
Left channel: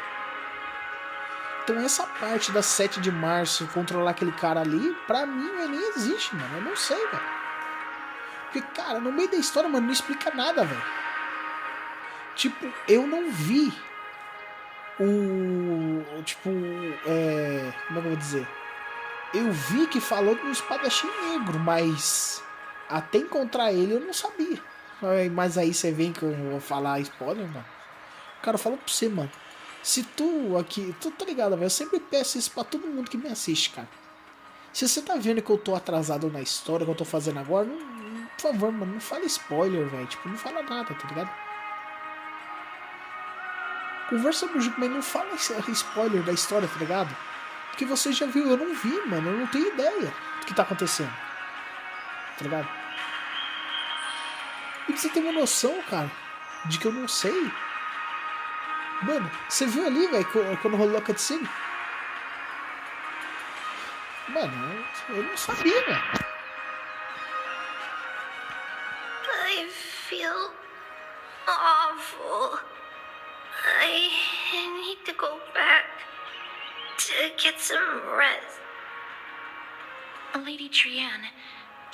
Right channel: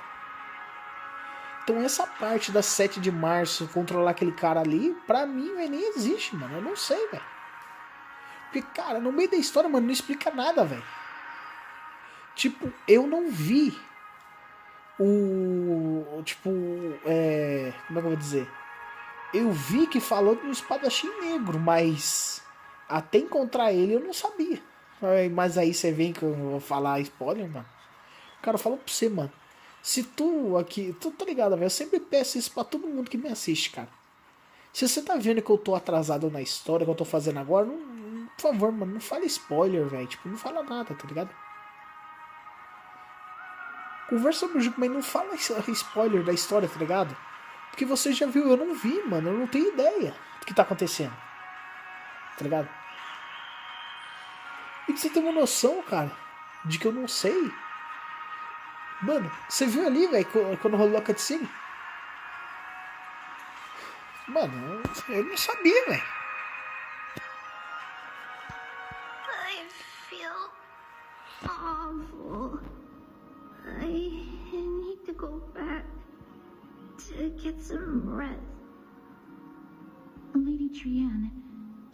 Então essa parte da 7 de março, controlar aquele cara ali, pra mim, véio, nem existe, mano. Eu não sei, velho. Porque, cara, no meio da história, mano, não explica nada, velho. Tipo, eu não vi o... Tipo, como é que eu vou dizer? Eu vi que falou do espadachim negro, mas até encontrar ele eu não sabia. Mas aí você vem que eu vou falar spoiler, mano. Cara, eu falo pra você, mano. Se tu aqui... Tu tá ligado, velho? Eu sempre peço isso pra todo mundo que me assiste, cara. Se você tá vendo que eu tô atrasado na história que eu tô fazendo agora, por favor, mano, não fala spoiler, velho. Tipo, não fala nada, tá ligado? Conversa no jogo, mas não fala spoiler da história, tá ligado? Porque você já viu, eu não vi, mano. Eu não tenho ideia do que tá acontecendo. Tá ligado? E pra você ter uma noção, cara, de que eu não sei. Mano, você viu ali, velho, quando rolou a cutscene? Mano, eu não sabia, velho. I feel awful. I need to go back to get some rest. Lady Trianne,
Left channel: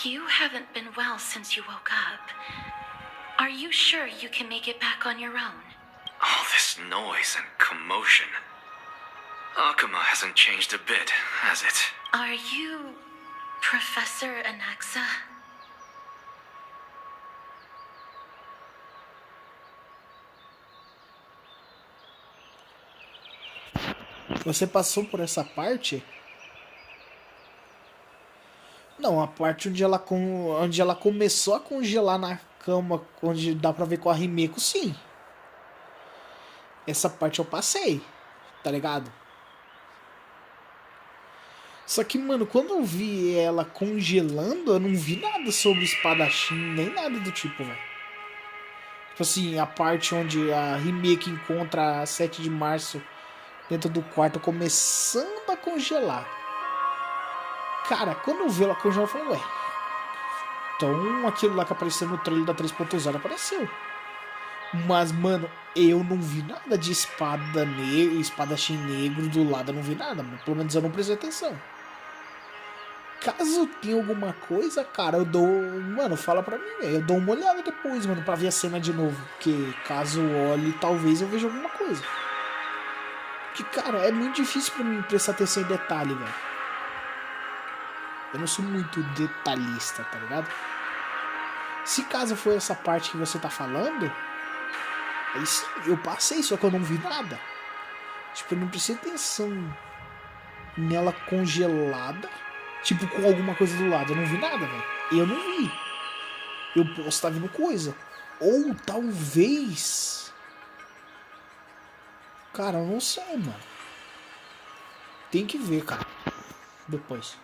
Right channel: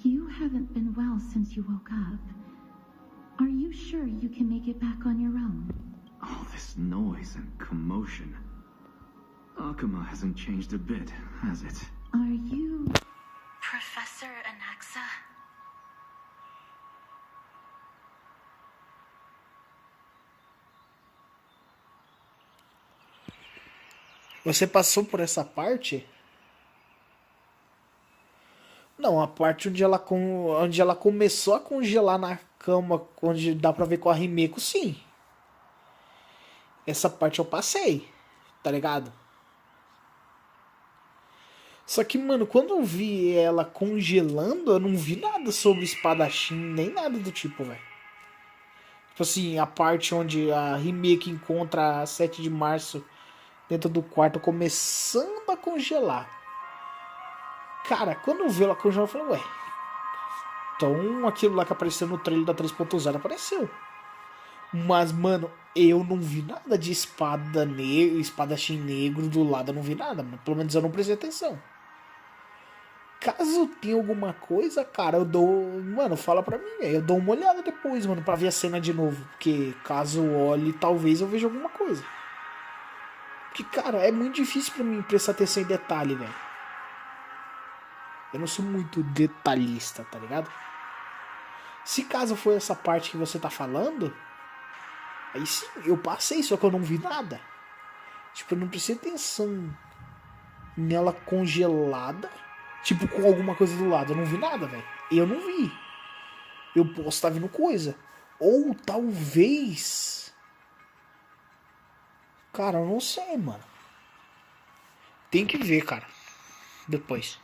you haven't been well since you woke up. Are you sure you can make it back on your own? All this noise and commotion. Akuma hasn't changed a bit, has it? Are you Professor Anaxa? Você passou por essa parte? Não, a parte onde ela começou a congelar na cama, onde dá pra ver com a Rimeko, sim. Essa parte eu passei, tá ligado? Só que, mano, quando eu vi ela congelando, eu não vi nada sobre espadachim, nem nada do tipo, velho. Tipo assim, a parte onde a Rimeko encontra a 7 de março dentro do quarto, começando a congelar. Cara, quando eu vi ela congelar, eu falei, ué. Então aquilo lá que apareceu no trailer da 3.0 apareceu. Mas, mano, eu não vi nada de espadachim negro do lado, eu não vi nada, mano. Pelo menos eu não prestei atenção. Caso tenha alguma coisa, cara, eu dou... Mano, fala pra mim, velho. Eu dou uma olhada depois, mano, pra ver a cena de novo. Porque caso eu olhe, talvez eu veja alguma coisa. Porque, cara, é muito difícil pra mim prestar atenção em detalhe, velho. Eu não sou muito detalhista, tá ligado? Se caso foi essa parte que você tá falando, aí sim, eu passei, só que eu não vi nada. Tipo, eu não prestei atenção nela congelada, tipo, com alguma coisa do lado. Eu não vi nada, velho. Eu não vi. Eu posso estar vendo coisa. Ou talvez... Cara, eu não sei, mano. Tem que ver, cara. Depois.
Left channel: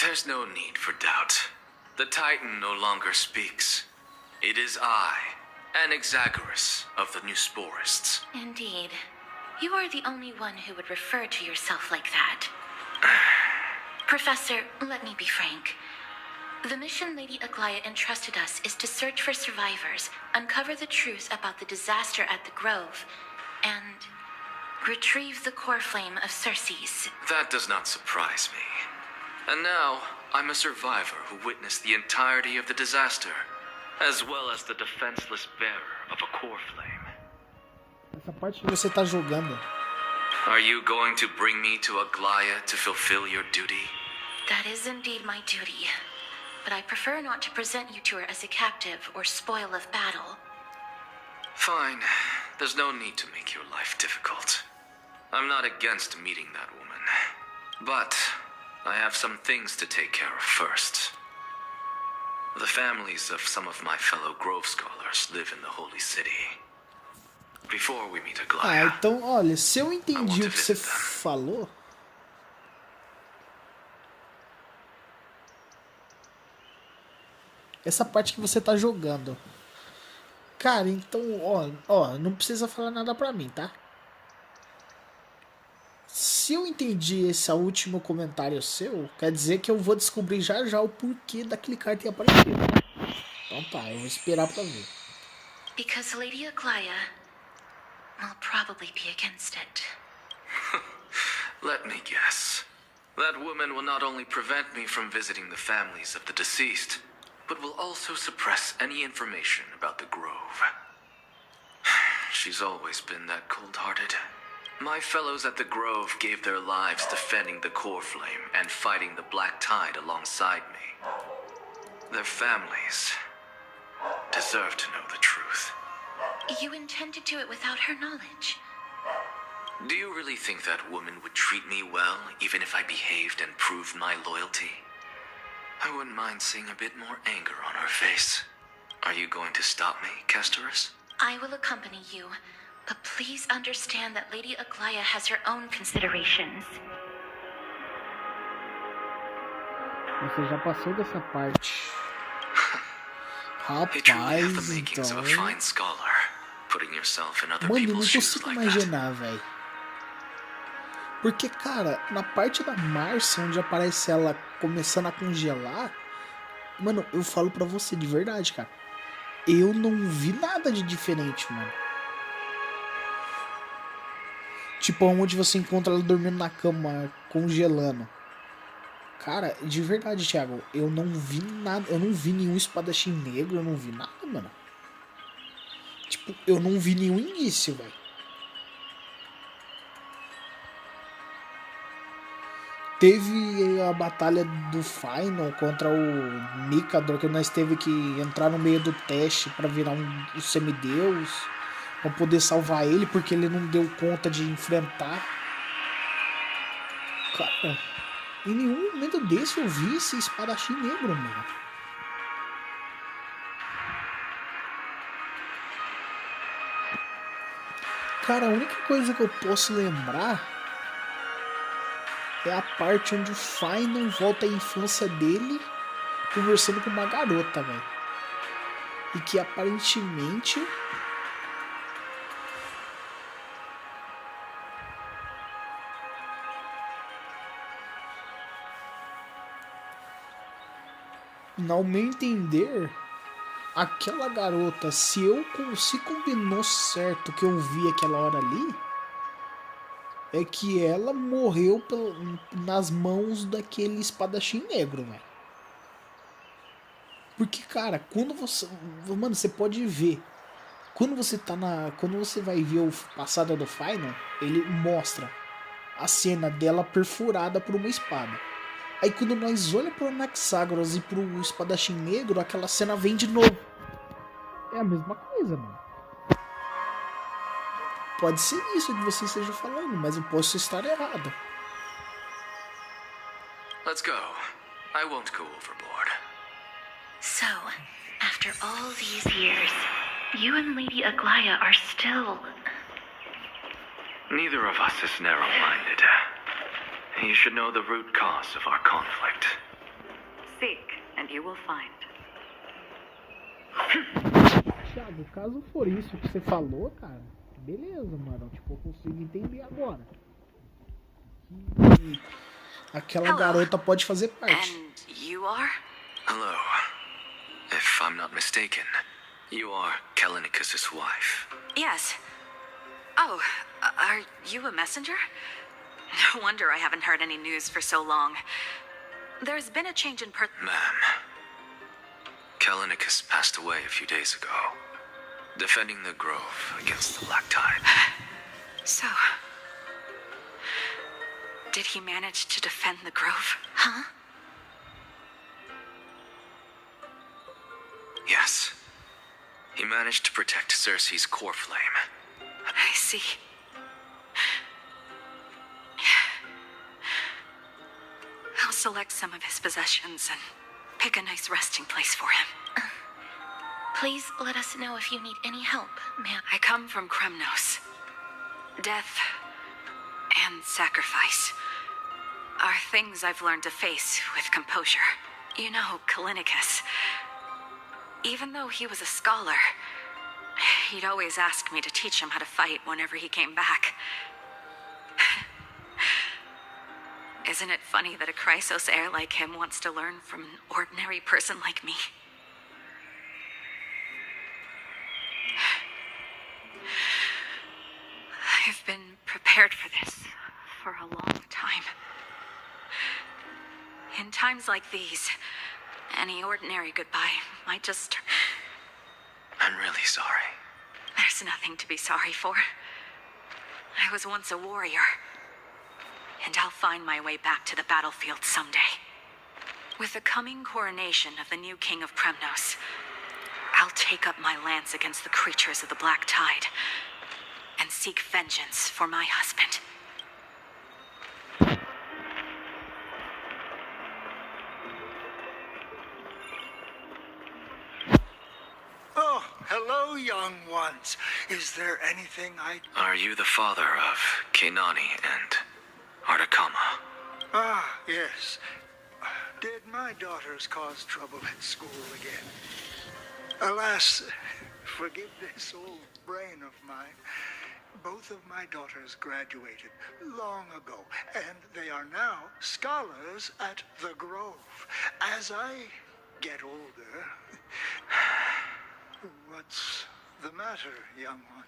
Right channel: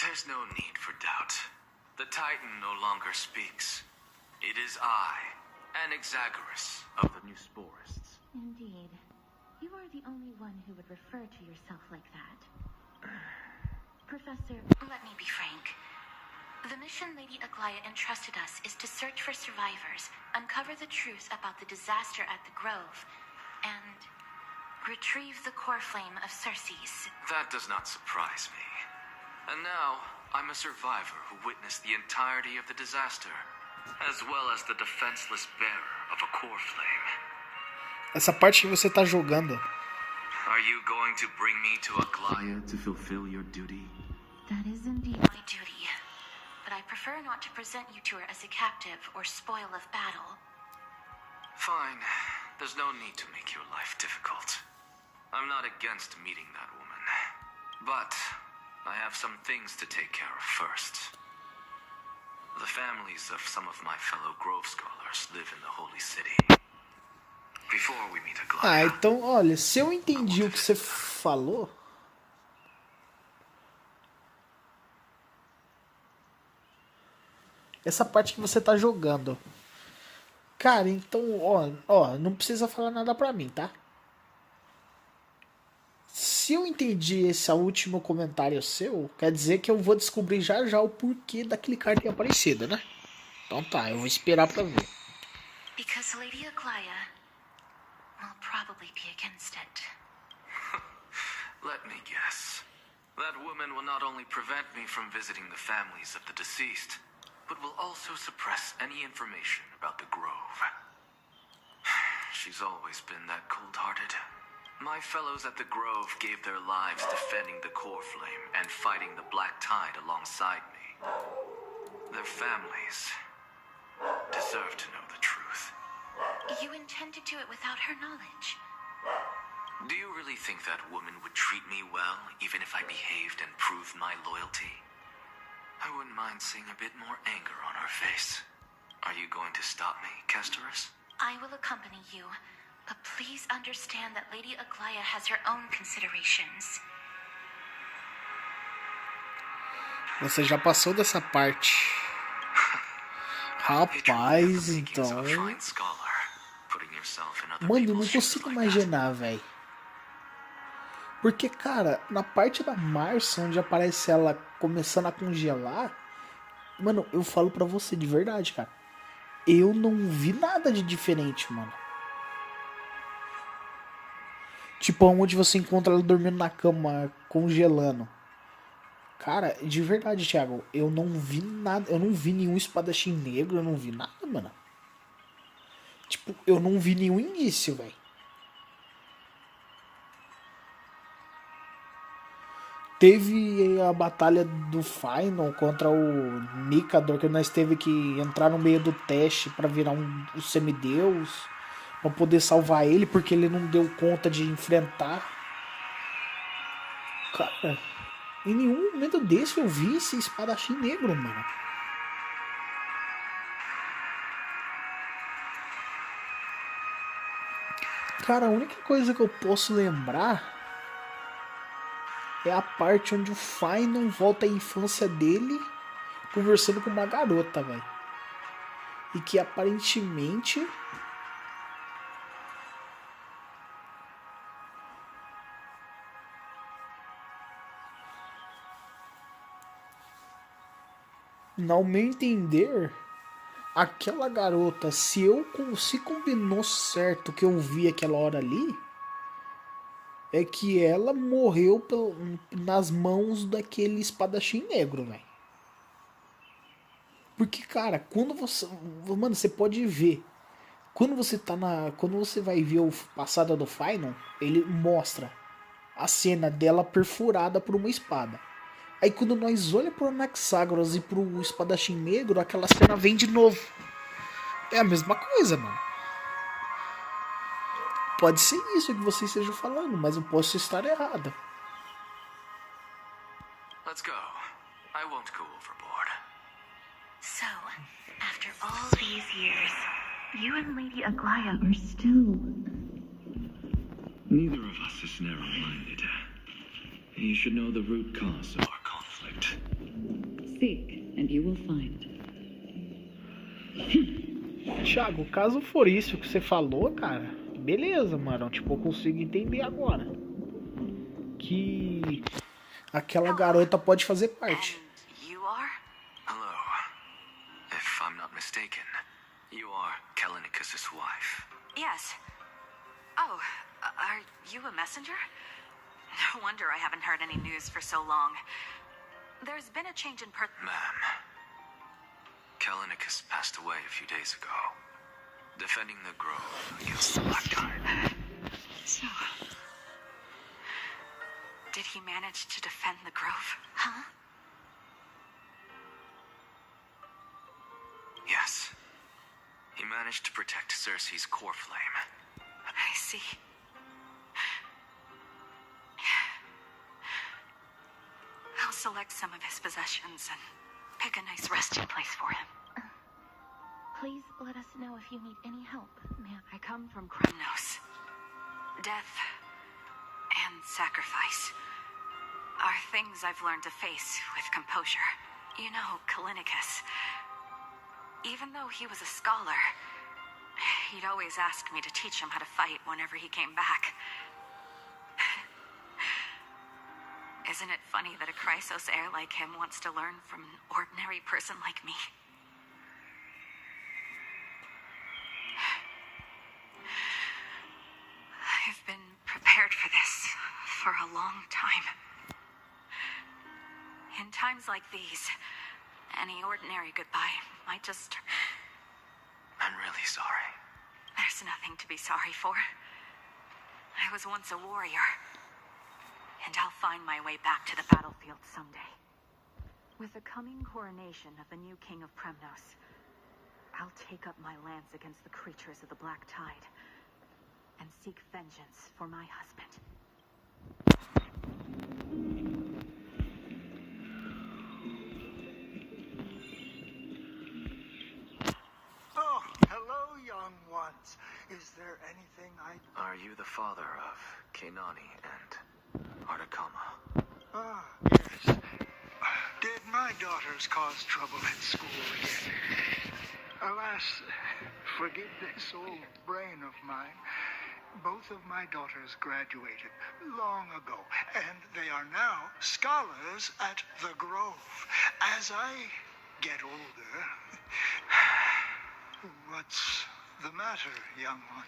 There's no need for doubt. The Titan no longer speaks. It is I, Anaxagoras of the Newsporists. Indeed. You are the only one who would refer to yourself like that. Professor, let me be frank. The mission Lady Aglaia entrusted us is to search for survivors, uncover the truth about the disaster at the Grove, and retrieve the core flame of Circes. That does not surprise me. And now, I'm a survivor who witnessed the entirety of the disaster, as well as the defenseless bearer of a core flame. Essa parte que você tá jogando. Are you going to bring me to Aglaia to fulfill your duty? That is indeed my duty. But I prefer not to present you to her as a captive or spoil of battle. Fine. There's no need to make your life difficult. I'm not against meeting that woman. But I have some things to take care of first. The families of some of my fellow Grove scholars live in the Holy City. Before we meet Aglaia, então, olha, se eu entendi o que você falou... Essa parte que você tá jogando. Cara, então, ó, não precisa falar nada pra mim, tá? Se eu entendi esse último comentário seu, quer dizer que eu vou descobrir já já o porquê daquele cara ter aparecido, né? Então tá, eu vou esperar pra ver. Because Lady Aglaia will probably be against it. let me guess. That woman will not only prevent me from visiting the families of the deceased, but will also suppress any information about the Grove. She's always been that cold-hearted. My fellows at the Grove gave their lives defending the core flame and fighting the Black Tide alongside me. Their families deserve to know the truth. You intend to do it without her knowledge? Do you really think that woman would treat me well, even if I behaved and proved my loyalty? I wouldn't mind seeing a bit more anger on her face. Are you going to stop me, Kesterus? I will accompany you, But please understand that Lady Aglaya has her own considerations. Você já passou dessa parte. Rapaz, então... Mano, eu não consigo imaginar, velho. Porque, cara, na parte da Marcia, onde aparece ela começando a congelar... Mano, eu falo pra você de verdade, cara. Eu não vi nada de diferente, mano. Tipo, onde você encontra ela dormindo na cama, congelando. Cara, de verdade, Thiago, eu não vi nada. Eu não vi nenhum espadachim negro, eu não vi nada, mano. Tipo, eu não vi nenhum indício, velho. Teve a batalha do Final contra o Mikador, que nós teve que entrar no meio do teste pra virar um semideus, pra poder salvar ele, porque ele não deu conta de enfrentar. Cara, em nenhum momento desse eu vi esse espadachim negro, mano. Cara, a única coisa que eu posso lembrar é a parte onde o Final volta à infância dele conversando com uma garota, velho. E que aparentemente... Ao meu entender, aquela garota, se combinou certo que eu vi aquela hora ali, é que ela morreu nas mãos daquele espadachim negro, velho. Porque, cara, quando você... Mano, você pode ver. Quando você vai ver o passado do Final, ele mostra a cena dela perfurada por uma espada. Aí quando nós olhamos pro Anaxágoras e pro espadachim negro, aquela cena vem de novo. É a mesma coisa, mano. Pode ser isso que você esteja falando, mas eu posso estar errado. Let's go. I won't go overboard. So, after all these years, you and Lady Aglaya are still... Neither of us is narrow-minded. You should know the root cause of our conflict. Seek, and you will find. Thiago, caso for isso que você falou, cara, beleza, mano. Tipo, eu consigo entender agora que aquela garota pode fazer parte. And you are? Hello. If I'm not mistaken, you are Kalinicus' wife. Yes. Oh, are you a messenger? No wonder I haven't heard any news for so long. There's been a change in Ma'am, Kalinicus passed away a few days ago, defending the grove against the Black Tide. So, did he manage to defend the grove? Huh? Yes. He managed to protect Cersei's core flame. I see. I'll select some of his possessions and pick a nice resting place for him. Please let us know if you need any help, ma'am. I come from Kremnos. Death and sacrifice are things I've learned to face with composure. You know, Kalinicus, even though he was a scholar, he'd always ask me to teach him how to fight whenever he came back. Isn't it funny that a Chrysos heir like him wants to learn from an ordinary person like me? I've been prepared for this for a long time. In times like these, any ordinary goodbye might just... I'm really sorry. There's nothing to be sorry for. I was once a warrior, and I'll find my way back to the battlefield someday. With the coming coronation of the new king of Kremnos, I'll take up my lance against the creatures of the Black Tide and seek vengeance for my husband. Oh, hello, young young ones. Is there anything I... Are you the father of Kenani and Artakama? Ah, yes. Did my daughters cause trouble at school again? Alas, forgive this old brain of mine. Both of my daughters graduated long ago, and they are now scholars at the Grove. As I get older... What's the matter, young one?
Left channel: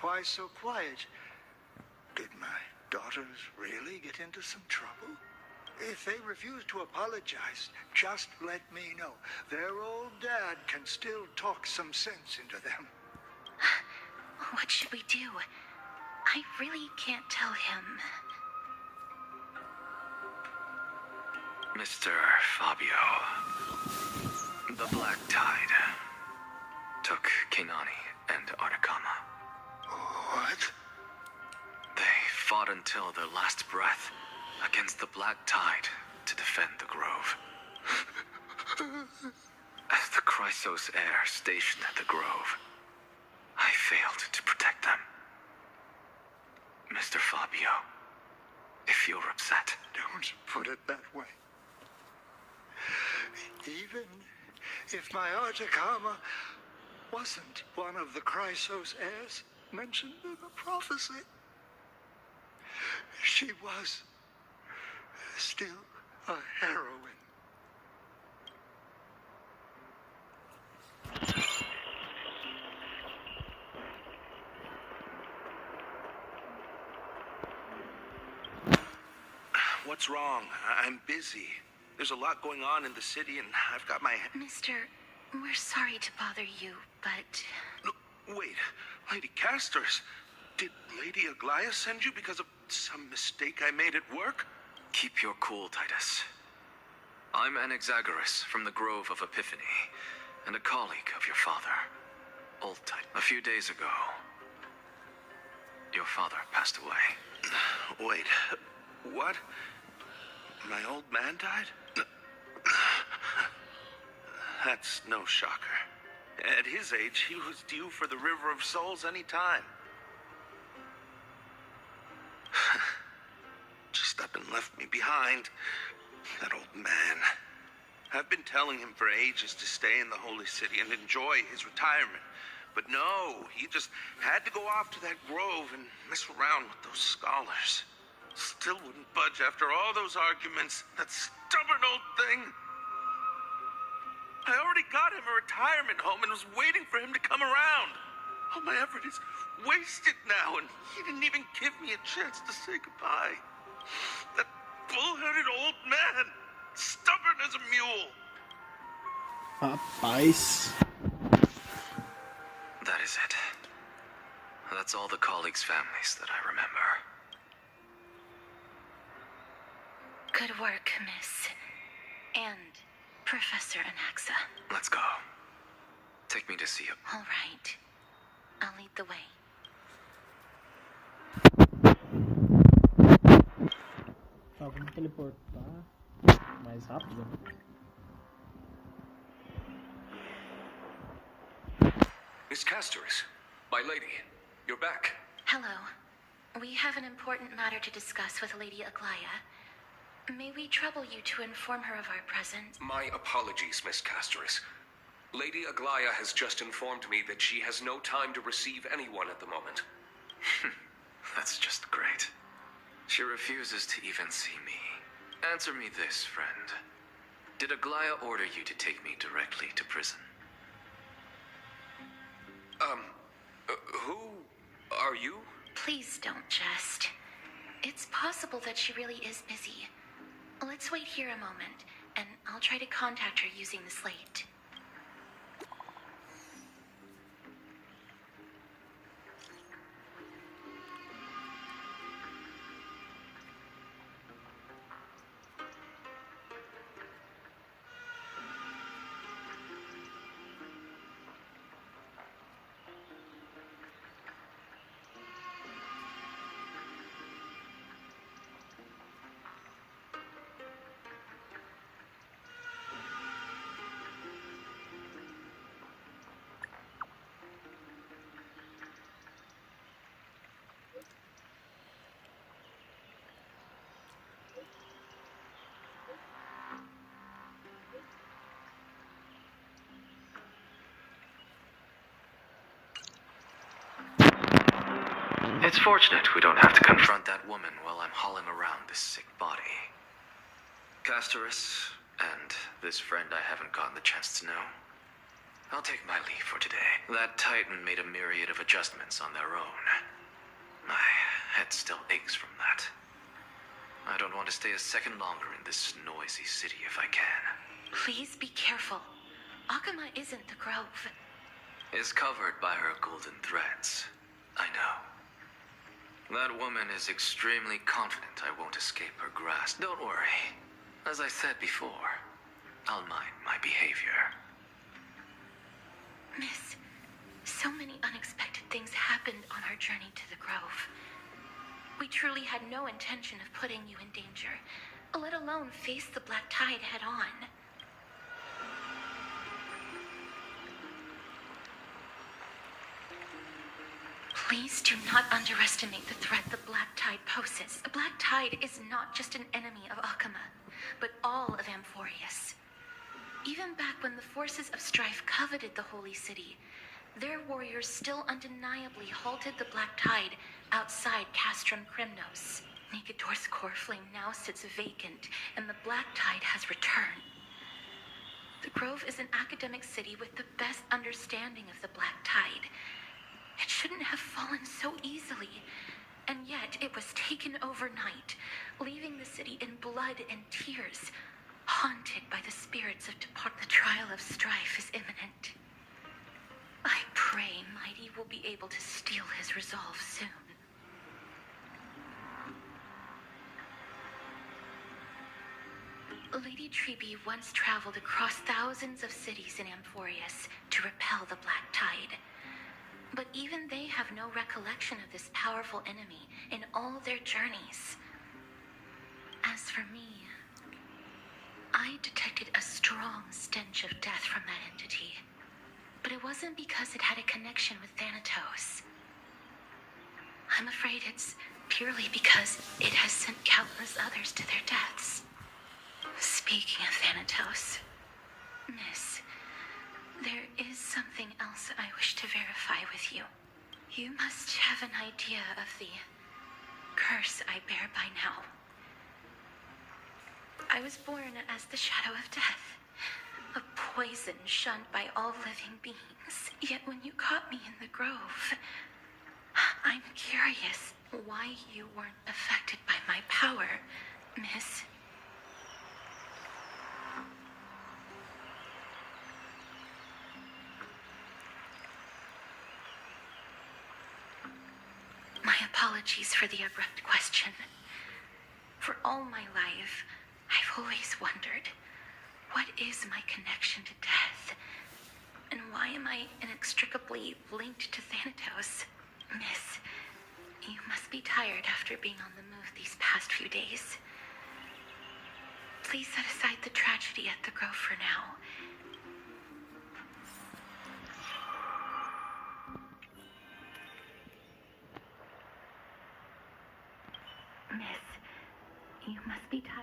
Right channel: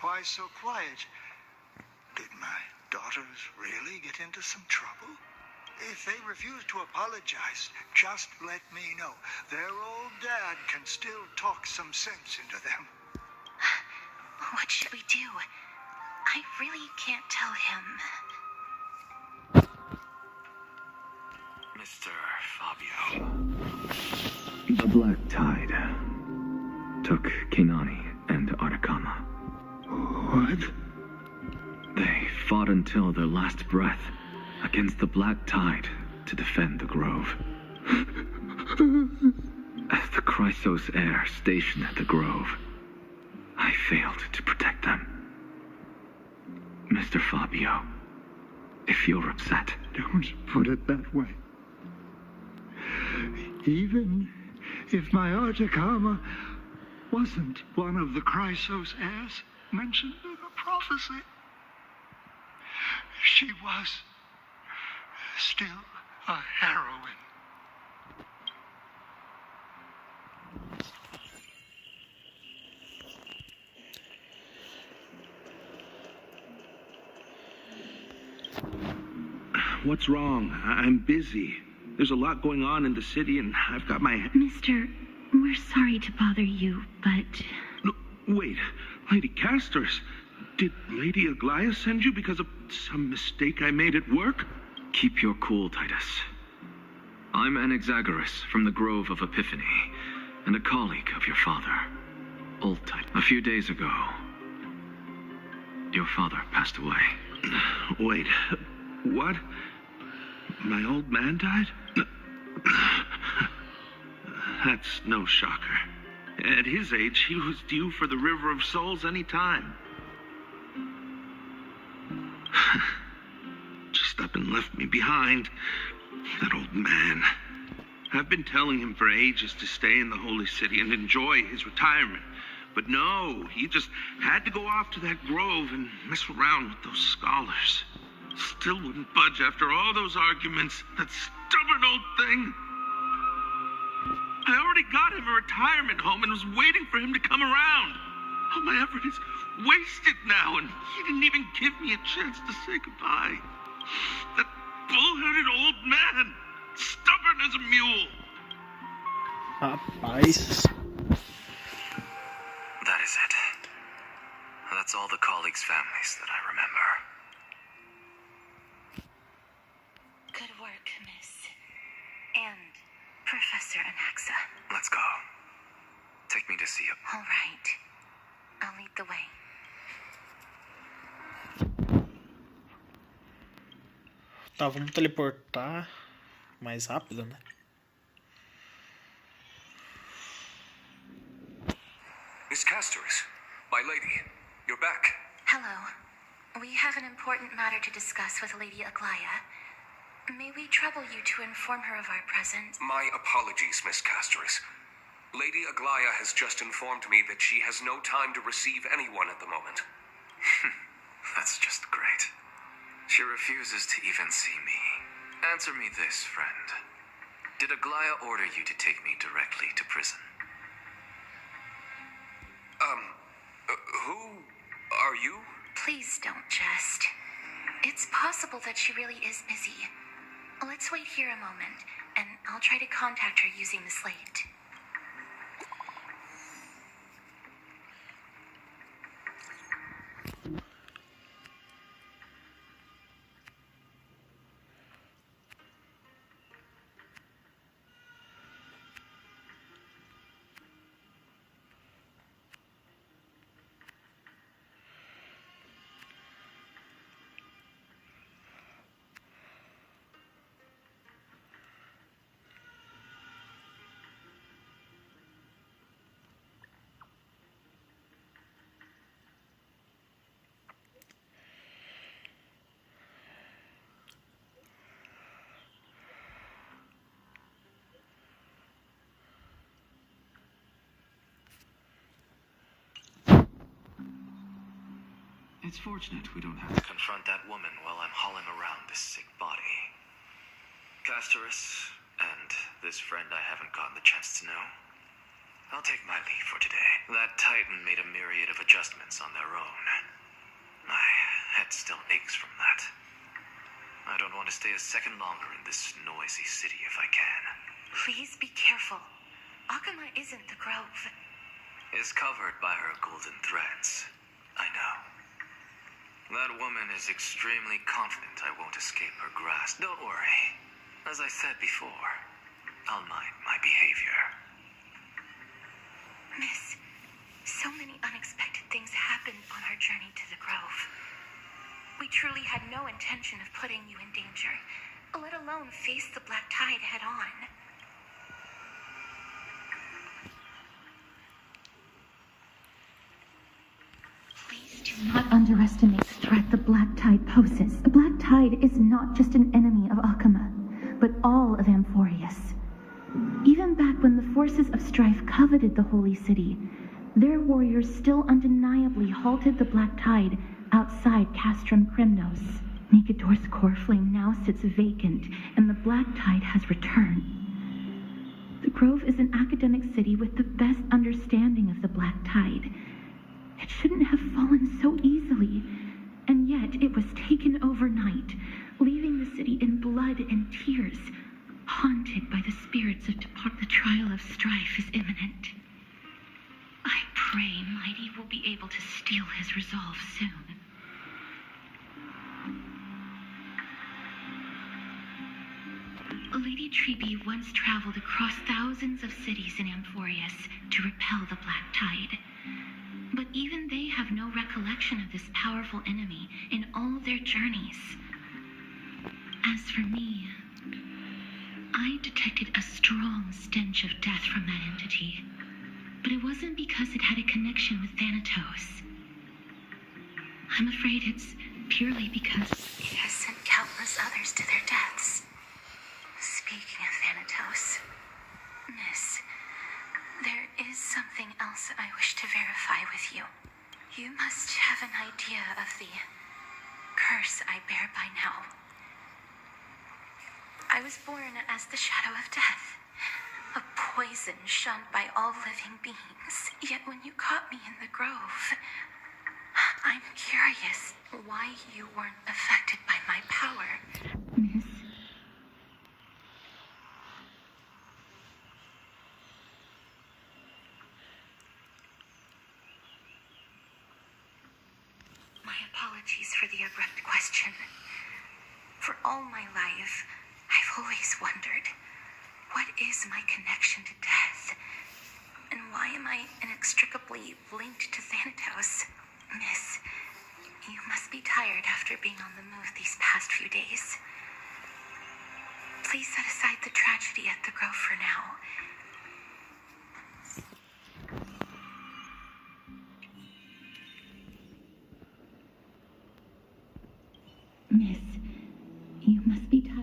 Why so quiet? Did my daughters really get into some trouble? If they refuse to apologize, just let me know. Their old dad can still talk some sense into them. What should we do? I really can't tell him. Mr. Fabio, the Black Tide took Kenani and Artakama. What? They fought until their last breath against the Black Tide to defend the Grove. As the Chrysos heir stationed at the Grove, I failed to protect them. Mr. Fabio, if you're upset... Don't put it that way. Even if my Artakama wasn't one of the Chrysos heirs mentioned in the prophecy, she was still a heroine. What's wrong? I'm busy. There's a lot going on in the city, and I've got my... Mister, we're sorry to bother you, but... No, wait. Lady Casters, did Lady Aglaia send you because of some mistake I made at work? Keep your cool, Titus. I'm Anaxagoras from the Grove of Epiphany, and a colleague of your father, Old Titus. A few days ago, your father passed away. Wait, what? My old man died? That's no shocker. At his age, he was due for the River of Souls any time. Just up and left me behind. That old man. I've been telling him for ages to stay in the Holy City and enjoy his retirement. But no, he just had to go off to that grove and mess around with those scholars. Still wouldn't budge after all those arguments. That stubborn old thing. I already got him a retirement home and was waiting for him to come around. All my effort is wasted now, and he didn't even give me a chance to say goodbye. That bull-headed old man, stubborn as a mule. Rapaz. That is it. That's all the colleagues' families that I remember. Good work, Miss. And Professor Anaxa. Let's go. Take me to see you. All right. I'll lead the way. Tá, vamos teleportar mais rápido, né? Miss Casteris, my lady, you're back. Hello. We have an important matter to discuss with Lady Aglaia. May we trouble you to inform her of our presence? My apologies, Miss Casteris. Lady Aglaia has just informed me that she has no time to receive anyone at the moment. That's just great. She refuses to even see me. Answer me this, friend. Did Aglaia order you to take me directly to prison? Who are you? Please don't jest. It's possible that she really is busy. Let's wait here a moment, and I'll try to contact her using the slate. It's fortunate we don't have to confront that woman while I'm hauling around this sick body. Castorus, and this friend I haven't gotten the chance to know, I'll take my leave for today. That Titan made a myriad of adjustments on their own. My head still aches from that. I don't want to stay a second longer in this noisy city if I can. Please be careful. Akuma isn't the grove. Is covered by her golden threads. I know. That woman is extremely confident I won't escape her grasp. Don't worry. As I said before, I'll mind my behavior. Miss, so many unexpected things happened on our journey to the grove. We truly had no intention of putting you in danger, let alone face the Black Tide head on. Please do not underestimate the threat the Black Tide poses. The Black Tide is not just an enemy of Akuma, but all of Amphorius. Even back when the forces of strife coveted the Holy City, their warriors still undeniably halted the Black Tide outside Castrum Krymnos. Nikodor's core flame now sits vacant, and the Black Tide has returned. The Grove is an academic city with the best understanding of the Black Tide. It shouldn't have fallen so easily, and yet it was taken overnight, leaving the city in blood and tears, haunted by the spirits of depart. The trial of strife is imminent. I pray Mighty will be able to steel his resolve soon. Lady Trebe once traveled across thousands of cities in Amphorius to repel the Black Tide. But even they have no recollection of this powerful enemy in all their journeys. As for me, I detected a strong stench of death from that entity. But it wasn't because it had a connection with Thanatos. I'm afraid it's purely because it has sent countless others to their deaths. Speaking of Thanatos, Miss, there is something else I wish to verify with you. You must have an idea of the curse I bear by now. I was born as the shadow of death, a poison shunned by all living beings. Yet when you caught me in the grove, I'm curious why you weren't affected by my power. Miss, my apologies for the abrupt question. For all my life, I've always wondered, what is my connection to death? And why am I inextricably linked to Thanatos? Miss, you must be tired after being on the move these past few days. Please set aside the tragedy at the Grove for now. Miss, you must be tired.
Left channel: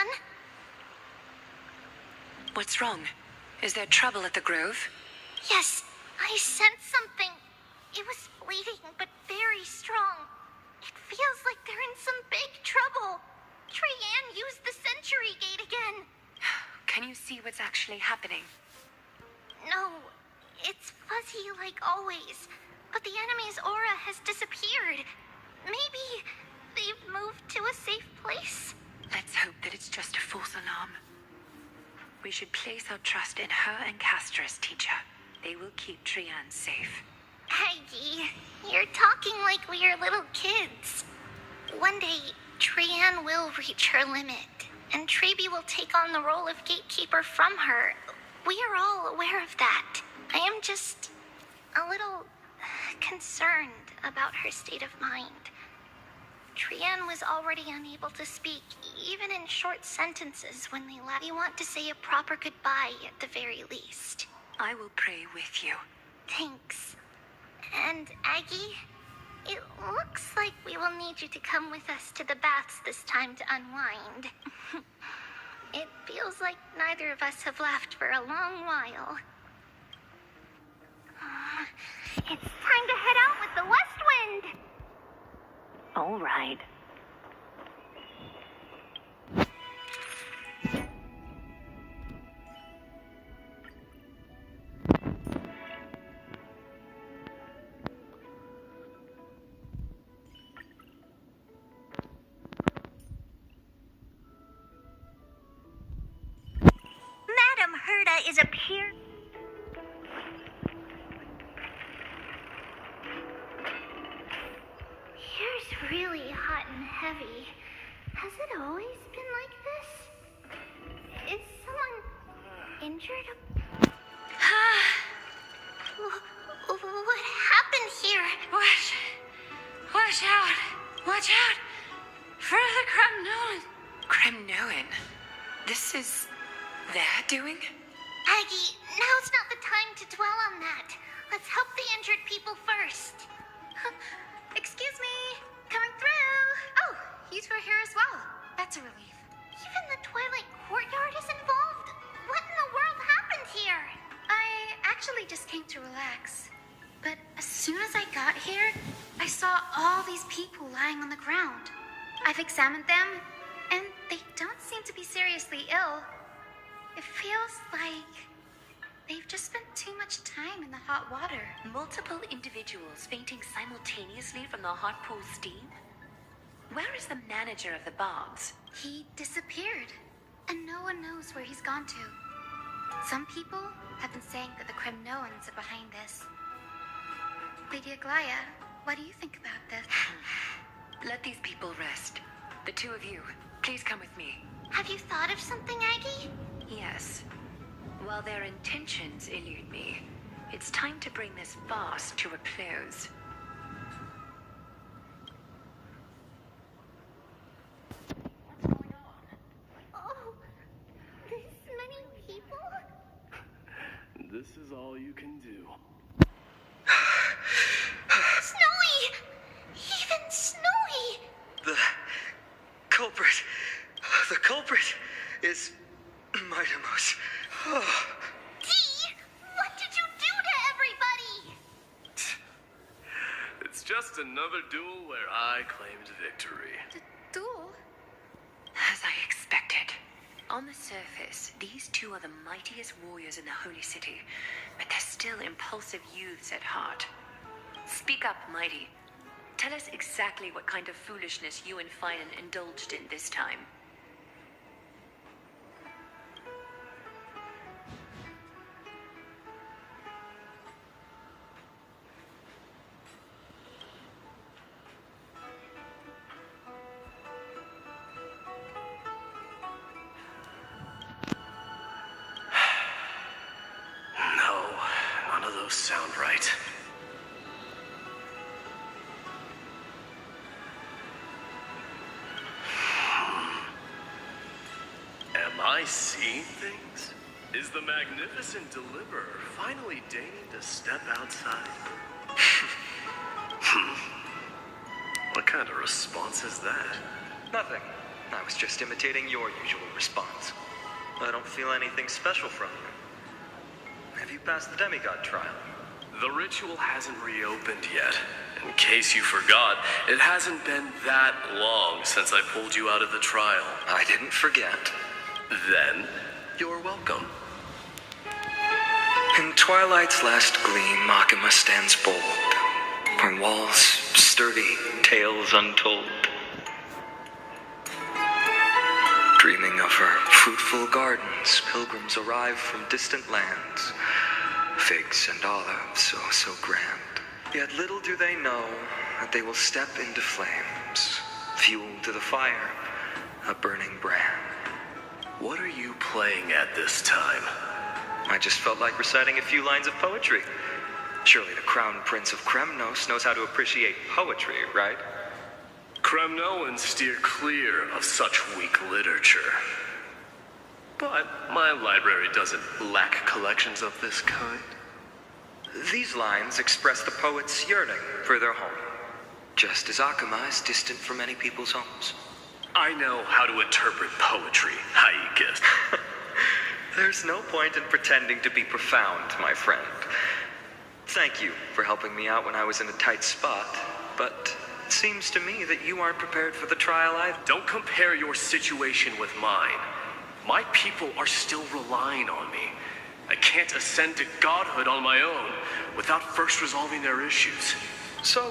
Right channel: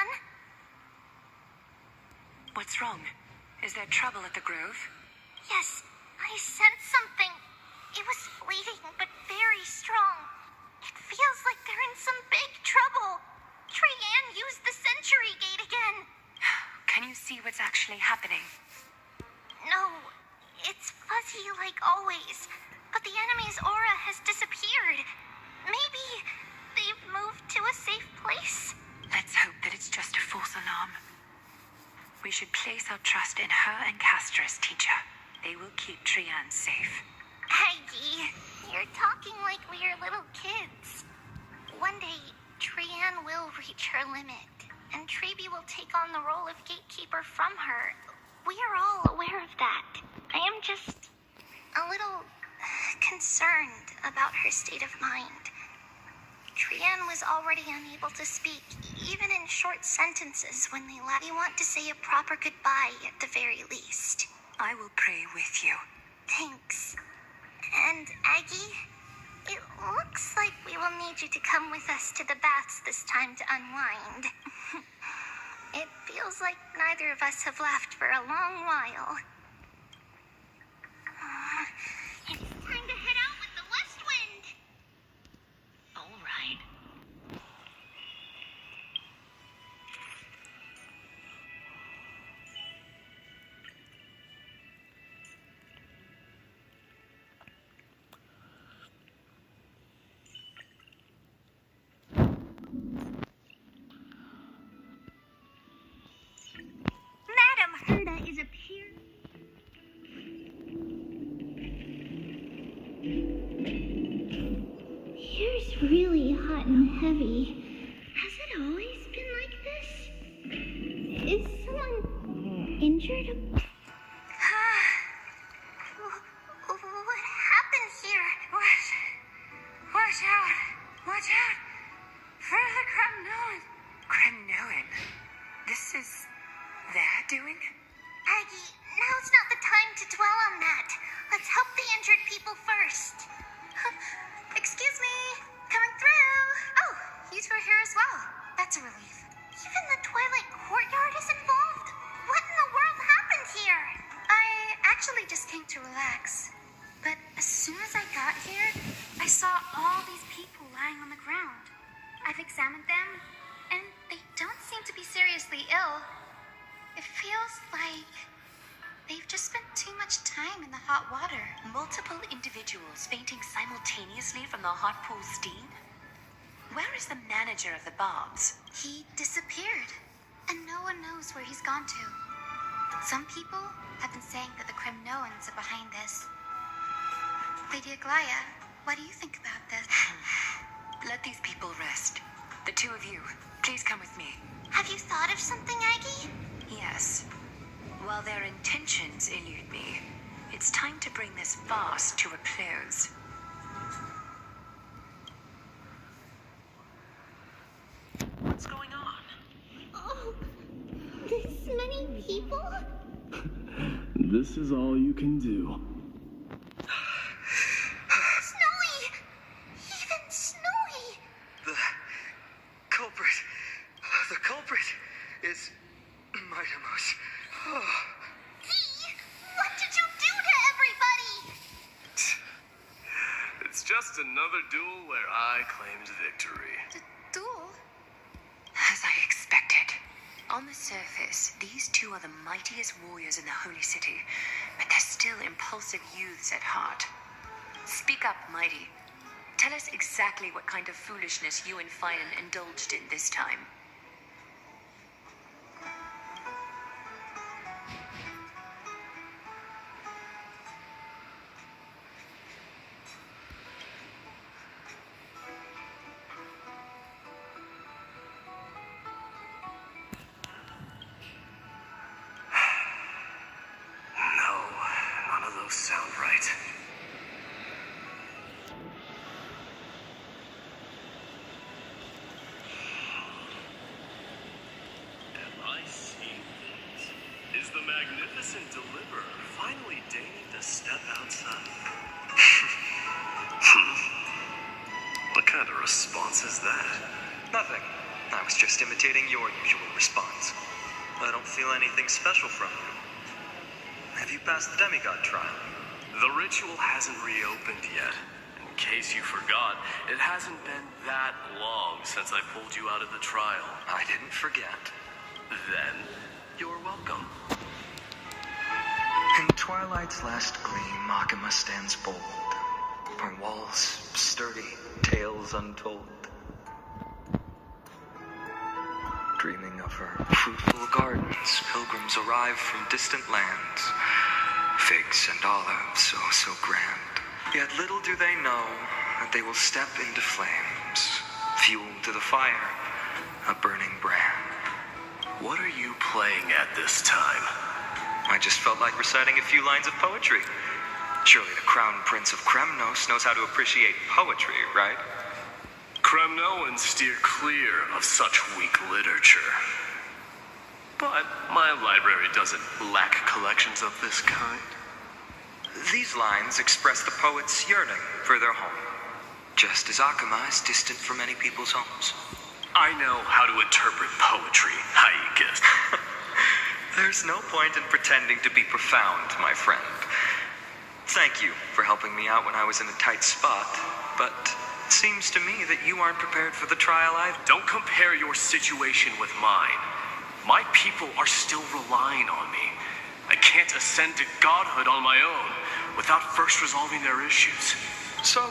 Trian? What's wrong? Is there trouble at the Grove? Yes, I sensed something. It was fleeting, but very strong. It feels like they're in some big trouble. Trian used the Century Gate again. Can you see what's actually happening? No, it's fuzzy like always. But the enemy's aura has disappeared. Maybe they've moved to a safe place? Let's hope that it's just a false alarm. We should place our trust in her and Castra's teacher. They will keep Trian safe. Aggie, you're talking like we are little kids. One day, Trian will reach her limit, and Trebi will take on the role of gatekeeper from her. We are all aware of that. I am just a little concerned about her state of mind. Trian was already unable to speak, even in short sentences when they left. We want to say a proper goodbye at the very least. I will pray with you. Thanks. And Aggie, it looks like we will need you to come with us to the baths this time to unwind. It feels like neither of us have laughed for a long while. It's time to head out with the west wind! All right. Madam Herda is a peer. Here's really hot and heavy. Has it always been like this? Is someone injured? What happened here? Watch out! Watch out! For the Kremnoan! Kremnoan? This is their doing? Aggie, now's not the time to dwell on that. Let's help the injured people first. Excuse me, coming through. Oh, you two are here as well. That's a relief. Even the Twilight Courtyard is involved? What in the world happened here? I actually just came to relax. But as soon as I got here, I saw all these people lying on the ground. I've examined them, and they don't seem to be seriously ill. It feels like they've just spent too much time in the hot water. Multiple individuals fainting simultaneously from the hot pool steam? Where is the manager of the baths? He disappeared, and no one knows where he's gone to. Some people have been saying that the Kremnoans are behind this. Lady Aglaya, what do you think about this? Let these people rest. The two of you, please come with me. Have you thought of something, Aggie? Yes. While their intentions elude me, it's time to bring this farce to a close. What's going on? Oh, this many people? This is all you can do. Snowy! Even Snowy! The culprit is Mightimus. Dee, what did you do to everybody? It's just another duel where I claimed victory. Duel? As I expected. On the surface, these two are the mightiest warriors in the Holy City, but they're still impulsive youths at heart. Speak up, Mighty. Tell us exactly what kind of foolishness you and Finan indulged in this time. No, none of those sound right. Am I seeing things? Is the magnificent deliverer finally deigning to step outside? What kind of response is that? Nothing. I was just imitating your usual response. I don't feel anything special from you. Have you passed the demigod trial? The ritual hasn't reopened yet. In case you forgot, it hasn't been that long since I pulled you out of the trial. I didn't forget. Then, you're welcome. In twilight's last gleam, Akuma stands bold. Her walls sturdy, tales untold. Dreaming of her fruitful gardens, pilgrims arrive from distant lands. Figs and olives, oh so grand. Yet little do they know that they will step into flames, fuel to the fire, a burning brand. What are you playing at this time? I just felt like reciting a few lines of poetry. Surely the Crown Prince of Kremnos knows how to appreciate poetry, right? Kremnoans steer clear of such weak literature. But my library doesn't lack collections of this kind. These lines express the poet's yearning for their home, just as Akuma is distant from many people's homes. I know how to interpret poetry, Haikis. There's no point in pretending to be profound, my friend. Thank you for helping me out when I was in a tight spot, but it seems to me that you aren't prepared for the trial either. Don't compare your situation with mine. My people are still relying on me. I can't ascend to godhood on my own without first resolving their issues. So,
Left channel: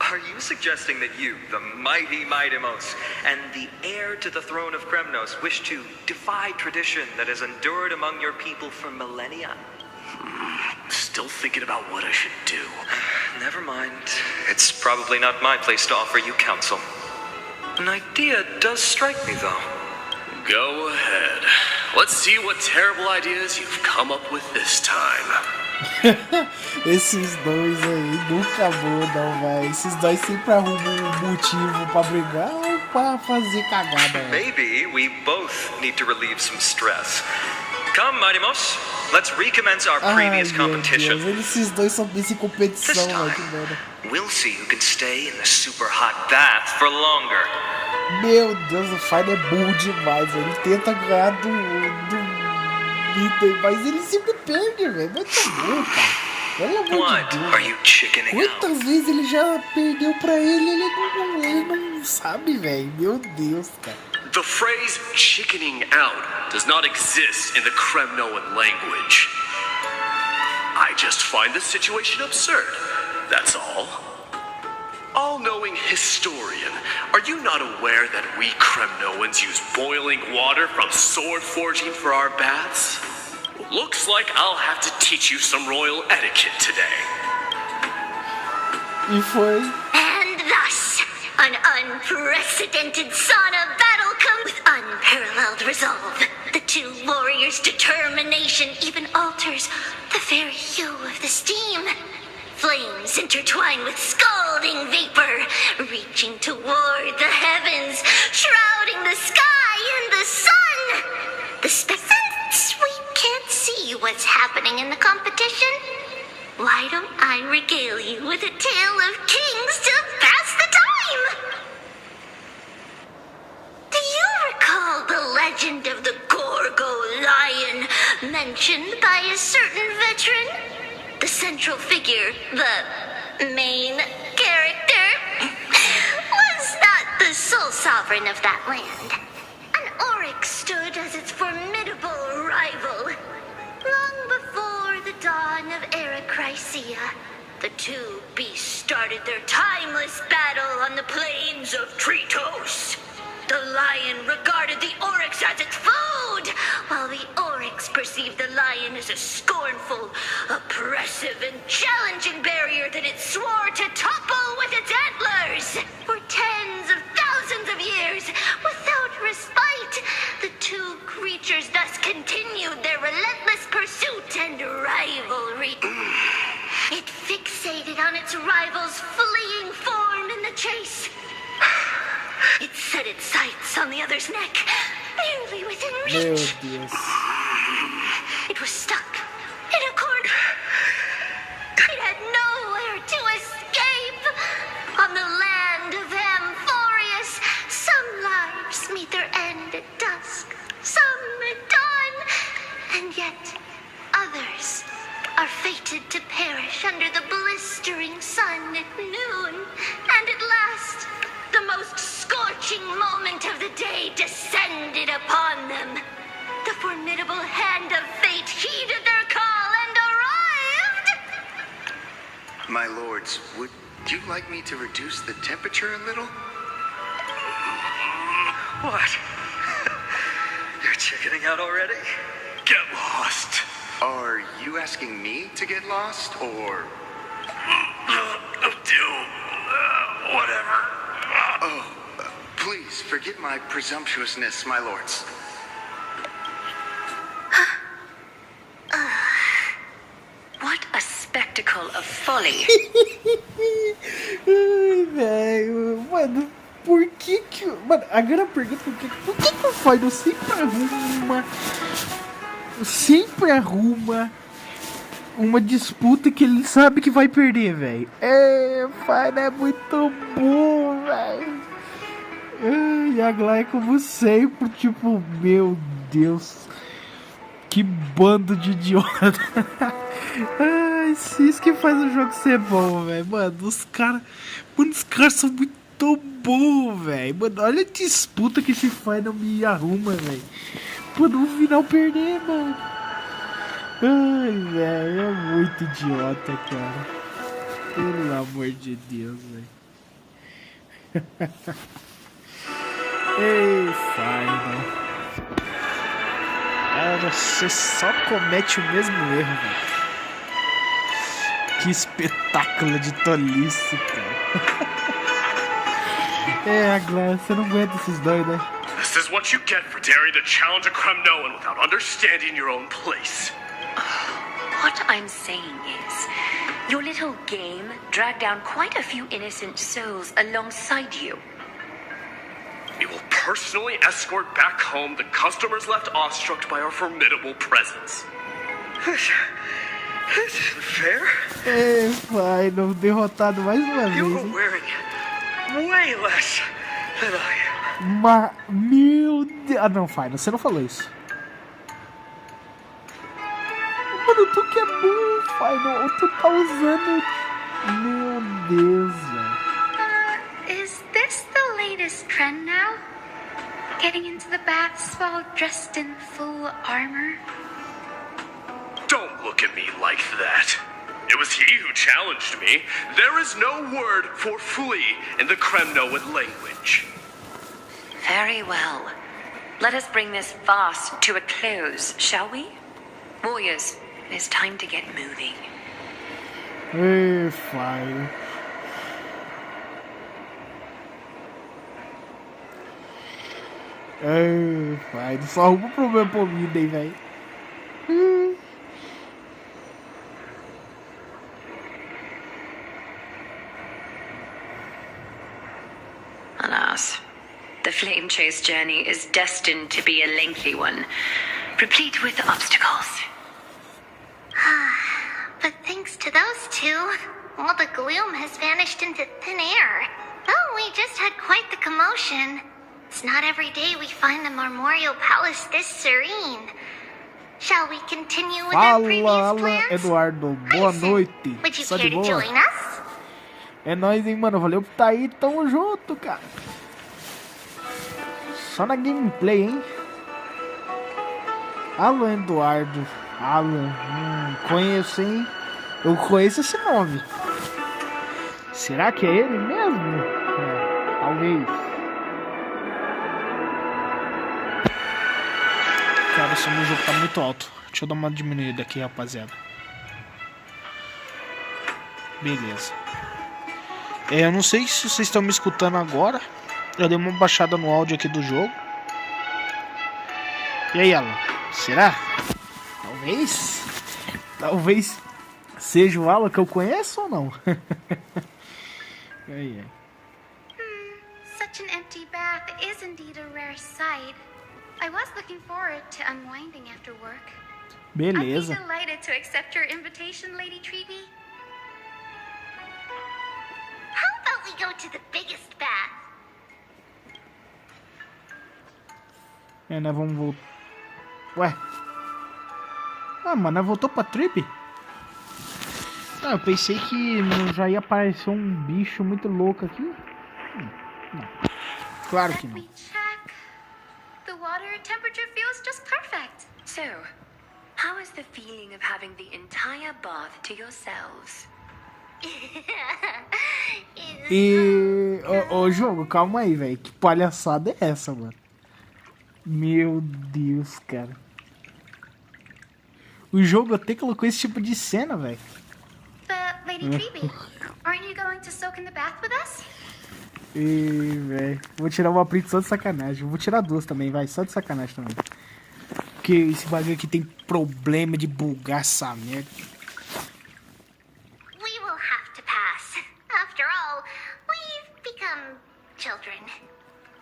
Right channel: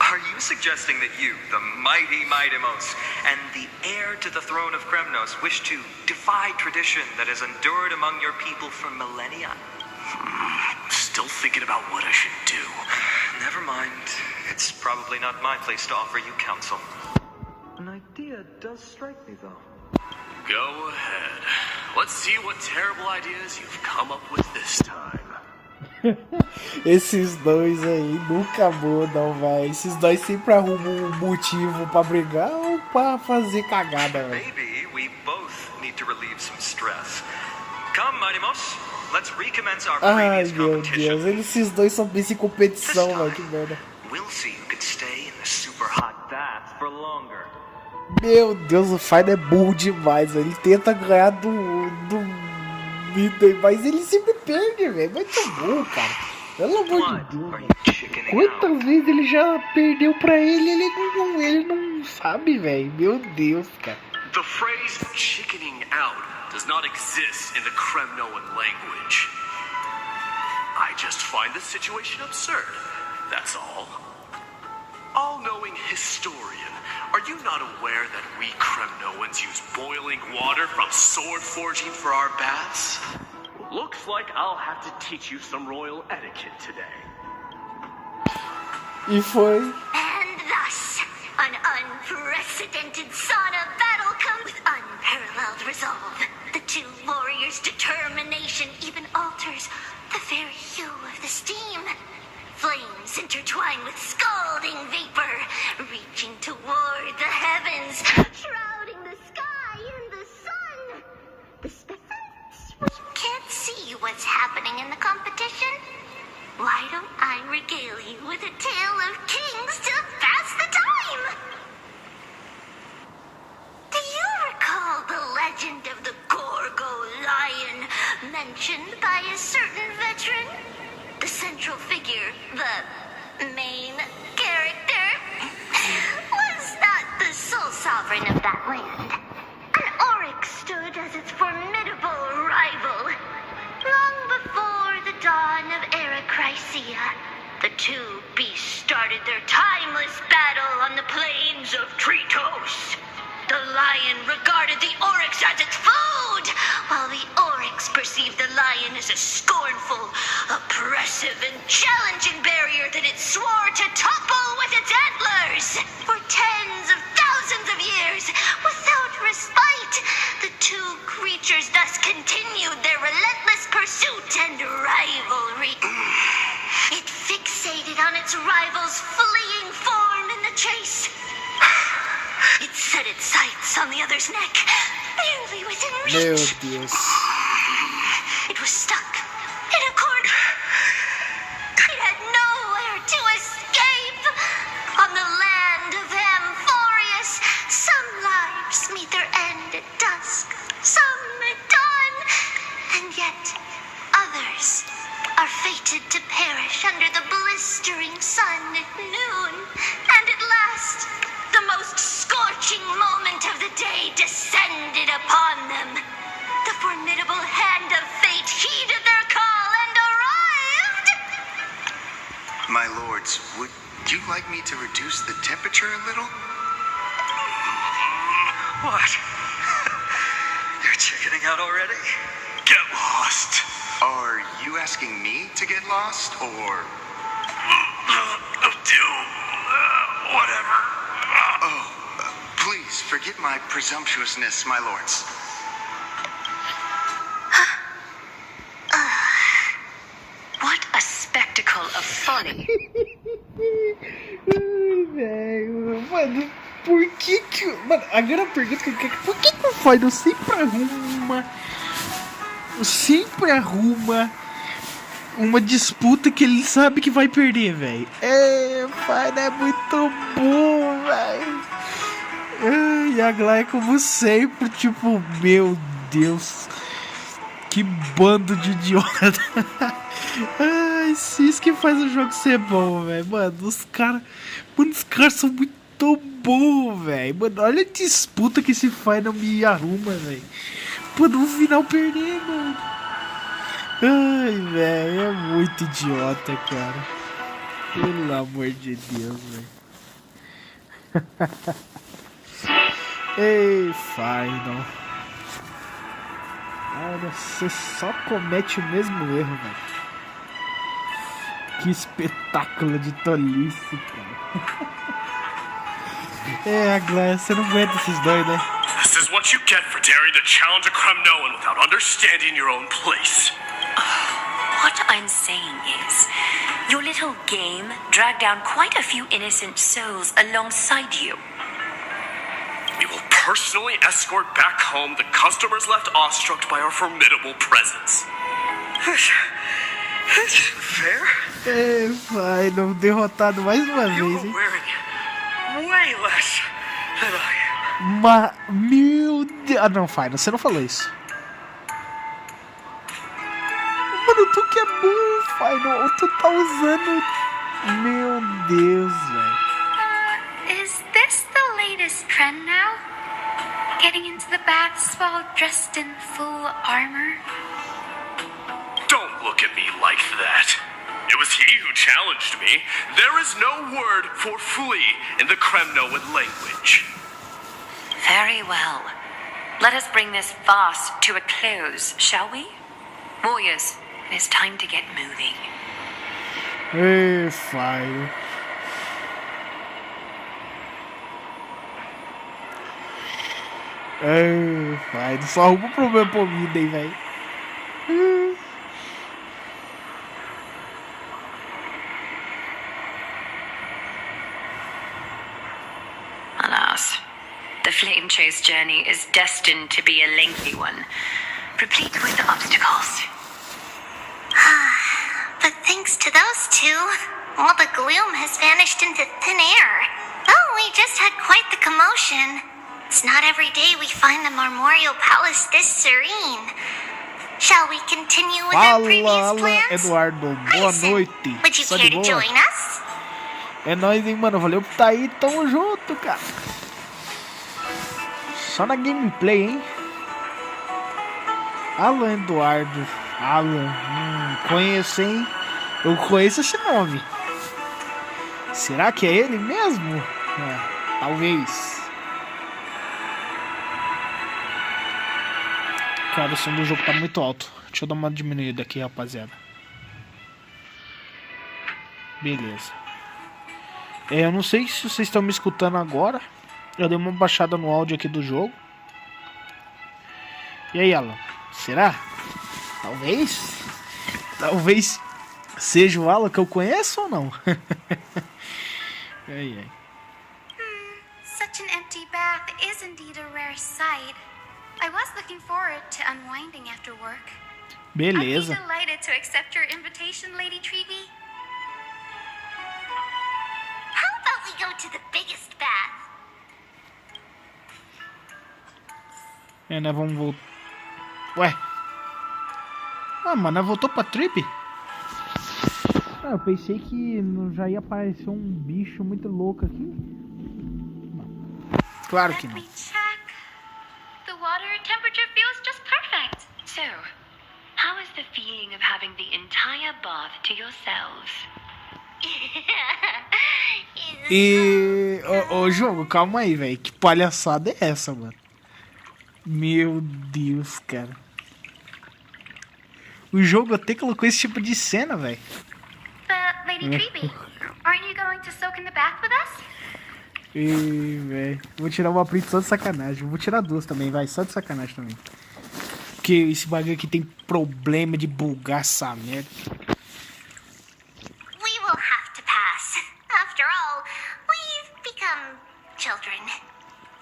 are you suggesting that you, the mighty Mightimos, and the heir to the throne of Kremnos, wish to defy tradition that has endured among your people for millennia? Still thinking about what I should do. Never mind. It's probably not my place to offer you counsel. An idea does strike me, though. Go ahead. Let's see what terrible ideas you've come up with this time. Esses dois aí nunca mudam, velho. Esses dois sempre arrumam um motivo pra brigar ou pra fazer cagada, velho. Maybe we both need to relieve some stress. Come, Mightimos. Let's recommence our previous competition. Deus, esses dois são desse competição, velho. Que merda. We'll see who can stay in the super hot bath for longer. Meu Deus, o Fire é burro demais, velho. Ele tenta ganhar do Peter, mas ele sempre perde, velho. Muito burro, cara. Pelo amor de Deus. Quantas vezes ele já perdeu pra ele? Ele não sabe, velho. Meu Deus, cara. The phrase chickening out does not exist in the Kremnoan language. I just find the situation absurd. That's all. All-knowing historian, are you not aware that we Kremnoans use boiling water from sword forging for our baths? Looks like I'll have to teach you some royal etiquette today. E foi. And thus, an unprecedented sauna battle comes with unparalleled resolve. The two warriors' determination even alters the very hue of the steam. Flames intertwine with scalding vapor, reaching toward the heavens, shrouding the sky and the sun. Since we can't see what's happening in the competition, why don't I regale you with a tale of kings to pass the time? Do you recall the legend of the Gorgo lion mentioned by a certain veteran? The central figure, the main character, was not the sole sovereign of that land. An oryx stood as its formidable rival. Long before the dawn of Erechrysia, the two beasts started their timeless battle on the plains of Tritos. The lion regarded the oryx as its food, while the oryx perceived the lion as a scornful, oppressive, and challenging barrier that it swore to topple with its antlers. For tens of thousands of years, without respite, the two creatures thus continued their relentless pursuit and rivalry. It fixated on its rival's fleeing form in the chase. It set its sights on the other's neck, barely within reach. Meu Deus. It was stuck in a corner. It had nowhere to escape. On the land of Amphorius, some lives meet upon them. The formidable hand of fate heeded their call and arrived! My lords, would you like me to reduce the temperature a little? What? You're chickening out already? Get lost. Are you asking me to get lost, or... Whatever. Oh, please forgive my presumptuousness, my lords. What a spectacle of folly. Ai, velho. Mano, por que que... Mano, agora a pergunta que eu quero... Por que que o Final sempre arruma uma disputa que ele sabe que vai perder, velho? É, Final é muito bom, velho. E a Glória, como sempre, tipo, meu Deus. Que bando de idiota. Ai, isso que faz o jogo ser bom, velho. Mano, os caras são muito bons, velho. Mano, olha a disputa que esse Final me arruma, velho. Pô, no final perder, mano. Ai, velho, é muito idiota, cara. Pelo amor de Deus, velho. Ei, Final. Cara, você só comete o mesmo erro, velho. Que espetáculo de tolice, cara. É, Glória, você não aguenta esses dois, né? This is what you get for daring to challenge a Kremnoan without understanding your own place. What I'm saying is, your little game dragged down quite a few innocent souls alongside you. We will personally escort back home the customers left awestruck by our formidable presence. This isn't fair. É, Final, derrotado mais uma vez, You hein? are wearing way less than I am. Meu Deus. Ah, não, Final, você não falou isso. Mano, tu que é bom, Final. Tu tá usando. Meu Deus, velho. Is this the latest trend now? Getting into the baths while dressed in full armor? Don't look at me like that. It was he who challenged me. There is no word for flee in the Kremnoan language. Very well. Let us bring this farce to a close, shall we? Warriors, it is time to get moving. Ei, Final. Ei, Final. Só arruma problema pra mim, hein, velho. Alas, the flame chase journey is destined to be a lengthy one, replete with obstacles. But thanks to those two, all the gloom has vanished into thin air. Oh, we just had quite the commotion. It's not every day we find the Marmoreal Palace this serene. Shall we continue with our previous Fala, plans? Eduardo. Boa noite. Would you Só care de to boa? join us? É nóis, hein, mano. Valeu por tá aí. Tamo junto, cara. Só na gameplay, hein? Alan Eduardo. Alan. Conheço, hein? Eu conheço esse nome. Será que é ele mesmo? É, talvez. Cara, o som do jogo tá muito alto. Deixa eu dar uma diminuída aqui, rapaziada. Beleza. Eu não sei se vocês estão me escutando agora. Eu dei uma baixada no áudio aqui do jogo. E aí, Alan? Será? Talvez. Talvez seja o Alan que eu conheço ou não? Ai, ai. Such an empty bath is indeed a rare sight. I was looking forward to unwinding after work. Beleza. I'd be delighted to accept your invitation, Lady Treevee. How about we go to the biggest bath? É, nós vamos voltar. Ué. Ah, mas nós voltou pra trip? Ah, eu pensei que já ia aparecer um bicho muito louco aqui. Não. Claro que não. The The water temperature feels just perfect. So, how is the feeling of having the entire bath to yourselves? E... Ô, jogo, calma aí, velho. Que palhaçada é essa, mano? Meu Deus, cara. O jogo até colocou esse tipo de cena, velho. But, Lady Treeby, aren't you going to soak in the bath with us? Ih, velho. Vou tirar uma print só de sacanagem. Vou tirar duas também, vai. Só de sacanagem também. Porque esse bagulho aqui tem problema de bugar essa merda. We will have to pass. After all, we've become children.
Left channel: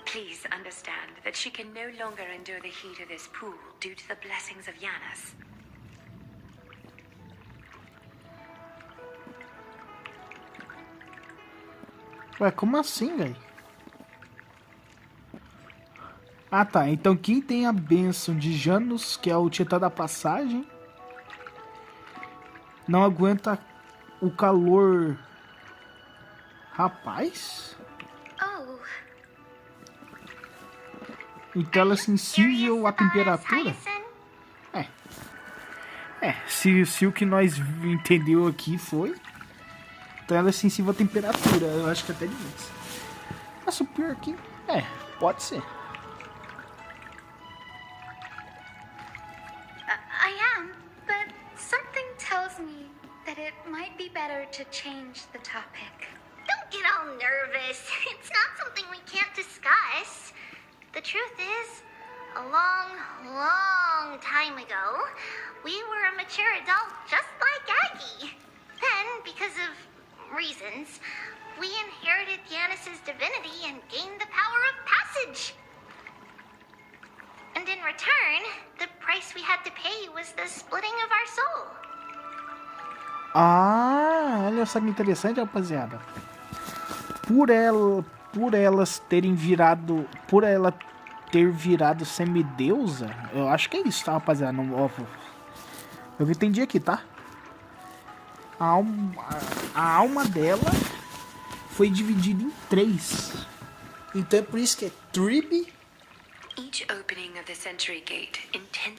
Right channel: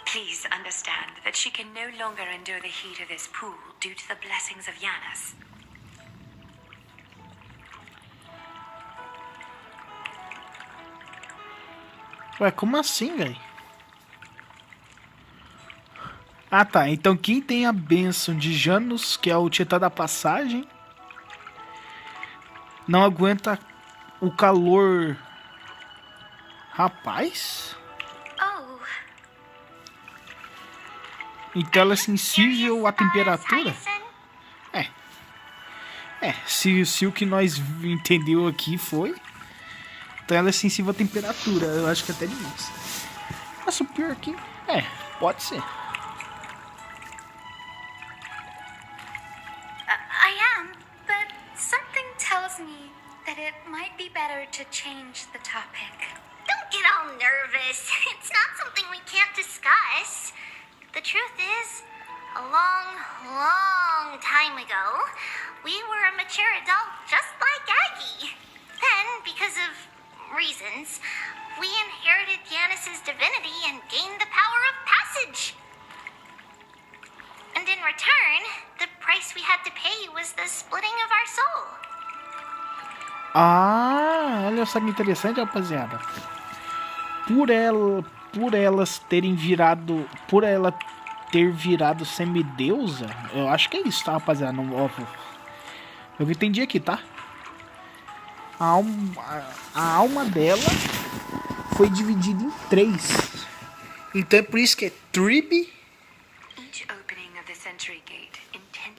Please understand that she can no longer endure the heat of this pool due to the blessings of Yanis. Ué, como assim, velho? Ah, tá. Então quem tem a bênção de Janus, que é o Titã da Passagem, não aguenta o calor. Rapaz? Oh. Então ela é sensível à temperatura? Se o que nós entendeu aqui foi... Então ela é sensível à temperatura. Eu acho que até demais. Mas o pior aqui... pode ser. I am, but something tells me that it might be better to change the topic. Don't get all nervous. It's not something we can't discuss. The truth is, a long, long time ago, we were a mature adult just like Aggie. Then, because of reasons, we inherited Yanis's divinity and gained the power of passage. And in return, the price we had to pay was the splitting of our soul. Ah, olha só que interessante, rapaziada. Por elas terem virado... Por ela ter virado semideusa, eu acho que é isso, tá, rapaziada? Não, eu entendi aqui, tá? A alma dela foi dividida em 3. Então é por isso que é Treeby.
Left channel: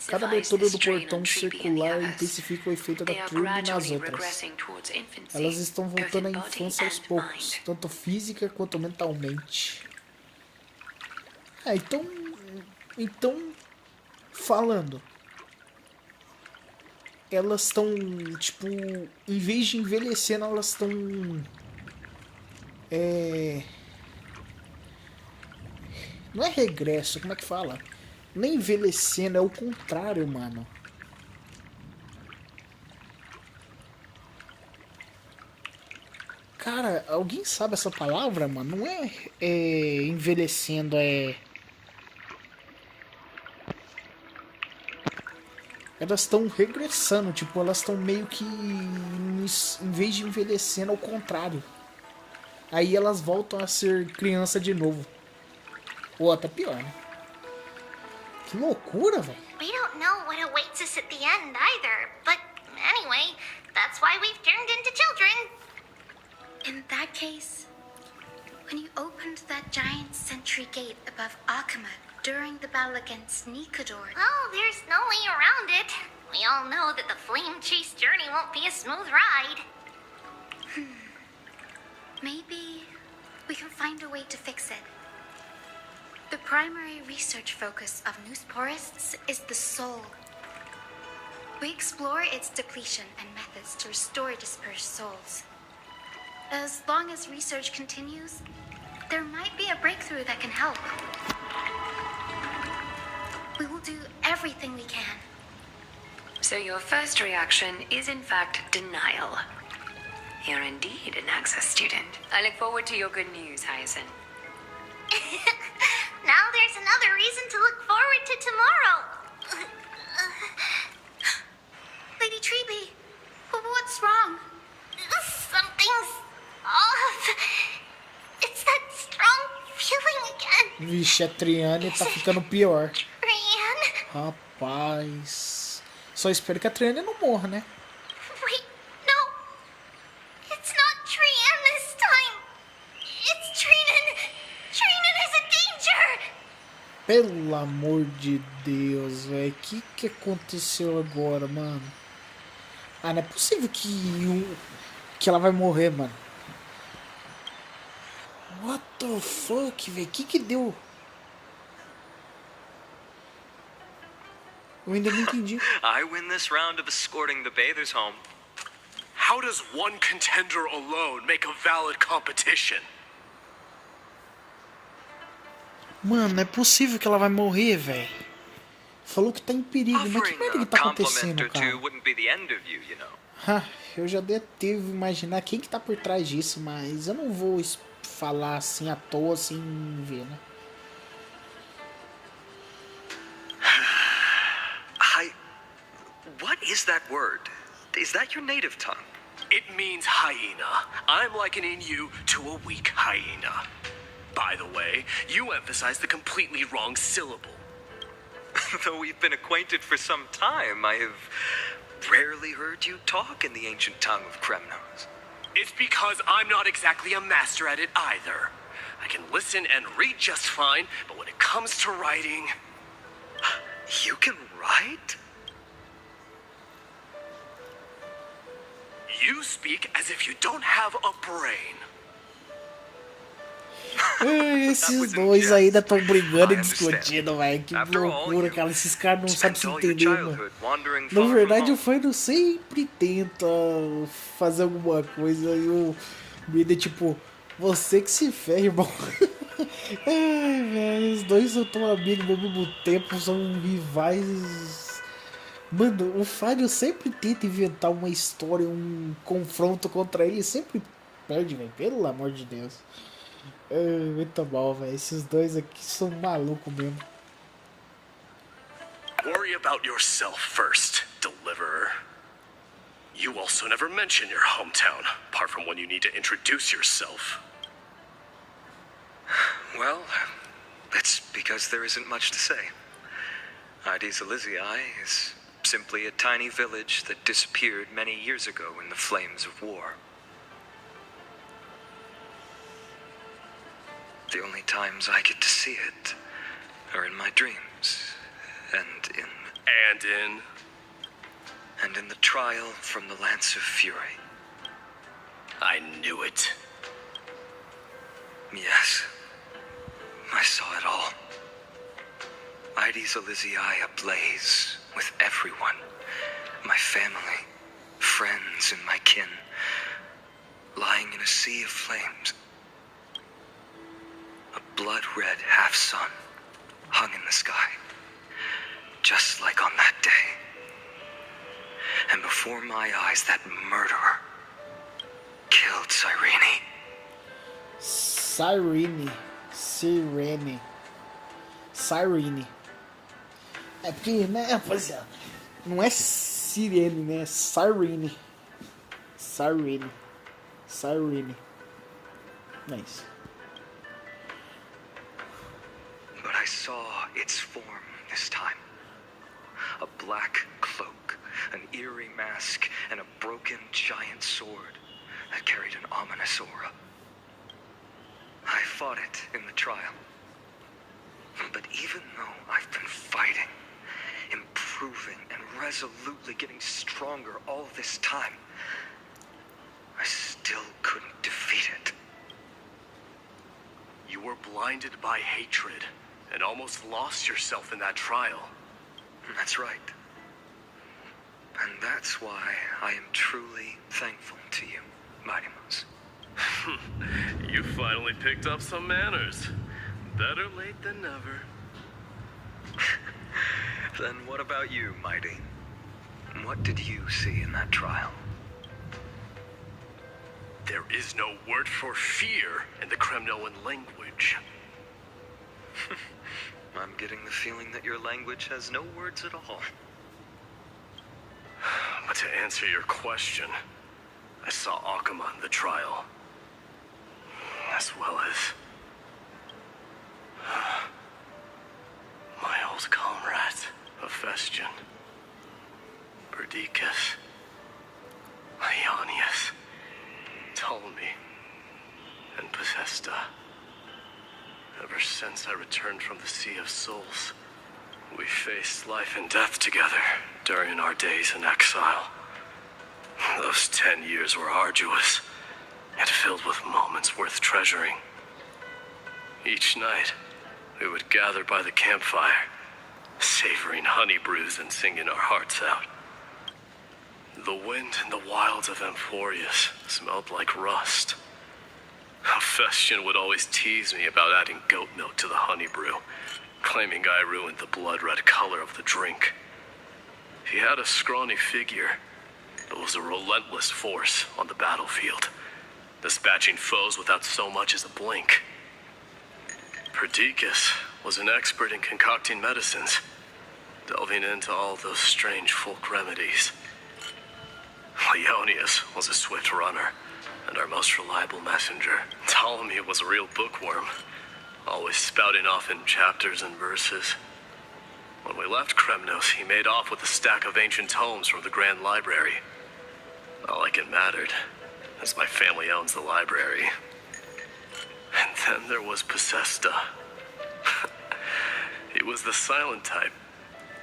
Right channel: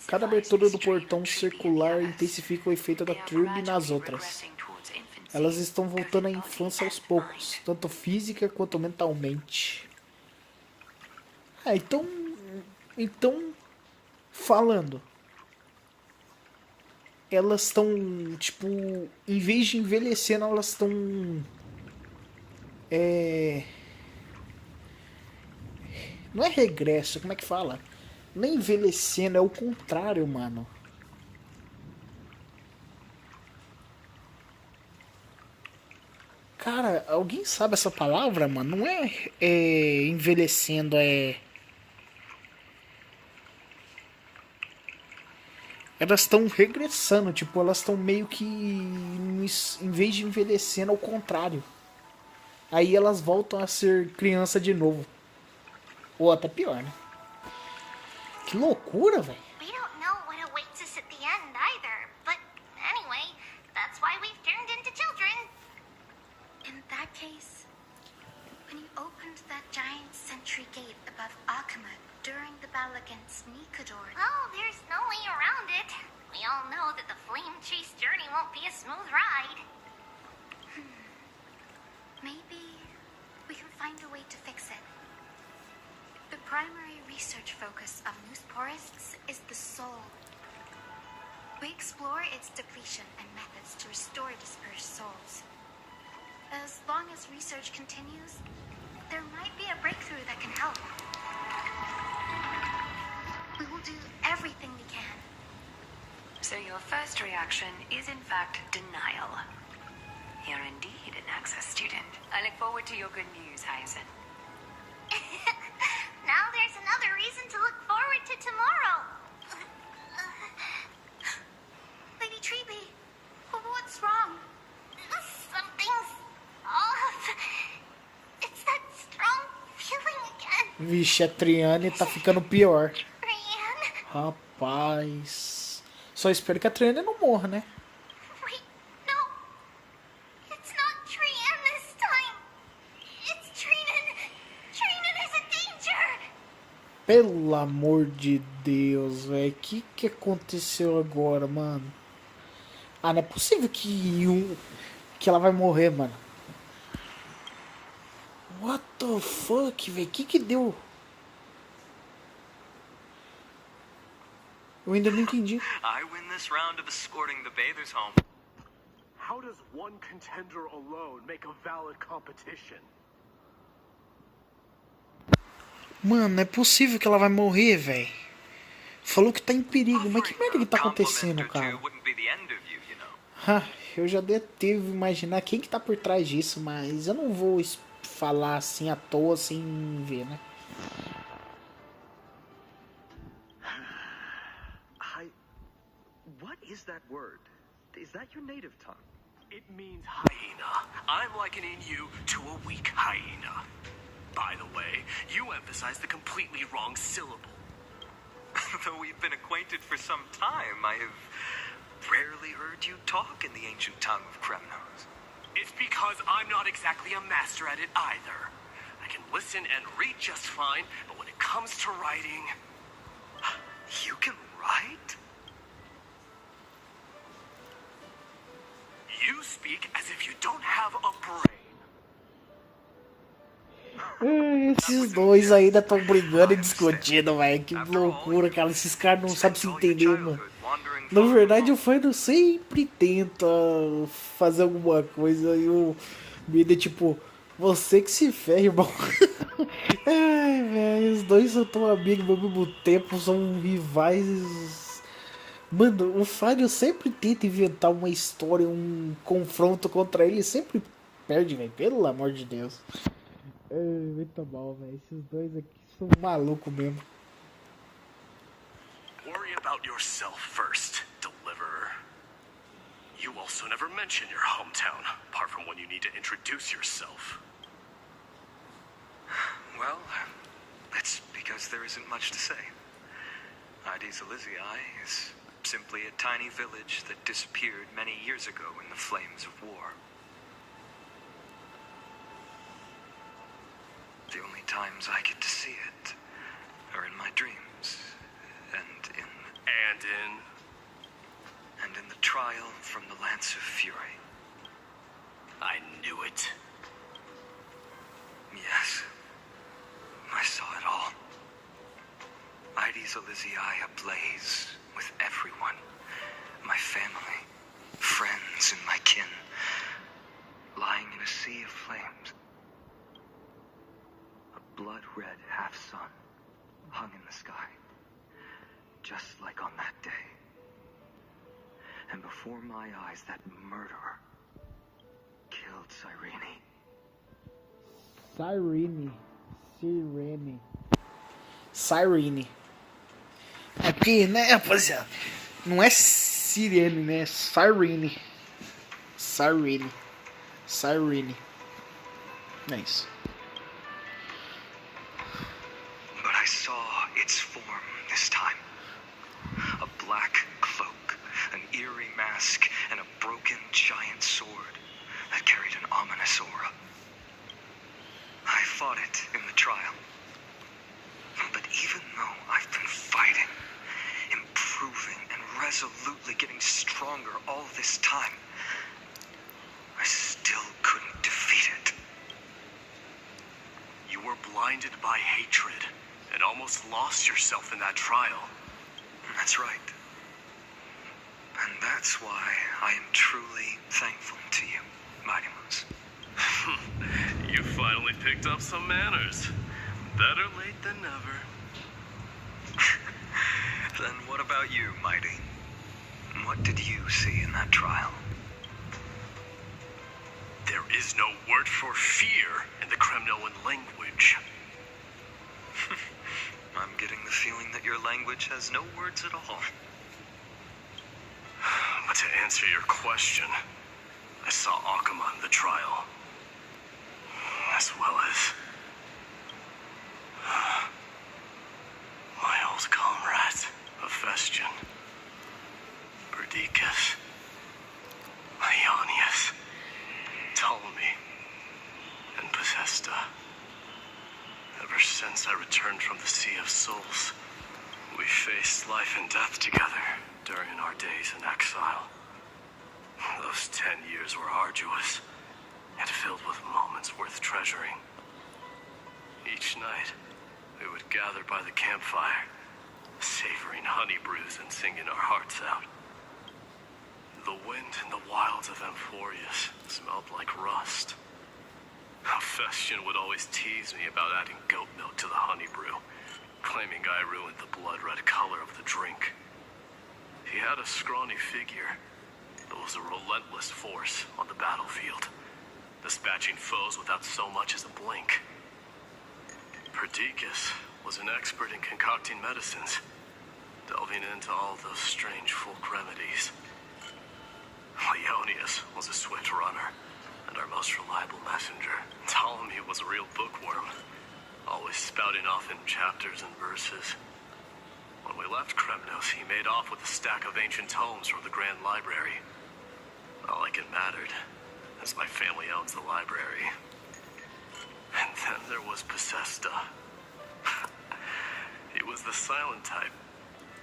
Cada abertura do portão circular intensifica o efeito da Treeby nas outras. Elas estão voltando à infância aos poucos, tanto física quanto mentalmente. Então, falando, elas estão, tipo, em vez de envelhecendo, elas estão, não é regresso, como é que fala? Nem envelhecendo, é o contrário, mano. Cara, alguém sabe essa palavra, mano? Não é envelhecendo, elas estão regressando, tipo, elas estão meio que, em vez de envelhecendo, ao contrário. Aí elas voltam a ser criança de novo. Ou até pior, né? Que loucura, velho. We don't know what awaits us at the end either, but anyway, that's why we've turned into children. In that case, when you opened that giant sentry gate above Akuma during the battle against Nikador... Oh, there's no way around it. We all know that the flame chase journey won't be a smooth ride. Maybe we can find a way to fix it. The primary research focus of Noosporists is the soul. We explore its depletion and methods to restore dispersed souls. As long as research continues, there might be a breakthrough that can help. We will do everything we can. So your first reaction is in fact denial. You're indeed an access student. I look forward to your good news, Hyacinth. Now there's another reason to look forward to tomorrow. Lady Treeby, what's wrong? Something's off. It's that strong feeling again. Vixe, a Triane tá ficando pior. Triane? Rapaz. Só espero que a Triane não morra, né? Wait, no. It's not Triane this time. It's Trinan. Trinan is a danger. Pelo amor de Deus, velho. O que aconteceu agora, mano? Ah, não é possível que ela vai morrer, mano. What the fuck, velho? Que deu? Eu ainda não entendi. I win this round of escorting the bathers home. How does one contender alone make a valid competition? Mano, não é possível que ela vai morrer, velho. Falou que tá em perigo, mas que merda que tá acontecendo, cara? Eu já devo imaginar quem que tá por trás disso, mas eu não vou falar assim à toa, sem ver, né? What is that word? Is that your native tongue? It means hyena. I'm likening you to a weak hyena. By the way, you emphasize the completely wrong syllable. Though we've been acquainted for some time, I have rarely heard you talk in the ancient tongue of Kremnos. It's because I'm not exactly a master at it either. I can listen and read just fine, but when it comes to writing... You can write? You speak as if you don't have a brain. Esses dois ainda estão brigando e discutindo, velho. Que loucura, cara. Esses caras não sabem se entender, mano. Na verdade, o Fernando sempre tenta fazer alguma coisa e o Mida é tipo, você que se ferra, irmão. Ai, velho, os dois são tão amigos ao mesmo tempo, são rivais. Mano, o Fábio sempre tenta inventar uma história, um confronto contra ele e sempre perde, velho. Pelo amor de Deus. Muito mal, velho. Esses dois aqui são malucos mesmo. Worry about yourself first, deliverer. You also never mention your hometown, apart from when you need to introduce yourself. Well, it's because there isn't much to say. Ides Elysiae is simply a tiny village that disappeared many years ago in the flames of war. The only times I get to see it are in my dreams, and in the trial from the Lance of Fury. I knew it. Yes, I saw it all. Ides Elysiae ablaze with everyone. My family, friends, and my kin, lying in a sea of flames. A blood-red half-sun hung in the sky, just like on that day. And before my eyes, that murderer killed Cyrene. Cyrene. É porque, né, rapaziada? Não é Sirene, né? É Cyrene. É isso. But I saw its form this time. A black cloak, an eerie mask, and a broken giant sword that carried an ominous aura. I fought it in the trial. But even though I've been fighting, improving, and resolutely getting stronger all this time, I still couldn't defeat it. You were blinded by hatred and almost lost yourself in that trial. That's right. And that's why I am truly thankful to you, Mighty Moose. You finally picked up some manners. Better late than never. Then what about you, Mighty? What did you see in that trial? There is no word for fear in the Kremnoan language. I'm getting the feeling that your language has no words at all. But to answer your question, I saw Akuma in the trial. As well as my old comrades, Hephaestion, Perdiccas, Ionius, Ptolemy, and Possesta. Ever since since I returned from the Sea of Souls. We faced life and death together during our days in exile. Those 10 years were arduous, yet filled with moments worth treasuring. Each night, we would gather by the campfire, savoring honey brews and singing our hearts out. The wind in the wilds of Amphorius smelled like rust. Hephaestion would always tease me about adding goat milk to the honey brew, claiming I ruined the blood-red color of the drink. He had a scrawny figure, but was a relentless force on the battlefield, dispatching foes without so much as a blink. Perdiccas was an expert in concocting medicines, delving into all those strange folk remedies. Leonius was a swift runner, and our most reliable messenger. Ptolemy was a real bookworm, always spouting off in chapters and verses. When we left Kremnos, he made off with a stack of ancient tomes from the Grand Library. Not like it mattered, as my family owns the library. And then there was Pacesta. He was the silent type,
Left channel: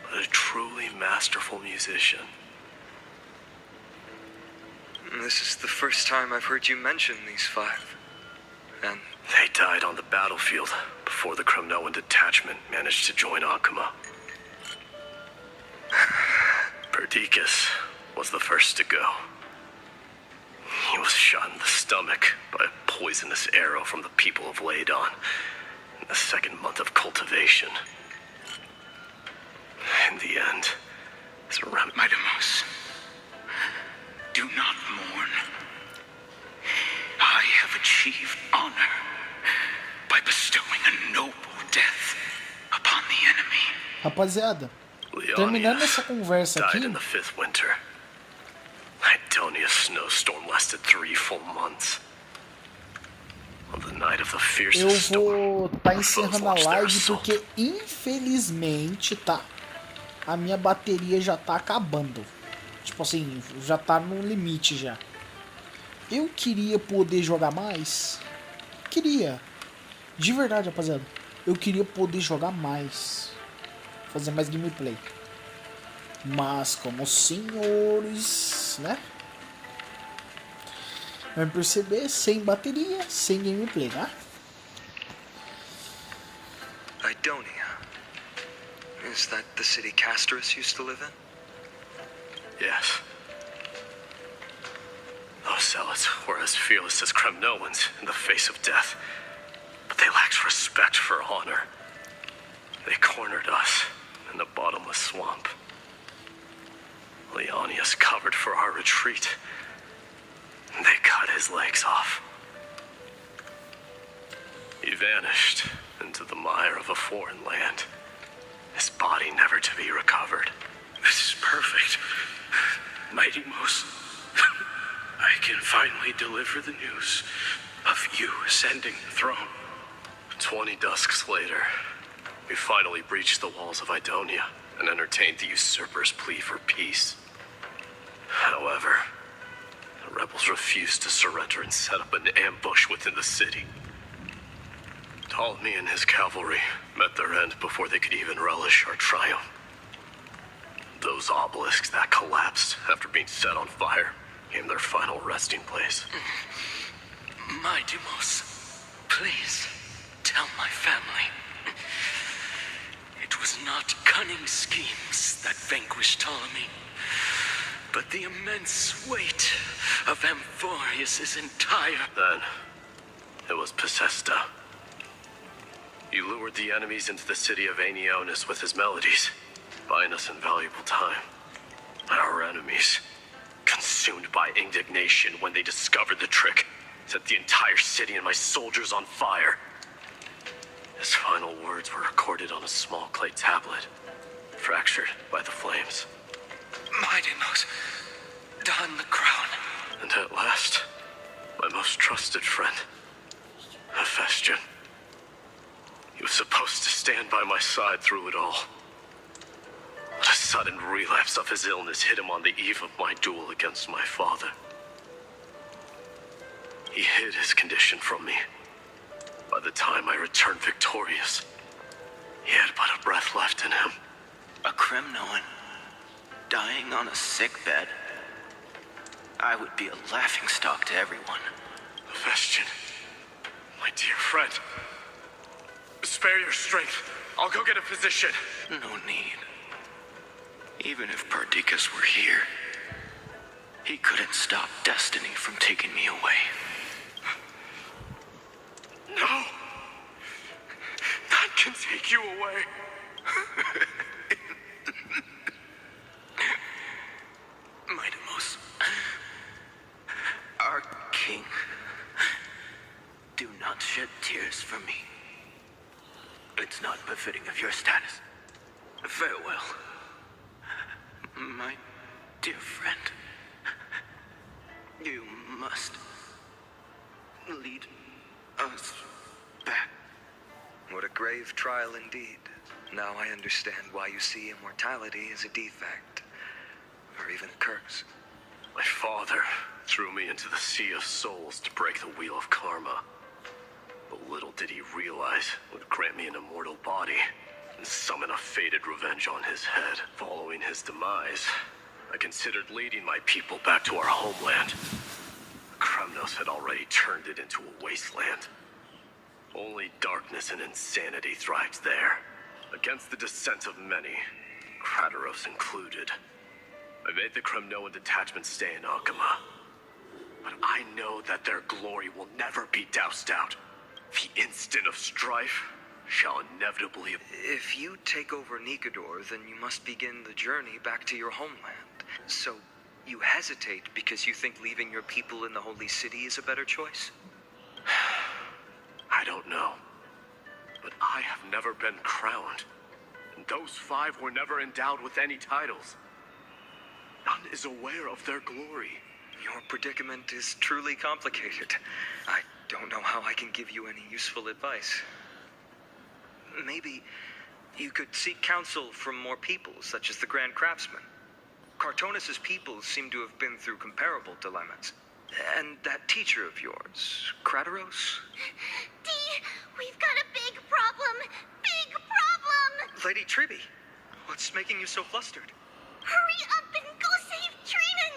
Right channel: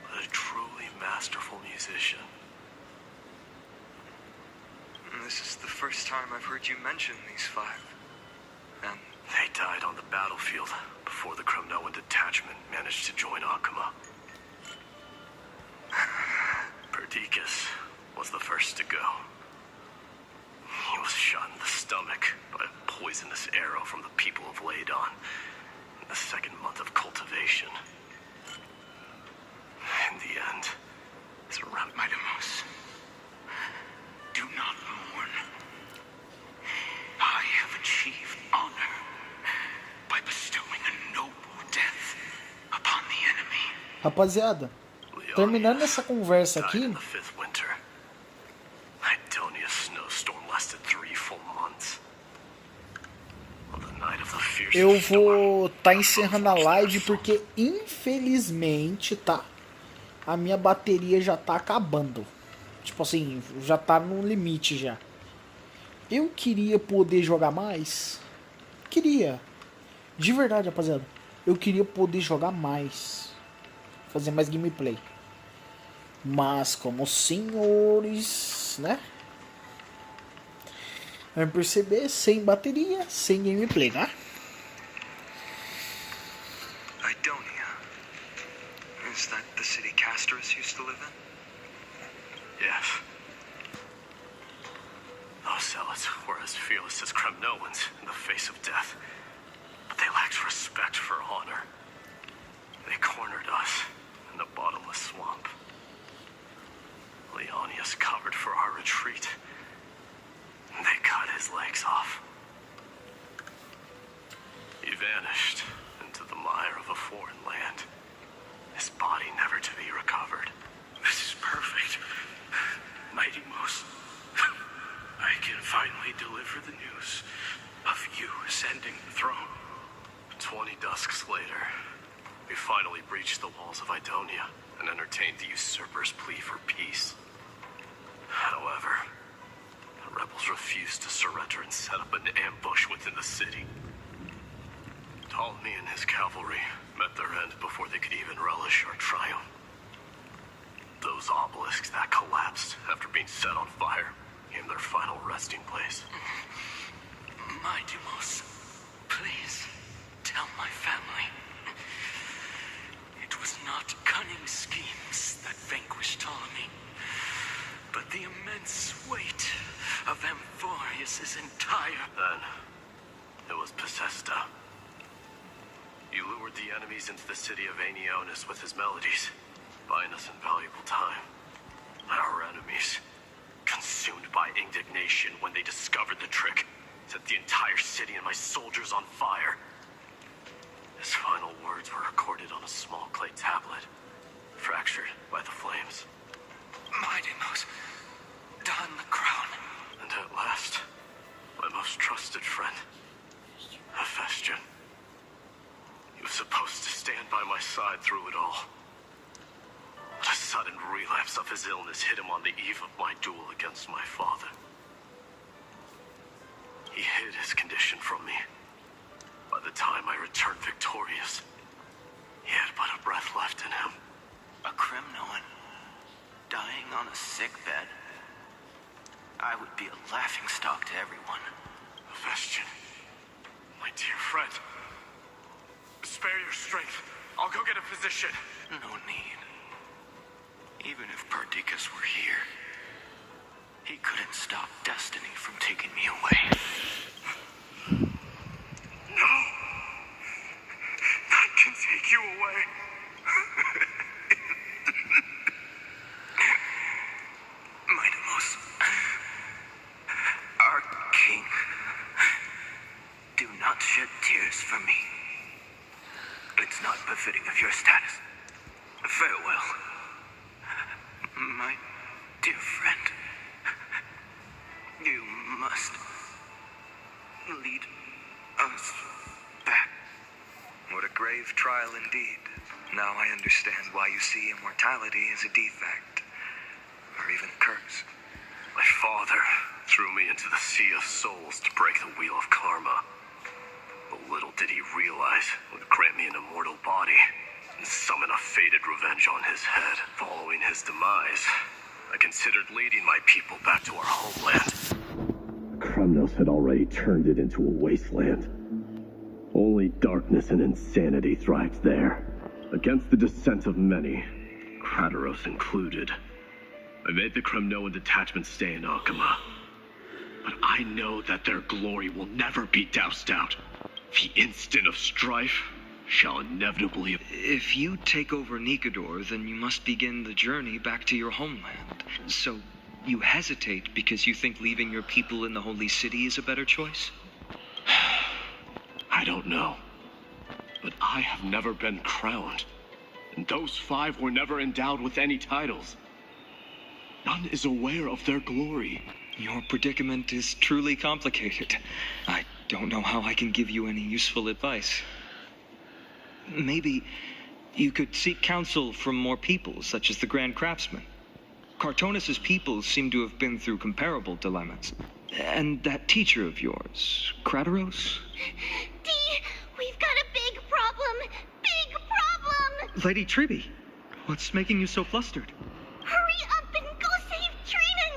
but a truly masterful musician. This is the first time I've heard you mention these 5. And they died on the battlefield before the Kremnoan detachment managed to join Akuma. Perdiccas was the first to go. He was shot in the stomach by a poisonous arrow from the people of Ladon in the 2nd month of cultivation. In the end, his Midamos, do not mourn. I have achieved honor by bestowing a noble death upon the enemy. Rapaziada, terminando essa conversa aqui, in the 5th winter. Idonia's snowstorm lasted 3 full months. On the night of the fiercest eu storm, vou encerrando a live porque infelizmente, tá? A minha bateria já tá acabando. Tipo assim, já tá no limite já. Eu queria poder jogar mais. Queria. De verdade, rapaziada. Eu queria poder jogar mais. Fazer mais gameplay. Mas como os senhores, né? Vai perceber, sem bateria, sem gameplay, né? Idonia. Is that the city Castorus used to live in? Yes. Those zealots were as fearless as Kremnoans in the face of death, but they lacked respect for honor. They cornered us in the bottomless swamp. Leonius covered for our retreat. They cut his legs off. He vanished into the mire of a foreign land, his body never to be recovered. This is perfect. Mighty Most, I can finally deliver the news of you ascending the throne. 20 dusks later, we finally breached the walls of Idonia and entertained the usurper's plea for peace. However, the rebels refused to surrender and set up an ambush within the city. Ptolemy and his cavalry met their end before they could even relish our triumph. Those obelisks that collapsed after being set on fire became their final resting place. My Demos, please tell my family. It was not cunning schemes that vanquished Ptolemy, but the immense weight of Amphorius' entire... Then, it was Pacesta. You lured the enemies into the city of Aeneonis with his melodies, buying us invaluable time. Our enemies, consumed by indignation when they discovered the trick, set the entire city and my soldiers on fire. His final words were recorded on a small clay tablet, fractured by the flames. My Demos, don the crown. And at last, my most trusted friend, Hephaestion. He was supposed to stand by my side through it all. But a sudden relapse of his illness hit him on the eve of my duel against my father. He hid his condition from me. By the time I returned victorious, he had but a breath left in him. A Kremnoan dying on a sick bed. I would be a laughingstock to everyone. Vestian, my dear friend, spare your strength. I'll go get a physician. No need. Even if Perdiccas were here, he couldn't stop destiny from taking me away. No! That can take you away. Mightimos, our king, do not shed tears for me. It's not befitting of your status. Farewell, my dear friend. You must lead us back. What a grave trial indeed. Now I understand why you see immortality as a defect, or even a curse. My father threw me into the sea of souls to break the wheel of karma. But little did he realize it would grant me an immortal body and summon a fated revenge on his head. Following his demise, I considered leading my people back to our homeland. Kremnos had already turned it into a wasteland. Only darkness and insanity thrived there. Against the dissent of many, Krateros included. I made the Kremnoan detachment stay in Akama. But I know that their glory will never be doused out. The instant of strife shall inevitably... If you take over Nikador, then you must begin the journey back to your homeland. So, you hesitate because you think leaving your people in the Holy City is a better choice? I don't know. But I have never been crowned. And those 5 were never endowed with any titles. None is aware of their glory. Your predicament is truly complicated. I don't know how I can give you any useful advice. Maybe you could seek counsel from more people, such as the Grand Craftsman. Cartonis' people seem to have been through comparable dilemmas. And that teacher of yours, Krateros? Dee, we've got a big problem! Big problem! Lady Tribby, what's making you so flustered? Hurry up and go save Trinan!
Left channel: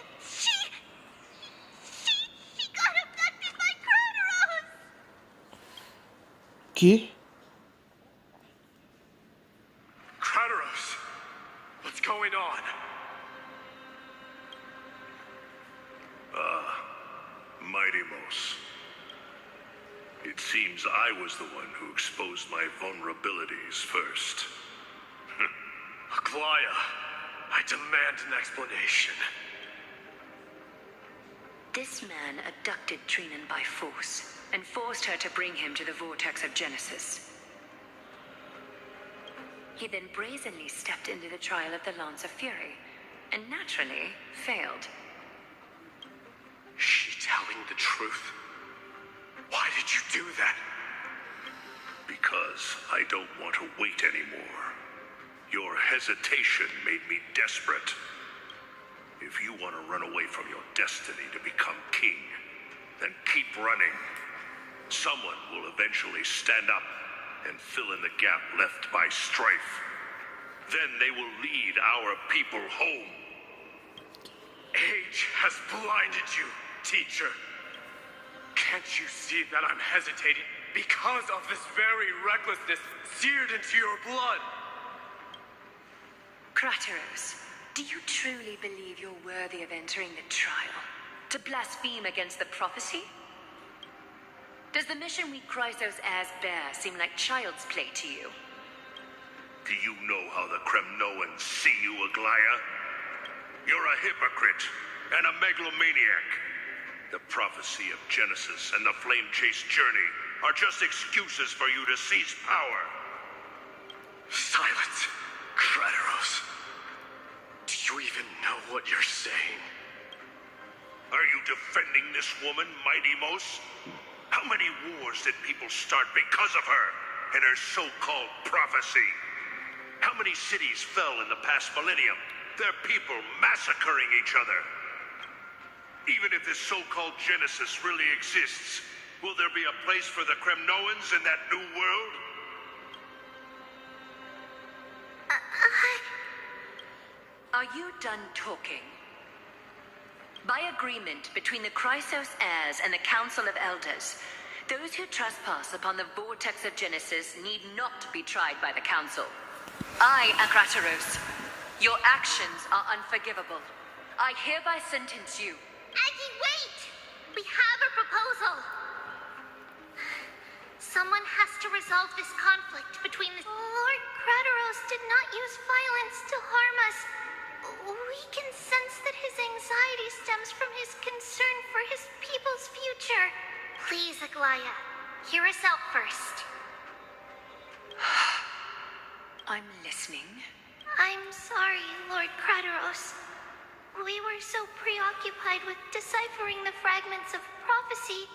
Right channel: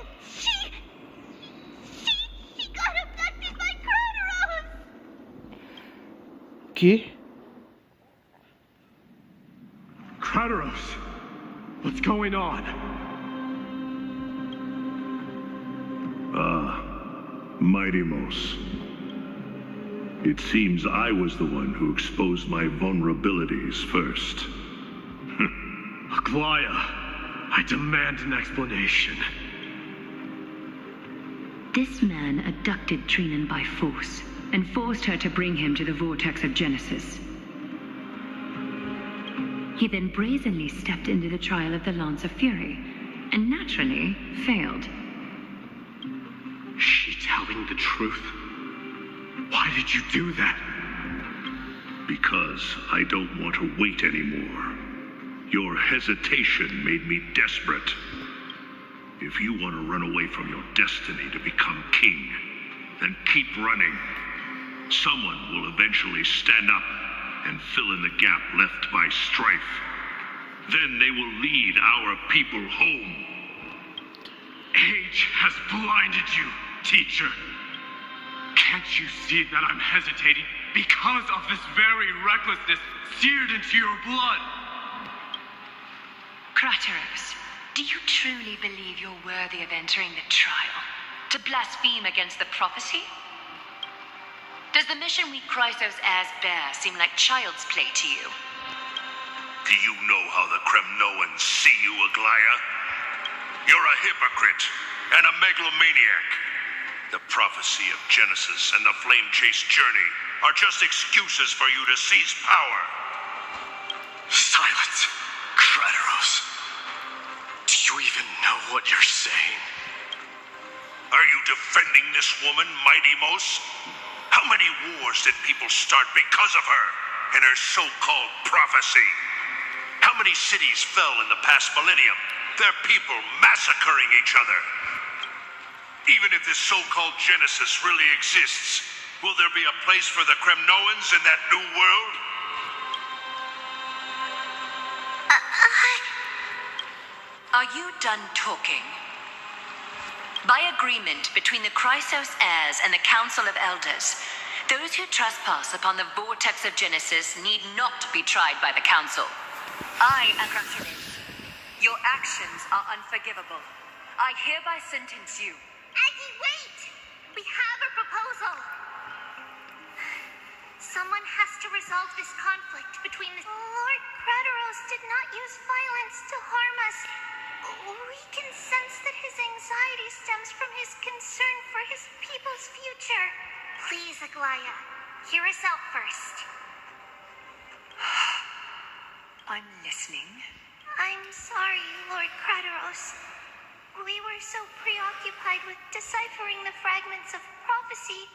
She got abducted by Krateros! Que? Krateros! What's going on? Mightimos. It seems I was the one who exposed my vulnerabilities first. Aglaya, I demand an explanation. This man abducted Trinan by force and forced her to bring him to the vortex of Genesis. He then brazenly stepped into the trial of the Lance of Fury, and naturally failed. Is she telling the truth? Why did you do that? Because I don't want to wait anymore. Your hesitation made me desperate. If you want to run away from your destiny to become king, then keep running. Someone will eventually stand up and fill in the gap left by strife. Then they will lead our people home. Age has blinded you, teacher. Can't you see that I'm hesitating because of this very recklessness seared into your blood? Krateros, do you truly believe you're worthy of entering the trial? To blaspheme against the prophecy? Does the mission we Chrysos heirs bear seem like child's play to you? Do you know how the Kremnoans see you, Aglaya? You're a hypocrite and a megalomaniac. The prophecy of Genesis and the Flame Chase journey are just excuses for you to seize power. Silence, Krateros. Do you even know what you're saying? Are you defending this woman, Mightimos? How many wars did people start because of her and her so-called prophecy? How many cities fell in the past millennium? Their people massacring each other. Even if this so-called Genesis really exists, Will there be a place for the Kremnoans in that new world? Are you done talking? By agreement between the Chrysos heirs and the Council of Elders, those who trespass upon the vortex of Genesis need not be tried by the Council. I, Akrataros, your actions are unforgivable. I hereby sentence you. Aggie, wait! We have a proposal. Someone has to resolve this conflict between the... Lord Krataros did not use violence to harm us. We can sense that his anxiety stems from his concern for his people's future. Please, Aglaya, hear us out first. I'm listening. I'm sorry, Lord Krataros. We were so preoccupied with deciphering the fragments of prophecy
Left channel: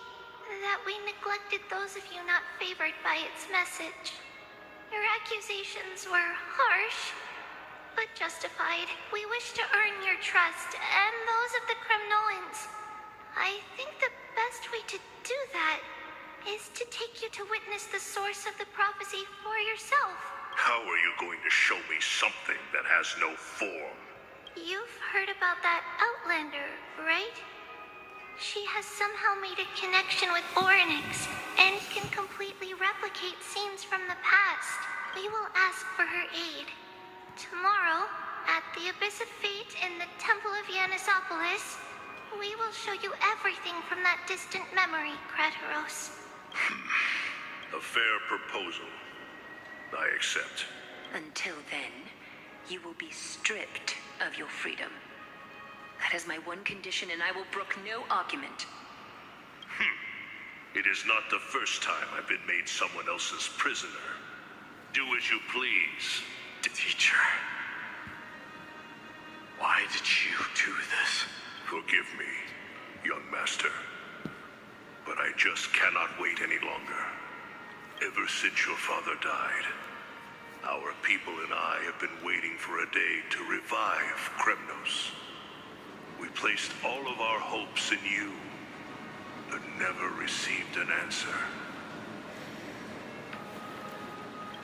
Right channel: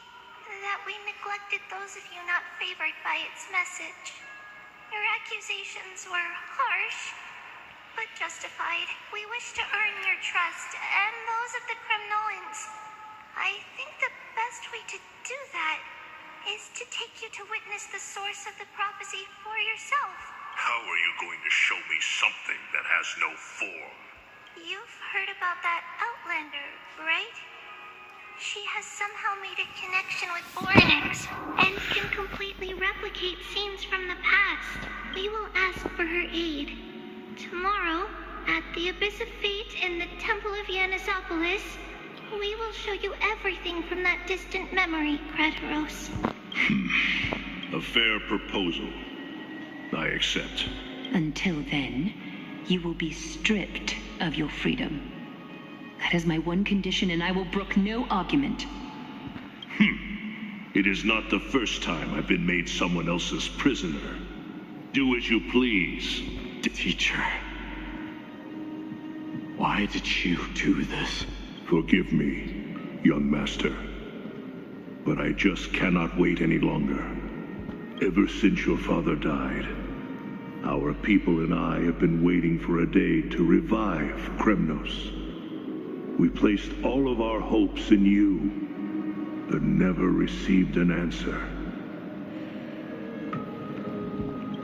that we neglected those of you not favored by its message. Your accusations were harsh, but justified. We wish to earn your trust and those of the Kremnoans. I think the best way to do that is to take you to witness the source of the prophecy for yourself. How are you going to show me something that has no form? You've heard about that Outlander, right? She has somehow made a connection with Oryx and can completely replicate scenes from the past. We will ask for her aid. Tomorrow, at the Abyss of Fate in the Temple of Yanisopolis, we will show you everything from that distant memory, Krataros. A fair proposal. I accept. Until then, you will be stripped of your freedom. That is my one condition, and I will brook no argument. It is not the first time I've been made someone else's prisoner. Do as you please. Teacher, why did you do this? Forgive me, young master. But I just cannot wait any longer. Ever since your father died, our people and I have been waiting for a day to revive Kremnos. We placed all of our hopes in you, but never received an answer.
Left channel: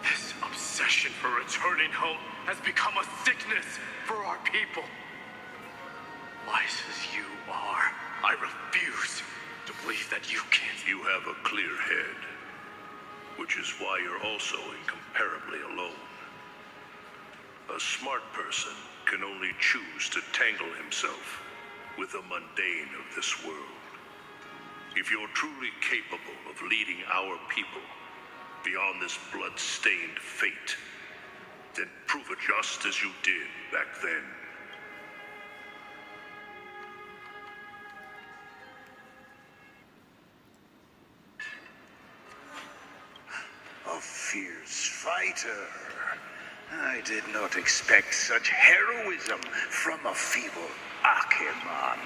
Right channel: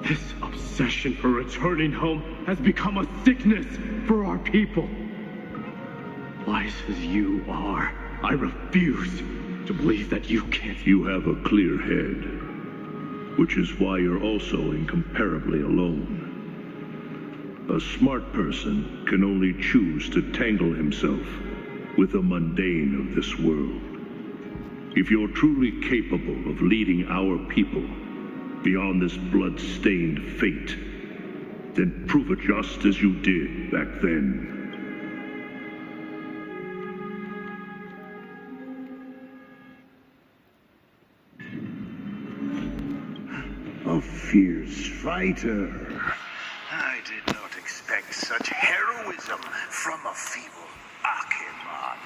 This obsession for returning home has become a sickness for our people. Wise as you are, I refuse to believe that you can't. You have a clear head, which is why you're also incomparably alone. A smart person can only choose to tangle himself with the mundane of this world. If you're truly capable of leading our people beyond this blood-stained fate, then prove it just as you did back then. A fierce fighter. I did not expect such heroism from a feeble Akeman.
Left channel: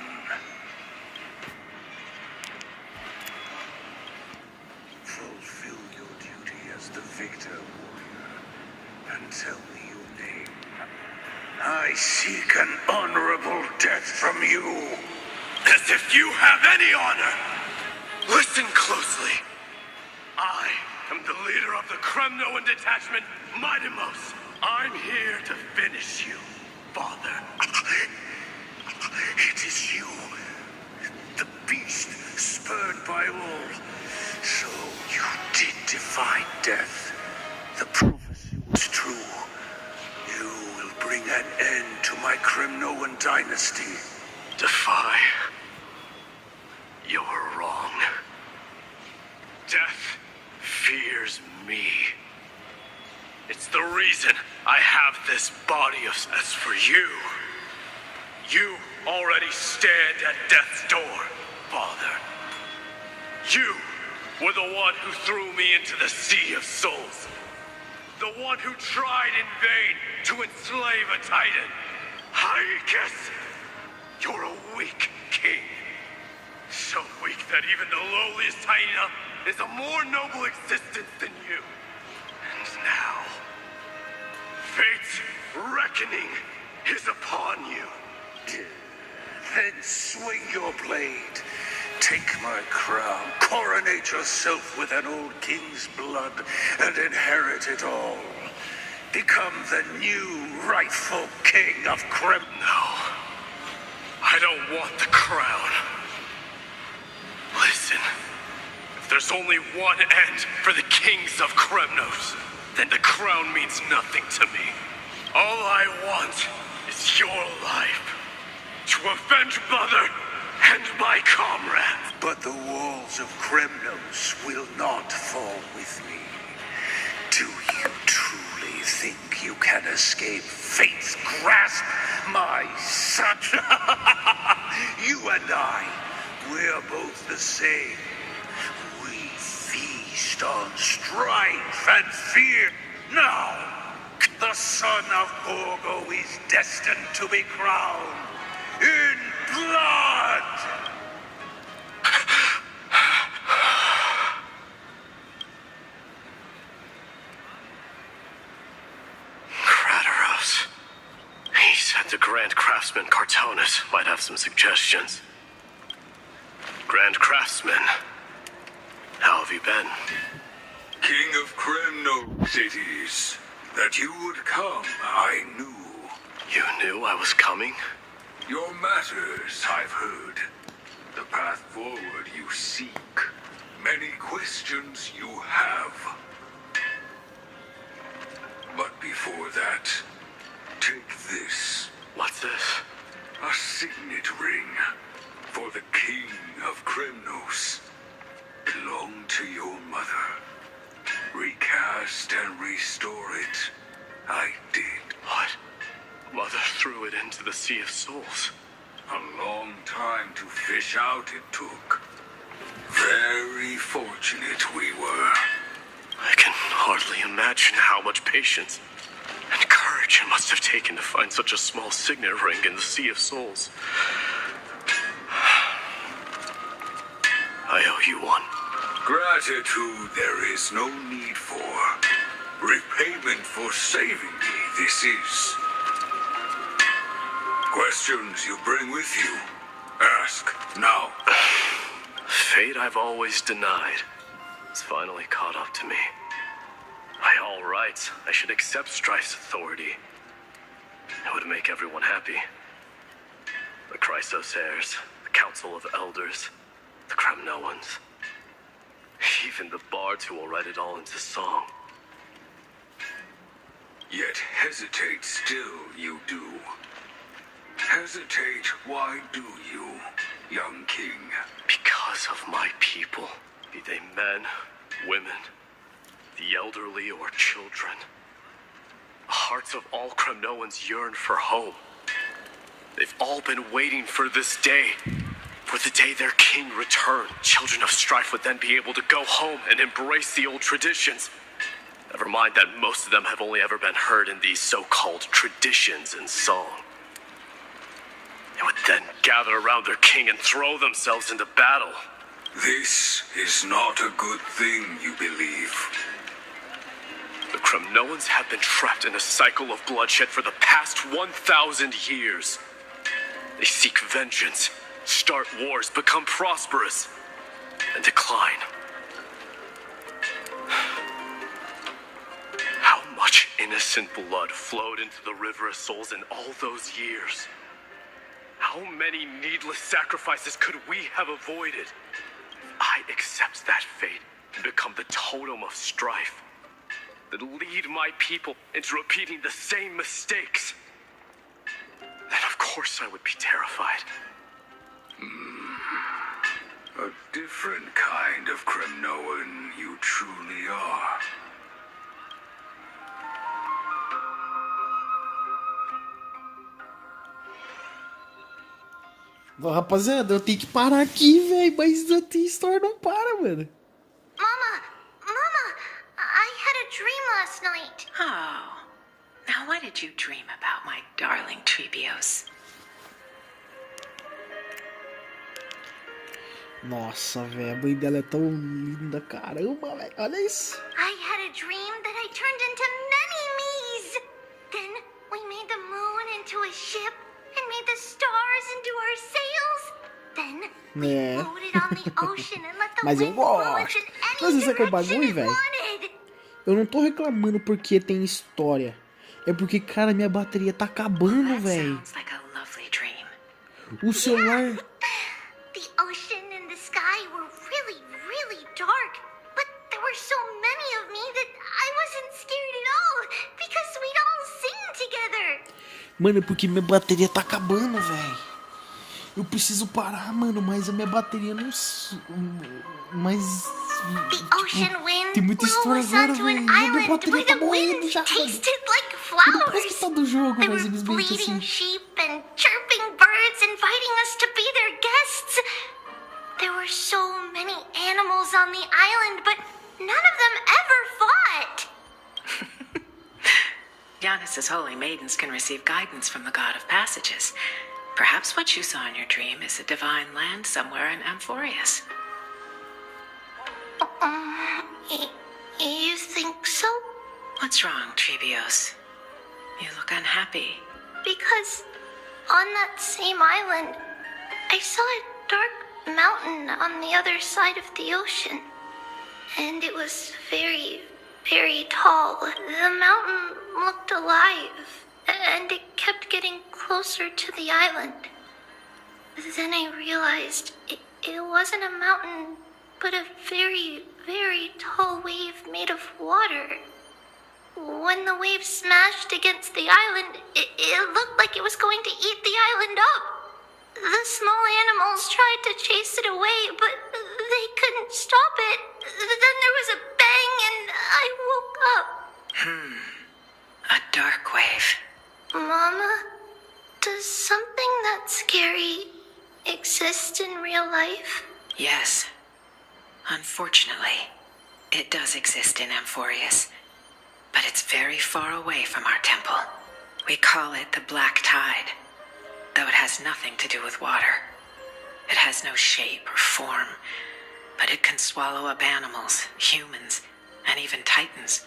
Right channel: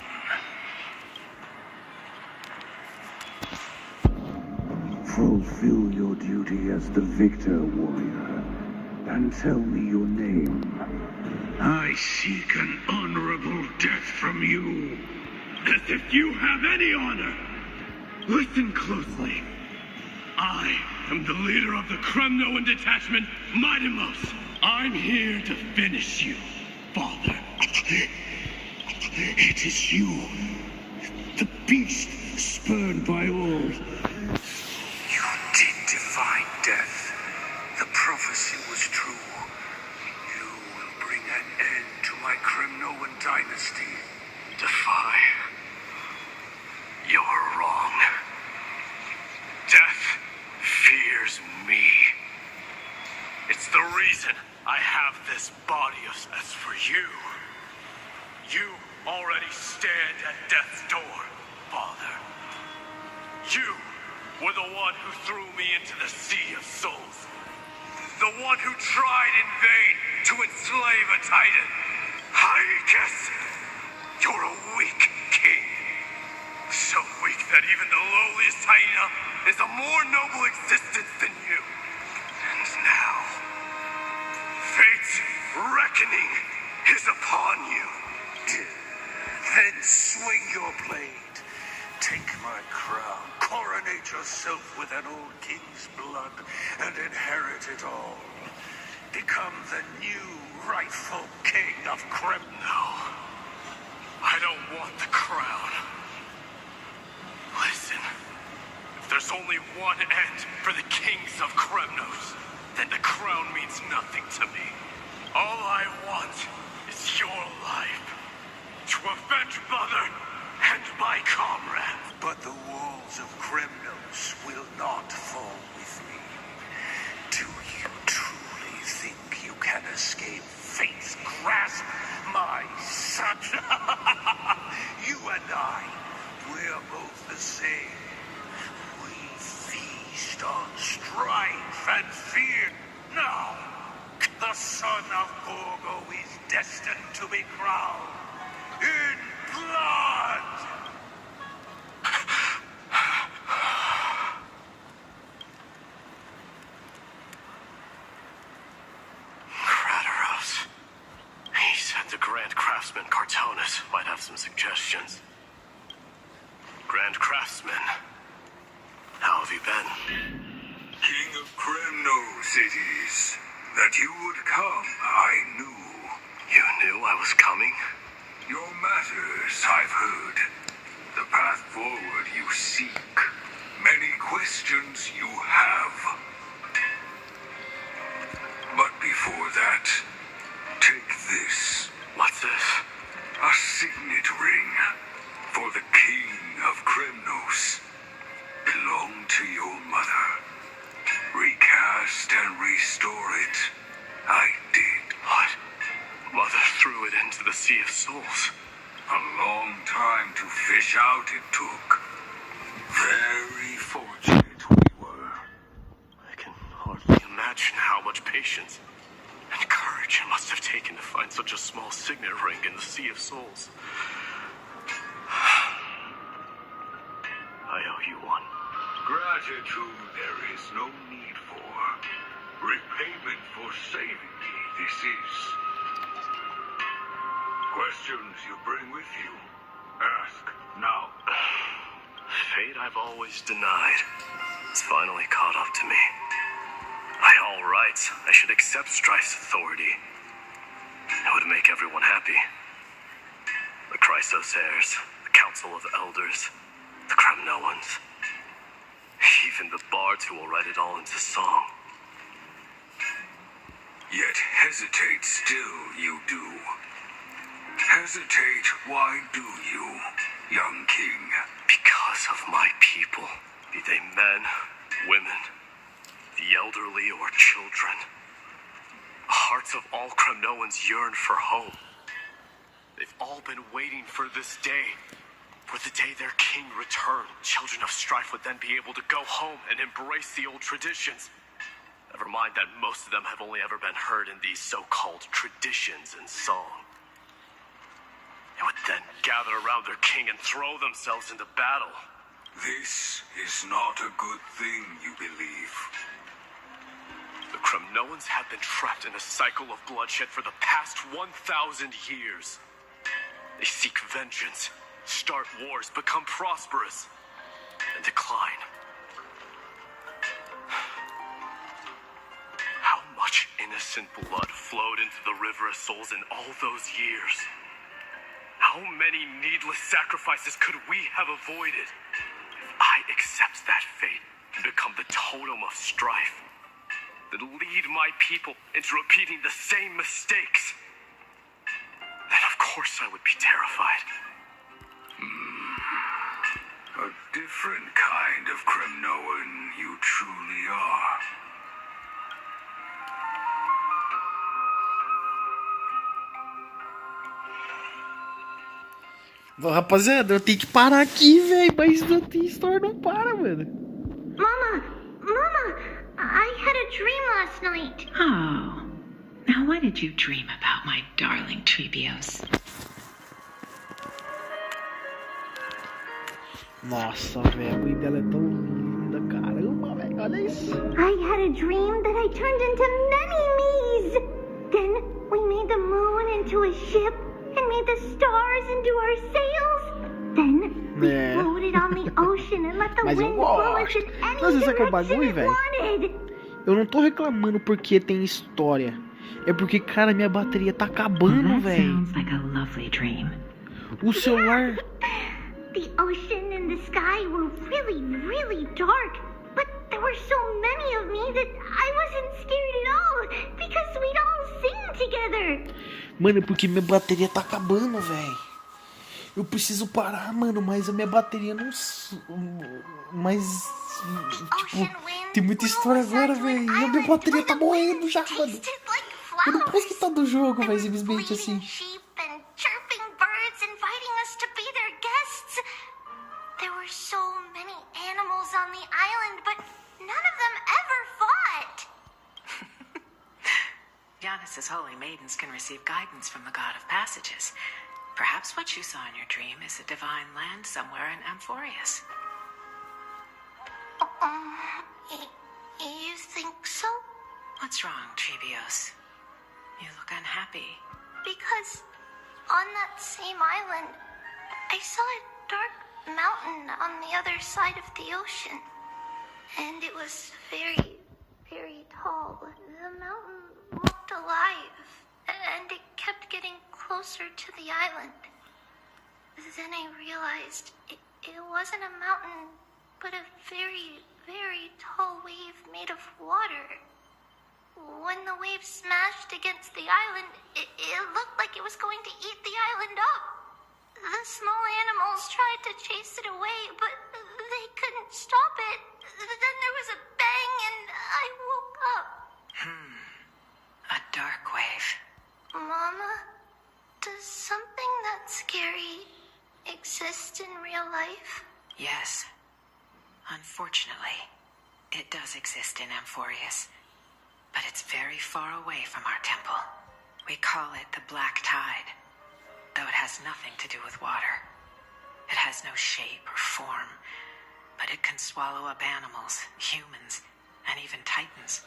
Fulfill your duty as the victor, warrior, and tell me your name. I seek an honorable death from you. As if you have any honor! Listen closely. I am the leader of the Kremnoan detachment, Mightymost. I'm here to finish you, Father. It is you, the beast spurned by all. So you did defy death. The prophecy was true. You will bring an end to my Kremnoan dynasty. Defy? You're wrong. Death fears me. It's the reason I have this body of... As for you, you already stand at death's door, Father. You were the one who threw me into the Sea of Souls. The one who tried in vain to enslave a Titan. I guess you're a weak king. So weak that even the lowliest hyena is a more noble existence than you. And now, fate's reckoning is upon you. Then swing your blade Take my crown, coronate yourself with an old king's blood, and inherit it all. Become the new rightful king of Krem. No. I don't want the crown. Listen, if there's only one end for the kings of Kremnos, then the crown means nothing to me. All I want is your life, to avenge Mother and my comrades. But the walls of Kremnos will not fall with me. Do you truly think you can escape fate's grasp, my son? You and I, we're both the same. We feast on strife and fear. Now, the son of Borgo is destined to be crowned in blood! Kratos. He said the Grand Craftsman Cartonus might have some suggestions. Grand Craftsman, how have you been? King of Kremnos it is. That you would come, I knew. You knew I was coming? Your matters, I've heard. The path forward you seek. Many questions you have. But before that, take this. What's this? A signet ring for the King of Kremnos. Belonged to your mother. Recast and restore it. I did. What? Mother threw it into the Sea of Souls. A long time to fish out it took. Very fortunate we were. I can hardly imagine how much patience and courage it must have taken to find such a small signet ring in the Sea of Souls. I owe you one. Gratitude there is no need for. Repayment for saving me, this is. Questions you bring with you? Ask now. Fate I've always denied. It's finally caught up to me. By all rights, I should accept Strife's authority. It would make everyone happy. The Chrysos heirs, the Council of Elders, the Kremnoans. Even the bards who will write it all into song. Yet hesitate still you do. Hesitate, why do you, young king? Because of my people, be they men, women, the elderly or children. The hearts of all Kremnoans yearn for home. They've all been waiting for this day. For the day their king returned, children of strife would then be able to go home and embrace the old traditions. Never mind that most of them have only ever been heard in these so-called traditions in song. They would then gather around their king and throw themselves into battle. This is not a good thing, you believe. The Kremnoans have been trapped in a cycle of bloodshed for the past 1,000 years. They seek vengeance, start wars, become prosperous, and decline. How much innocent blood flowed into the River of Souls in all those years? How many needless sacrifices could we have avoided? If I accept that fate and become the totem of strife, that lead my people into repeating the same mistakes, then of course I would be terrified. A different kind of Kremnoan you truly are. Rapaziada, eu tenho que parar aqui, velho. Mas a história não para, mano. Mama! I had a dream last night. Oh. Now what did you dream about, my darling Trebios? Nossa, velho. A mãe dela é tão linda. Caramba, velho. Olha isso. I had a dream that I turned into many me's. Then we made the moon into a ship and made the stars into our sails. Then we floated on Mas eu gosto. Mas isso aqui é o bagulho, velho. Eu não tô reclamando porque tem história. É porque, cara, minha bateria tá acabando, velho. O celular... The ocean and the sky were really, really dark. But there were so many of me that I wasn't scared at all. Because we'd all sing together. Mano, é porque minha bateria tá acabando, velho. Eu preciso parar, mano, mas a minha bateria não... Mas... Tipo, tem muita história agora, velho. E a minha bateria tá morrendo já, mano. Eu não posso quitar do jogo, mas simplesmente assim. And chirping birds inviting us to be their guests. There were so many animals on the island, but none of them ever fought. Giannis's holy maidens can receive guidance from the god of passages. Perhaps what you saw in your dream is a divine land somewhere in Amphorius. You think so? What's wrong, Trebios? You look unhappy. Because on that same island, I saw a dark mountain on the other side of the ocean. And it was very, very tall. The mountain looked alive, and it kept getting closer to the island. Then I realized it wasn't a mountain, but a very, very tall wave made of water. When the wave smashed against the island, it looked like it was going to eat the island up. The small animals tried to chase it away, but they couldn't stop it. Then there was a bang and I woke up. A dark wave. Mama, does something that scary exist in real life? Yes. Unfortunately, it does exist in Amphorius. But it's very far away from our temple. We call it the Black Tide, though it has nothing to do with water. It has no shape or form, but it can swallow up animals, humans, and even titans,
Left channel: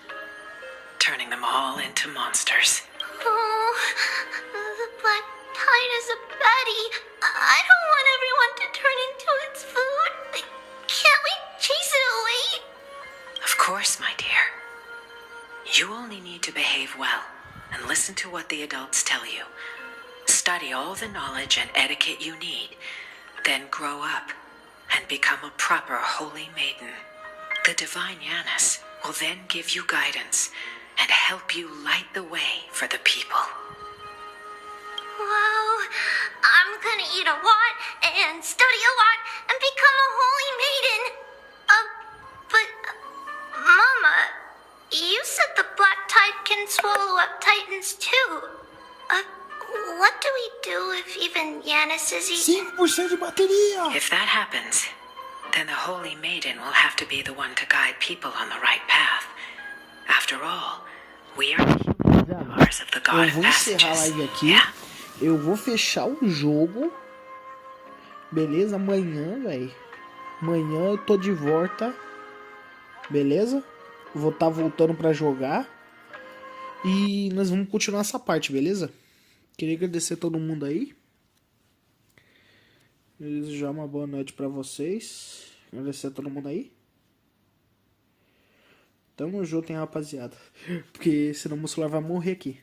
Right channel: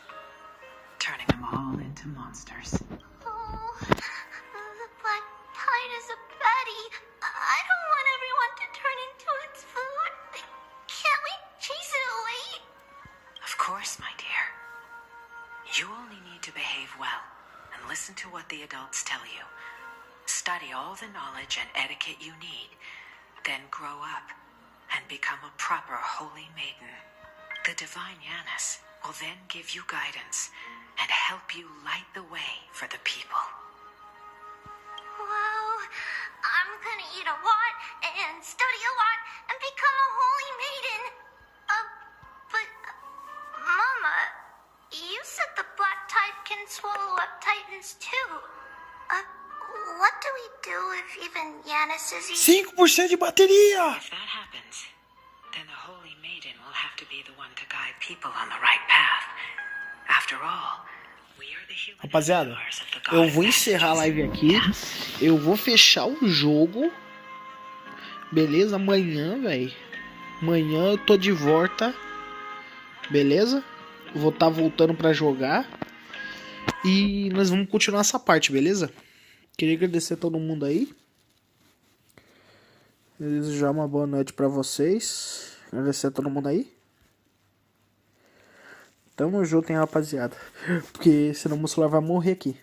turning them all into monsters. Oh, the Black Tide is a baddie. I don't want everyone to turn into its food. Can't we chase it away? Of course, my dear. You only need to behave well and listen to what the adults tell you. Study all the knowledge and etiquette you need, then grow up and become a proper holy maiden. The divine Giannis will then give you guidance and help you light the way for the people. Wow, I'm gonna eat a lot and study a lot and become a holy maiden. But, Mama, you said the Black Tide can swallow up titans too. What do we do if even Giannis is eating? 5% de bateria! If that happens, then the Holy Maiden will have to be the one to guide people on the right path. After all, we are the Rapaziada, eu vou encerrar a live aqui. Eu vou fechar o jogo. Beleza? Amanhã, velho. Amanhã eu tô de volta. Beleza? Vou estar voltando pra jogar. E nós vamos continuar essa parte, beleza? Queria agradecer a todo mundo aí. Desejar uma boa noite pra vocês. Agradecer a todo mundo aí. Tamo junto, hein, rapaziada. Porque senão o meu celular vai morrer aqui.